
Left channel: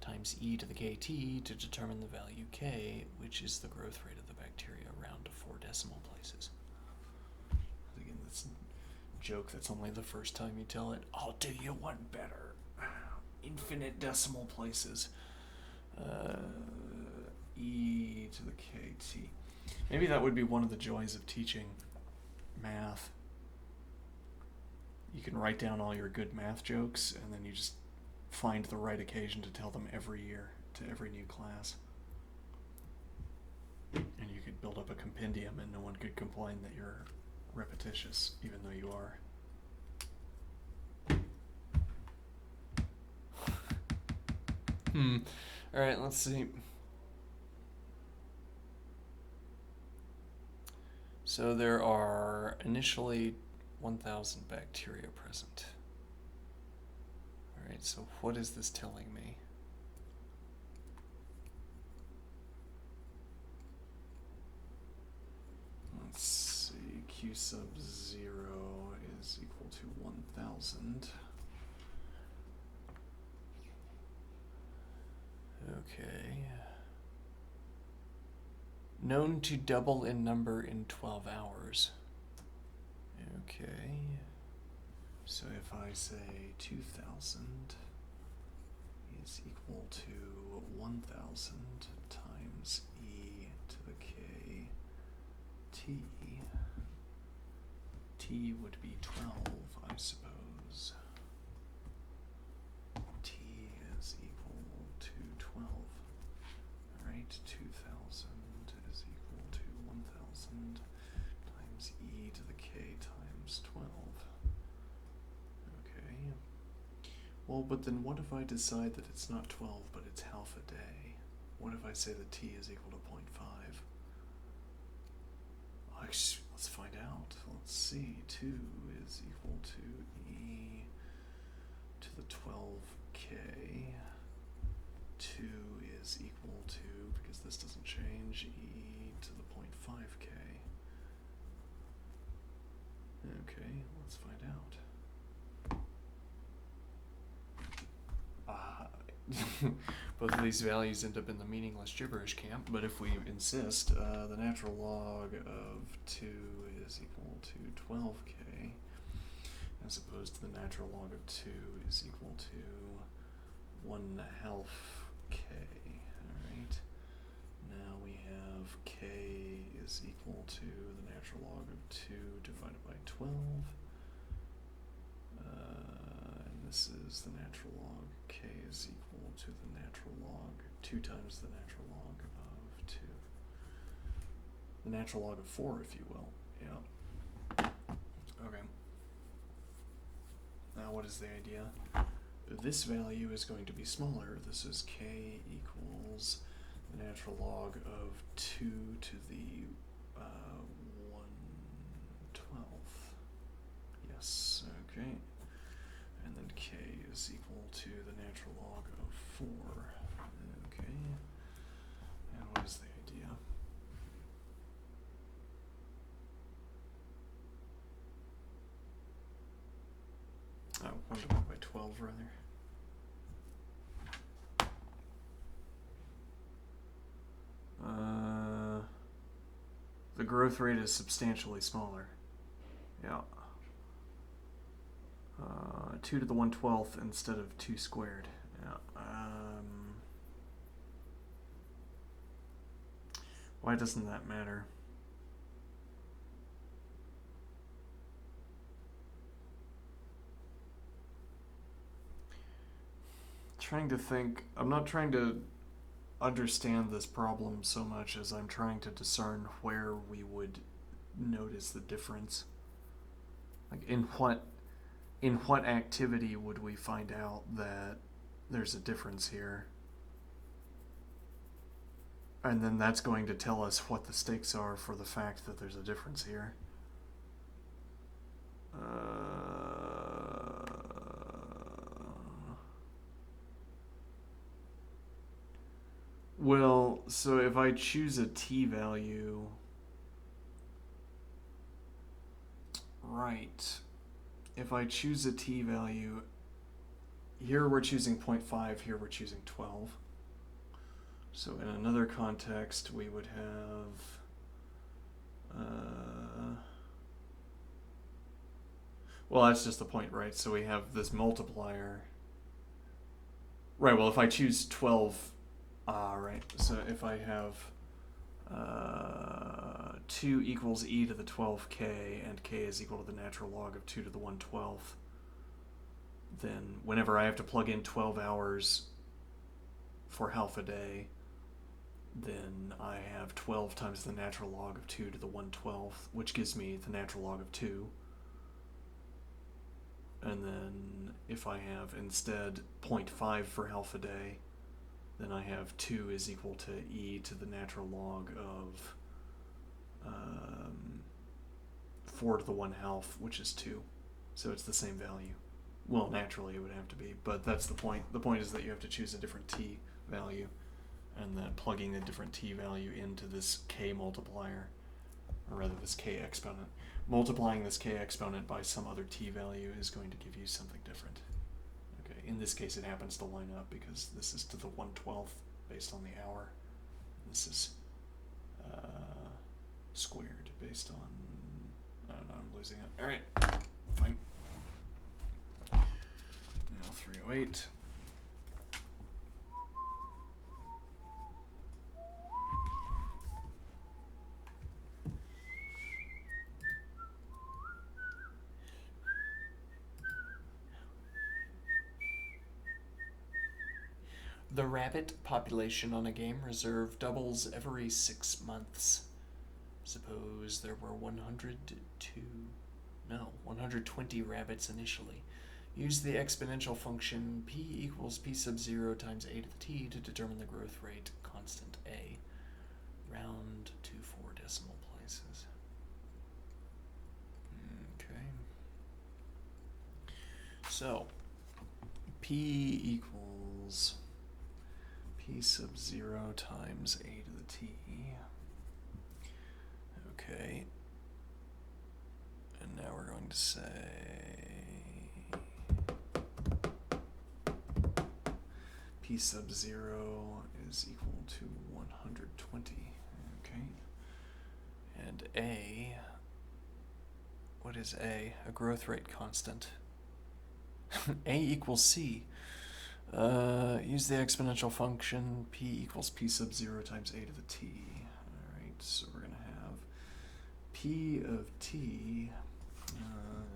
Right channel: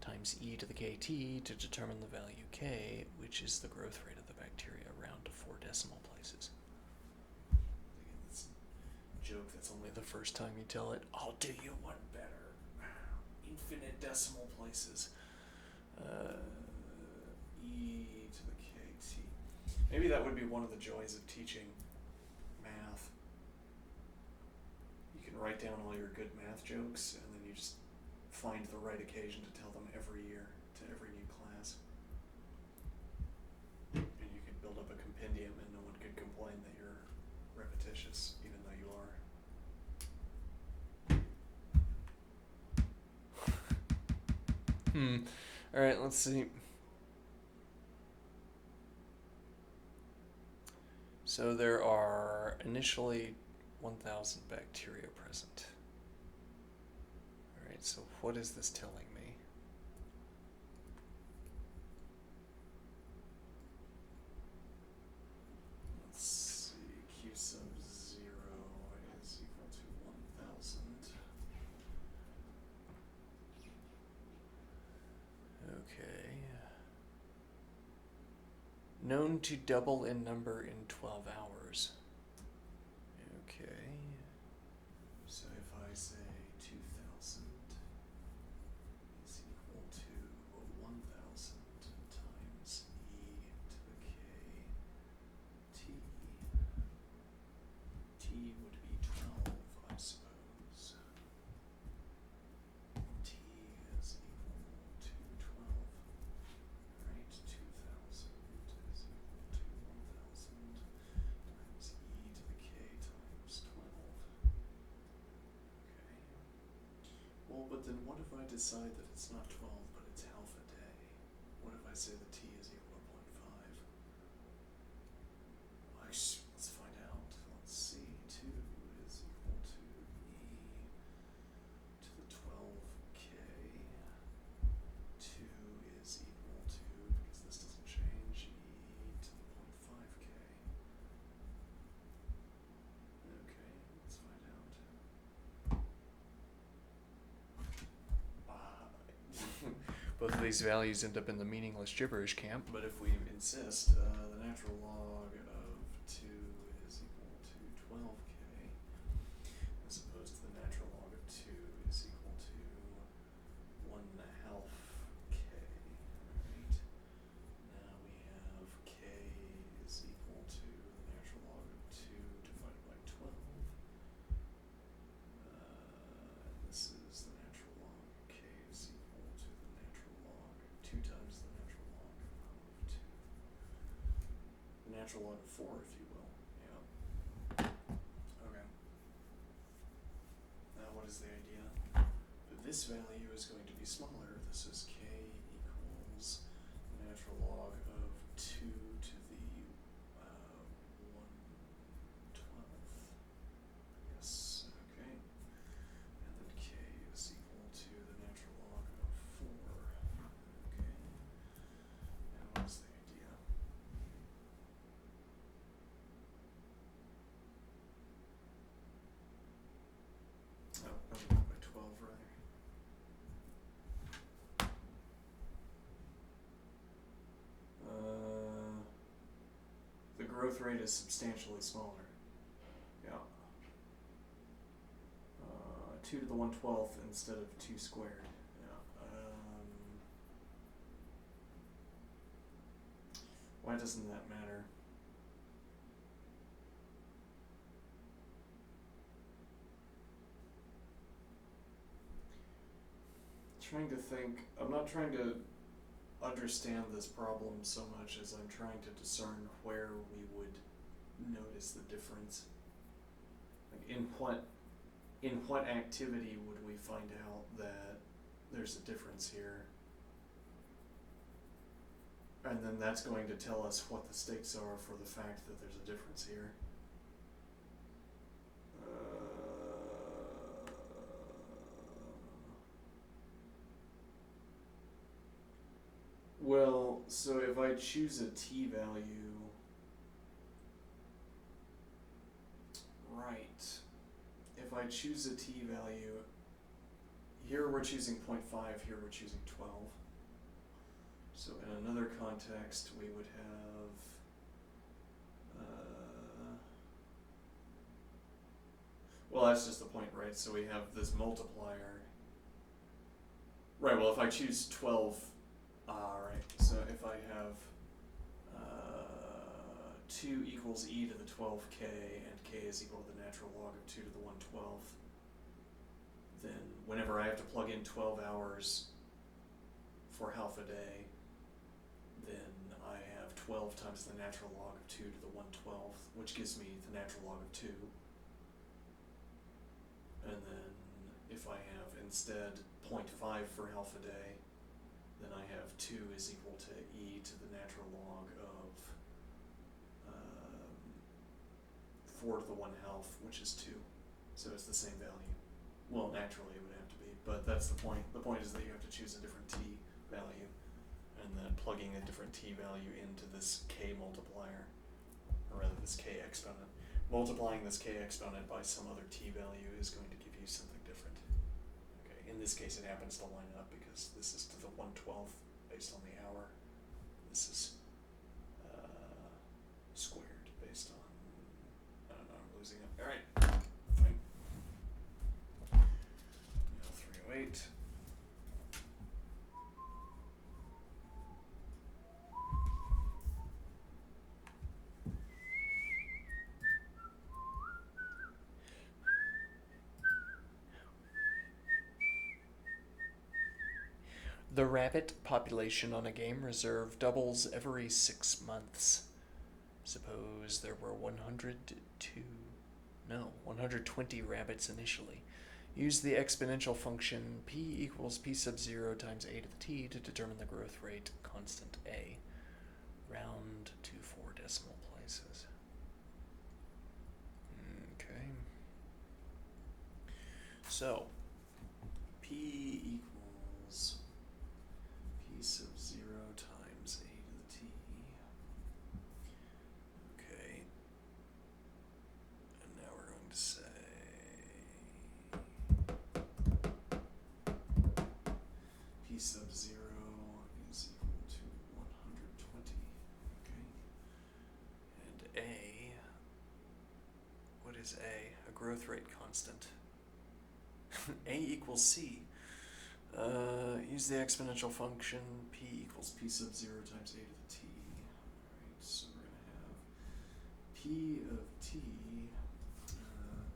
times e to the kt to determine the value k, which is the growth rate of the bacteria, round to 4 decimal places. Again, that's a joke that's only the first time you tell it. I'll do you one better. Infinite decimal places. E to the kt. Maybe that would be one of the joys of teaching math. You can write down all your good math jokes, and then you just find the right occasion to tell them every year to every new class. And you could build up a compendium, and no one could complain that you're repetitious, even though you are. Alright, let's see. So there are initially 1,000 bacteria present. Alright, so what is this telling me? Let's see, q sub 0 is equal to 1,000. Okay. Known to double in number in 12 hours. Okay. So if I say 2,000 is equal to 1,000 times e to the k t, t would be 12, I suppose. T is equal to 12. Alright, 2,000 is equal to 1,000 times e to the k times 12. Okay. Well, but then what if I decide that it's not 12, but it's half a day? What if I say that t is equal to 0.5? Let's find out. Let's see. 2 is equal to e to the 12k. 2 is equal to, because this doesn't change, e to the 0.5k. Okay, let's find out. Both of these values end up in the meaningless gibberish camp, but if we insist, the natural log of 2 is equal to 12k, as opposed to the natural log of 2 is equal to 1/2 k. Alright, now we have k is equal to the natural log of 2 divided by 12. And this is the natural log. K is equal to the natural log, 2 times the natural log of 2. The natural log of 4, if you will. Yeah. Okay. Now what is the idea? This value is going to be smaller. This is k equals the natural log of 2 to the 1/12. Yes, okay. And then k is equal to the natural log of 4. Okay. And what is the idea? Oh, 1 divided by 12, rather. The growth rate is substantially smaller. Yeah. 2 to the 1/12 instead of 2 squared. Yeah. Why doesn't that matter? Trying to think. I'm not trying to understand this problem so much as I'm trying to discern where we would notice the difference. Like in what activity would we find out that there's a difference here? And then that's going to tell us what the stakes are for the fact that there's a difference here. Well, so if I choose a t value, right, if I choose a t value, here we're choosing 0.5, here we're choosing 12. So in another context, we would have, well, that's just the point, right? So we have this multiplier. Right, well, if I choose 12, right, so if I have 2 equals e to the 12k, and k is equal to the natural log of 2 to the 1/12th, then whenever I have to plug in 12 hours for half a day, then I have 12 times the natural log of 2 to the 1/12th, which gives me the natural log of 2. And then if I have instead 0.5 for half a day, then I have 2 is equal to e to the natural log of 4 to the 1/2, which is 2. So it's the same value. Well, naturally it would have to be, but that's the point. The point is that you have to choose a different t value, and that plugging a different t value into this k multiplier, or rather this k exponent, multiplying this k exponent by some other t value is going to give you something different. Okay, in this case it happens to line up because this is to the 1/12th based on the hour. This is squared based on, I don't know, I'm losing it. Alright, fine. Now 308. The rabbit population on a game reserve doubles every 6 months. Suppose there were 120 rabbits initially. Use the exponential function p equals p sub 0 times a to the t to determine the growth rate constant a. Round to 4 decimal places. Okay. So, p equals p sub 0 times a to the t. Okay. And now we're going to say p sub 0 is equal to 120. Okay. And a, what is a? A growth rate constant. A equals c. Use the exponential function p equals p sub 0 times a to the t. Alright, so we're going to have p of t,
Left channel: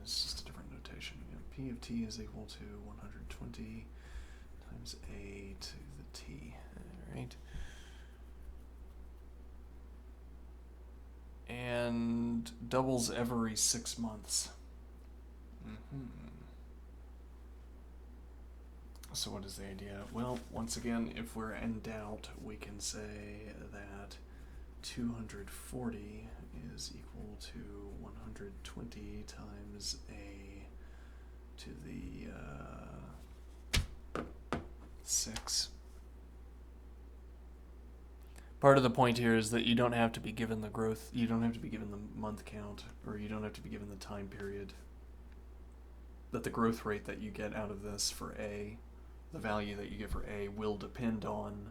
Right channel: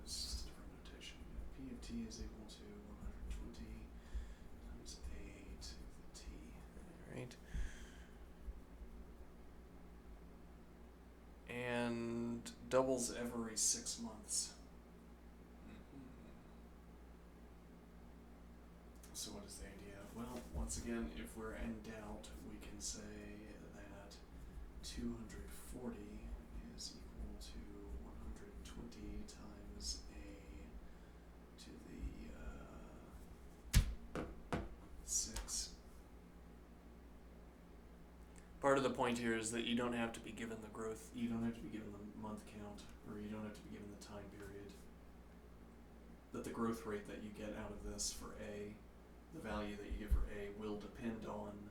it's just a different notation. P of t is equal to 120 times a to the t. Alright. And doubles every 6 months. So what is the idea? Well, once again, if we're in doubt, we can say that 240 is equal to 120 times a to the 6. Part of the point here is that you don't have to be given the growth, you don't have to be given the month count, or you don't have to be given the time period. That the growth rate that you get out of this for A, the value that you get for A, will depend on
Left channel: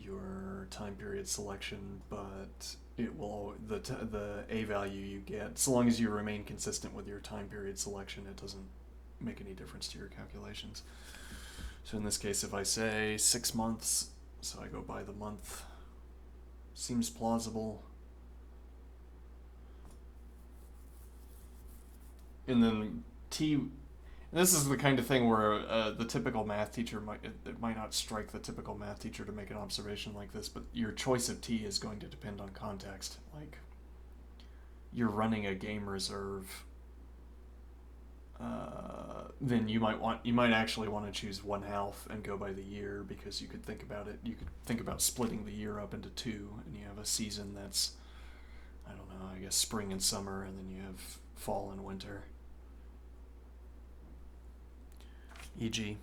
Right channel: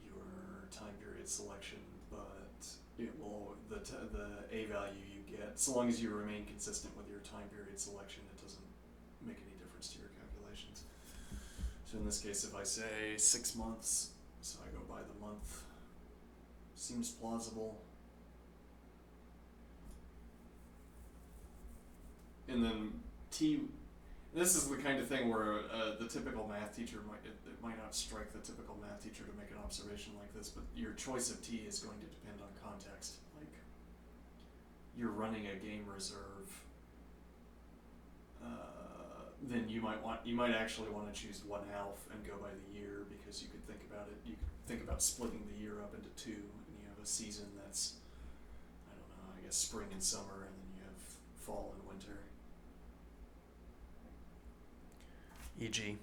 your time period selection, but it will, the A value you get, so long as you remain consistent with your time period selection, it doesn't make any difference to your calculations. So in this case, if I say 6 months, so I go by the month, seems plausible. And then this is the kind of thing where the typical math teacher it might not strike the typical math teacher to make an observation like this, but your choice of t is going to depend on context. Like, you're running a game reserve, then you might actually want to choose 1/2 and go by the year, because you could think about it. You could think about splitting the year up into two, and you have a season that's, I don't know, I guess spring and summer, and then you have fall and winter. E.g.,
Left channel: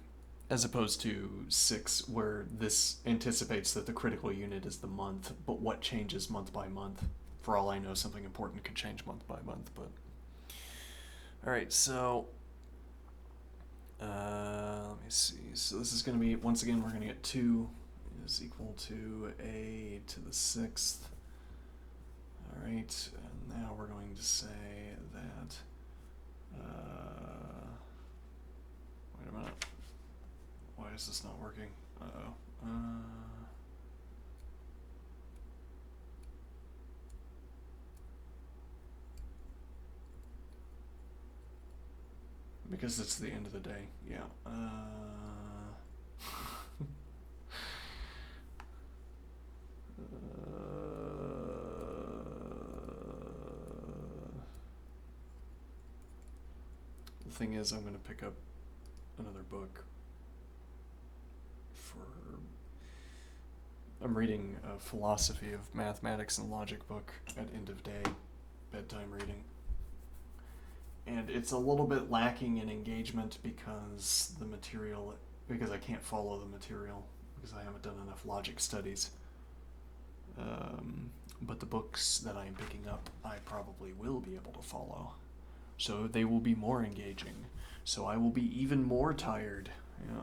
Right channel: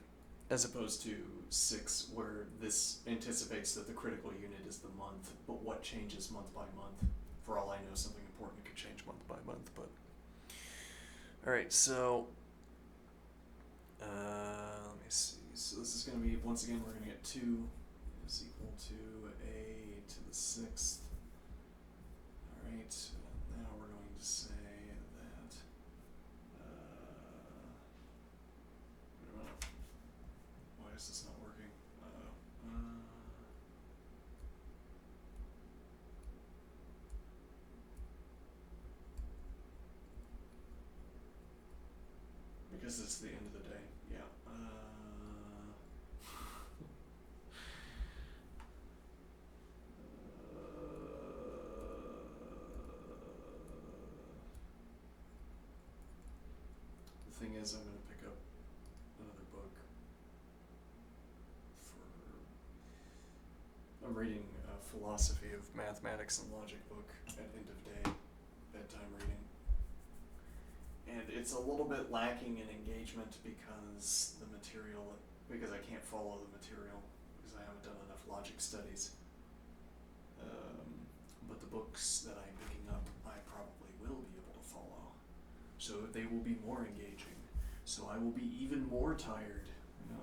As opposed to 6, where this anticipates that the critical unit is the month, but what changes month by month? For all I know, something important could change month by month, but. Alright, so Let me see. So this is going to be, once again, we're going to get 2 is equal to a to the 6th. Alright, and now we're going to say that, wait a minute. Why is this not working? Uh-oh. Because it's the end of the day. Yeah. The thing is, I'm going to pick up another book I'm reading a philosophy of mathematics and logic book at end of day, bedtime reading. And it's a little bit lacking in engagement because I can't follow the material, because I haven't done enough logic studies. But the books that I'm picking up, I probably will be able to follow. So they will be more engaging. So I will be even more tired. Yeah.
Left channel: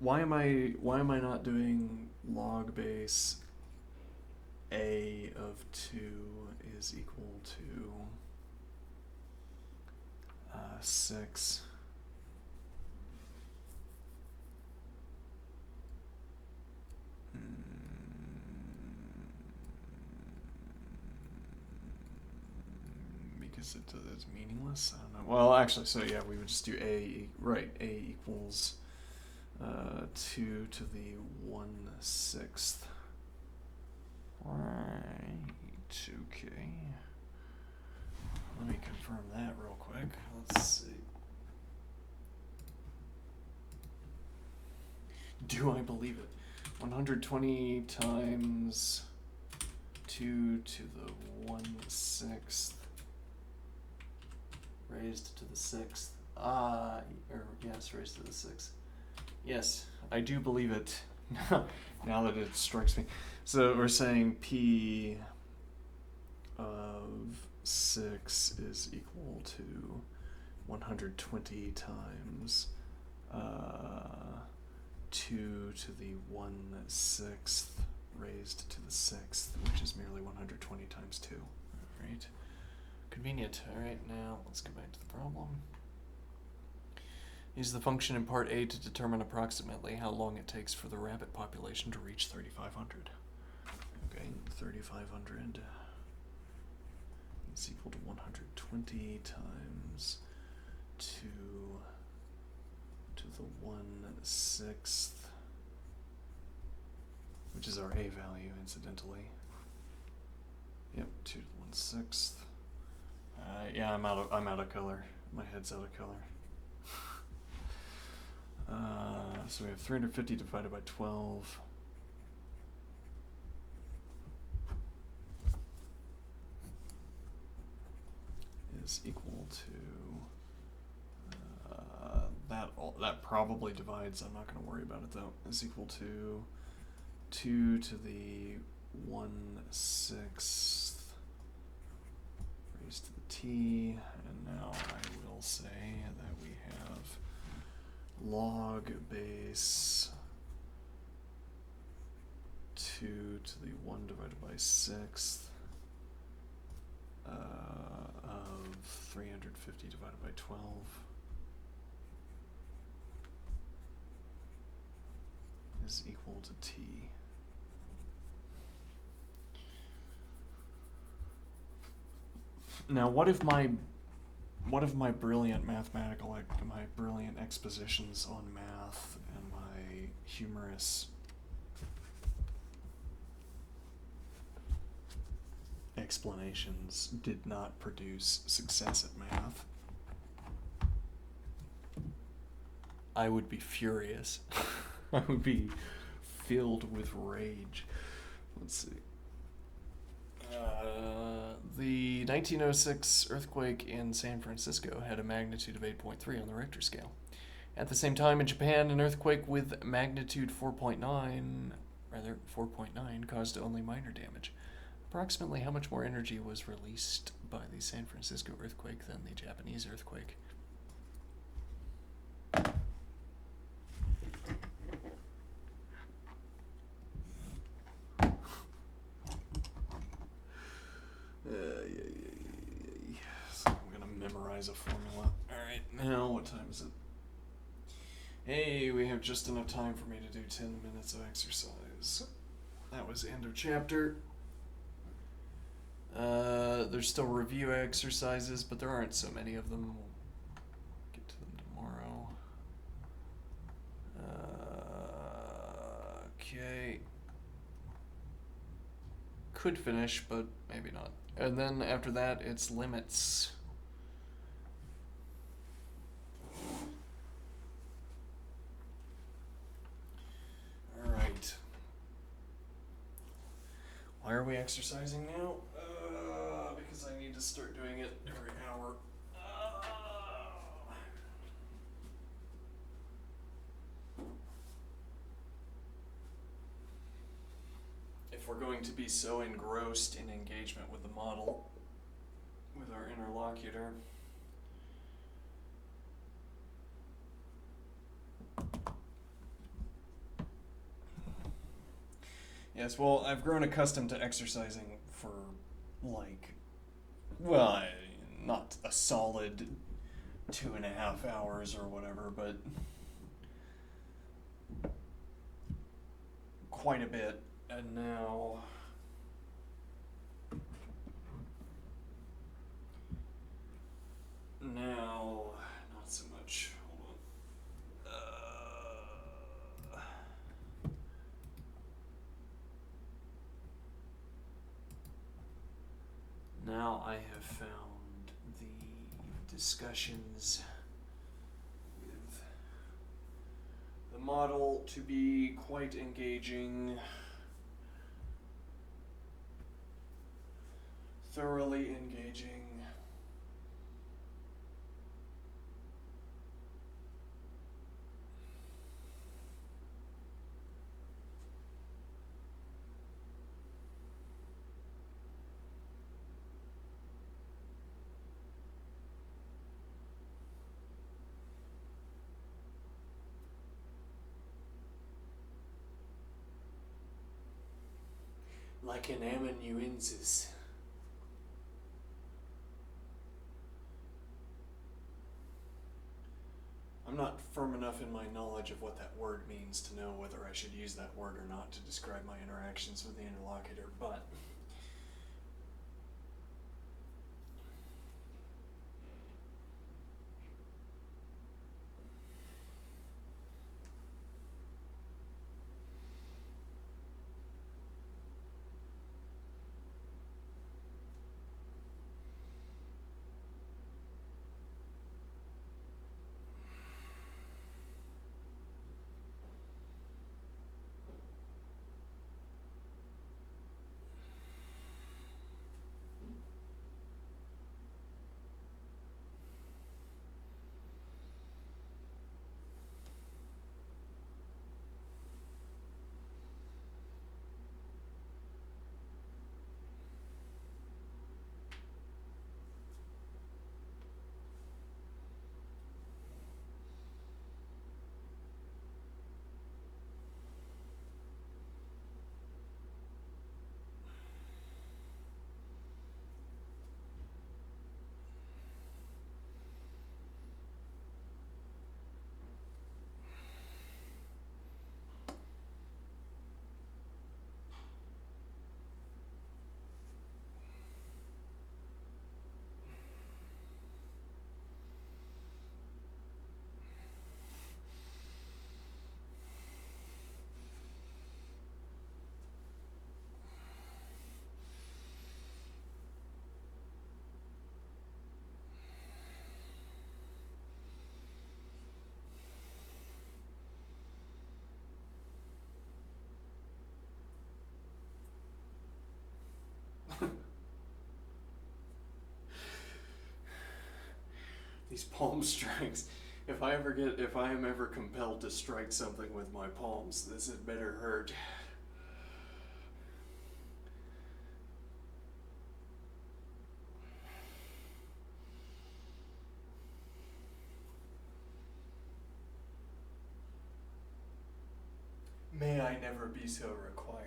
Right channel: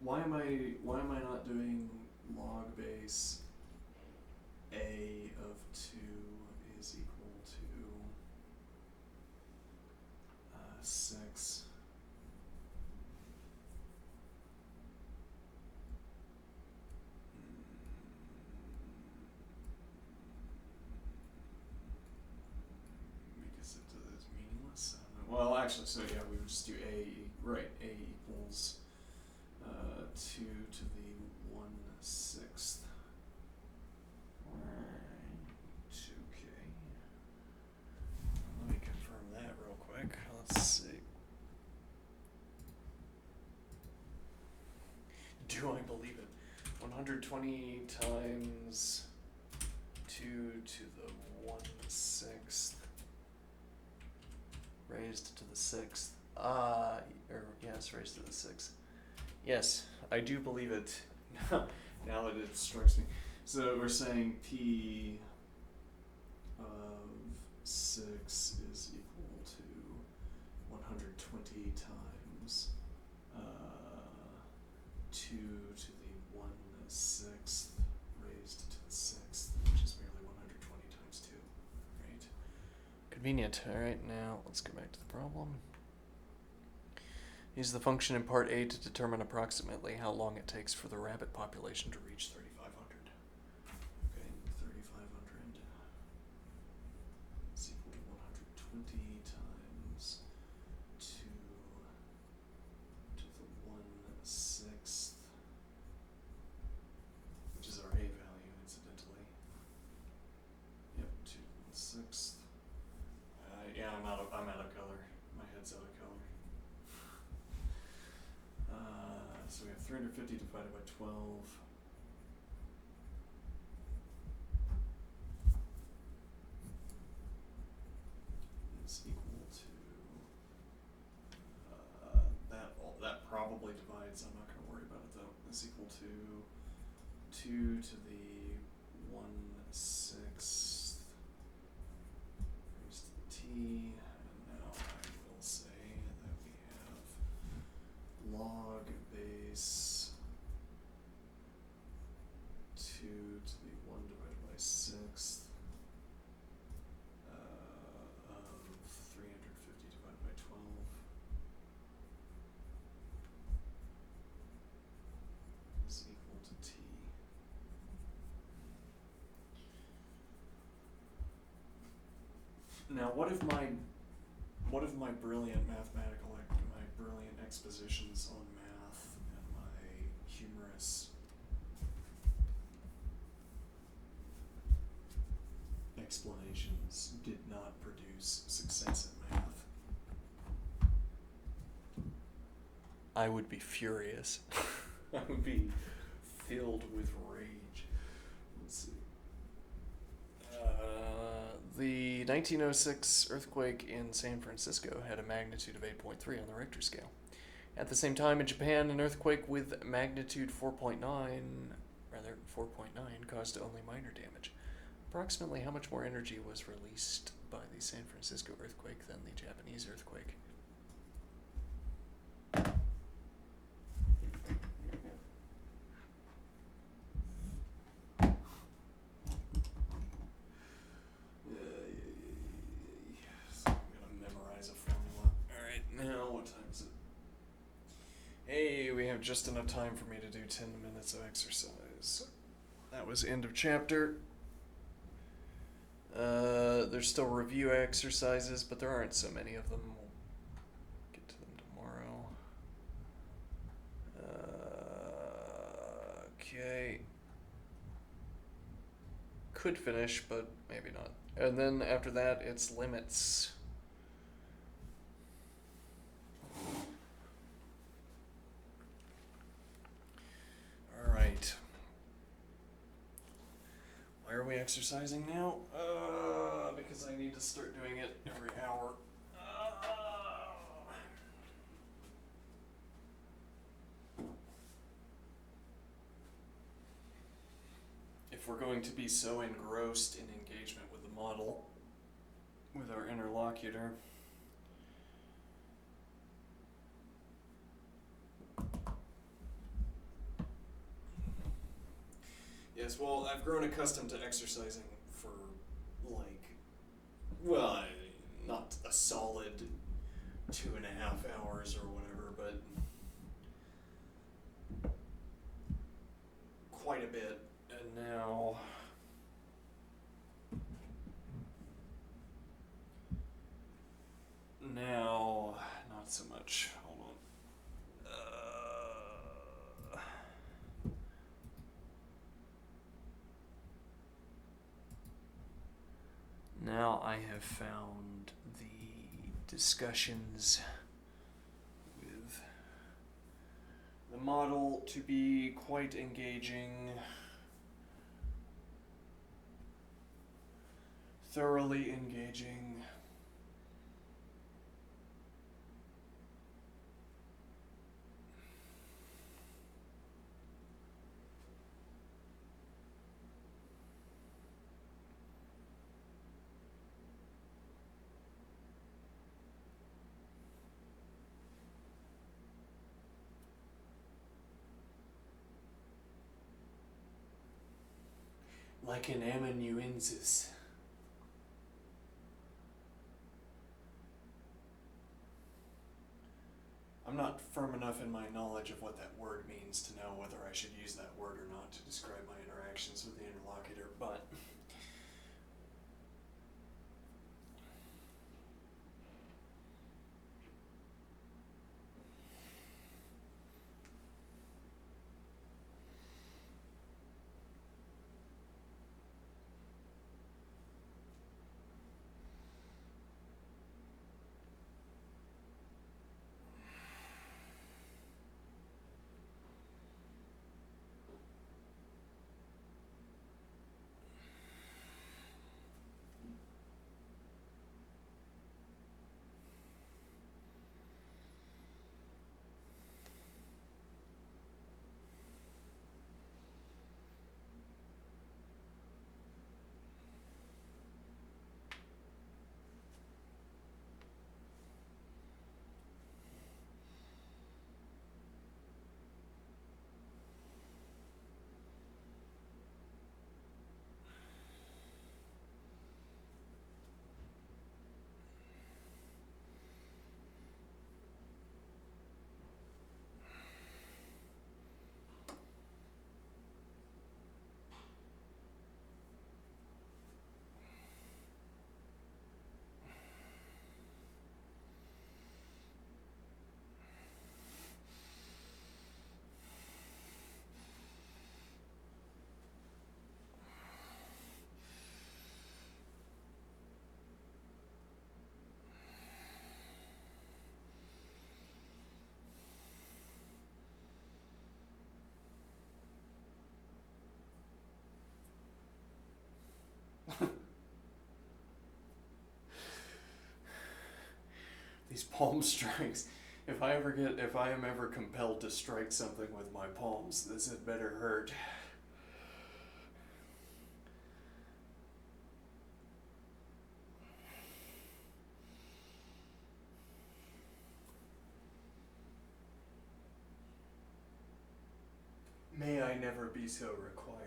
Why am I not doing log base a of 2 is equal to 6? Because it's meaningless? I don't know. Well, actually, so yeah, we would just do a, right, a equals 2 to the 1/6. Right, okay. Let me confirm that real quick. Let's see. Do I believe it? 120 times 2 to the 1/6 raised to the 6th. Yes, raised to the 6th. Yes, I do believe it. Now that it strikes me. So we're saying P of 6 is equal to 120 times 2 to the 1/6 raised to the 6th, which is merely 120 times 2. All right. convenient. Alright, now let's go back to the problem. Use the function in part A to determine approximately how long it takes for the rabbit population to reach 3,500. Okay, 3,500 is equal to 120 times 2 to the 1/6, which is our A value, incidentally. Yep, 2 to the 1/6. Yeah, I'm out of color. My head's out of color. So we have 350 divided by 12. Is equal to that probably divides. I'm not going to worry about it though. Is equal to 2 to the 1/6 raised to the t, and now I will say that we have log base 2 to the 1 divided by 6th of 350 divided by 12 is equal to t. Now, what if my brilliant my brilliant expositions on math and my humorous explanations did not produce success at math? I would be furious. I would be filled with rage. Let's see. The 1906 earthquake in San Francisco had a magnitude of 8.3 on the Richter scale. At the same time, in Japan, an earthquake with magnitude 4.9 caused only minor damage. Approximately how much more energy was released by the San Francisco earthquake than the Japanese earthquake? So I'm gonna memorize a formula. Alright, now what time is it? Hey, we have just enough time for me to do 10 minutes of exercise. That was end of chapter. There's still review exercises, but there aren't so many of them. We'll get to them tomorrow. Okay. Could finish, but maybe not. And then after that, it's limits. Alright. Why are we exercising now? Because I need to start doing it every hour. If we're going to be so engrossed in engagement with the model, with our interlocutor, yes, well, I've grown accustomed to exercising for, not a solid 2.5 hours or whatever, but quite a bit. And now not so much. Hold on. Now I have found the discussions with the model to be quite engaging, thoroughly engaging. Like an amanuensis. I'm not firm enough in my knowledge of what that word means to know whether I should use that word or not to describe my interactions with the interlocutor, but These palm strikes. If I am ever compelled to strike something with my palms, this had better hurt. May I never be so required.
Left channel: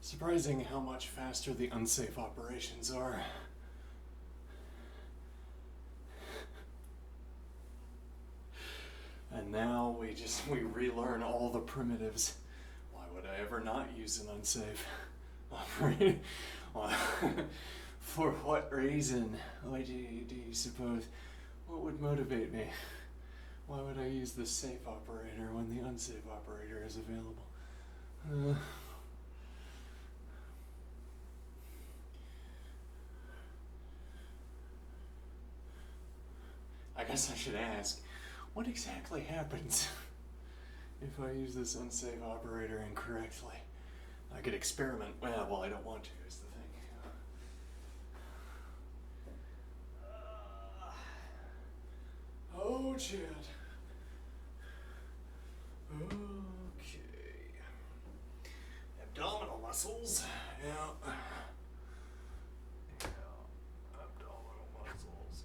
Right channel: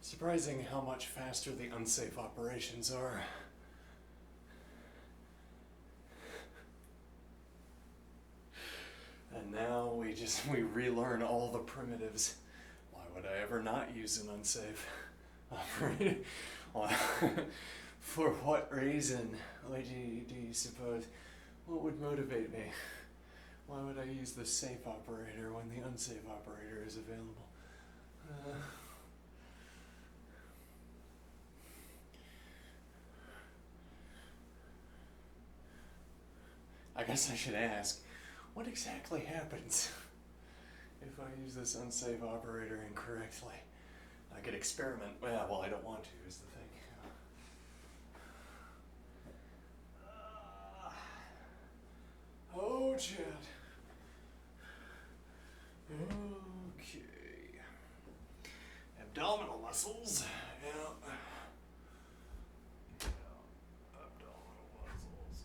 Surprising how much faster the unsafe operations are. And now we relearn all the primitives. Why would I ever not use an unsafe operator? For what reason? Why do you suppose? What would motivate me? Why would I use the safe operator when the unsafe operator is available? I guess I should ask, what exactly happens if I use this unsafe operator incorrectly? I could experiment. Well, I don't want to, is the thing. chat. Okay. Abdominal muscles. Yeah. Abdominal muscles.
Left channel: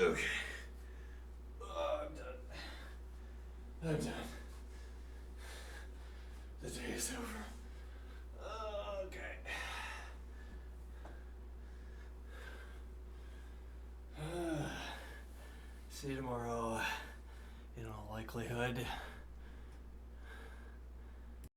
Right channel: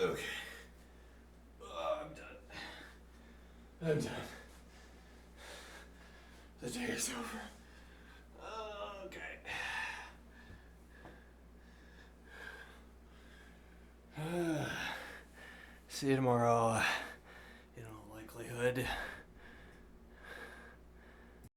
Okay. Okay. Oh, I'm done. I'm done. The day is over. Okay. See you tomorrow, in all likelihood.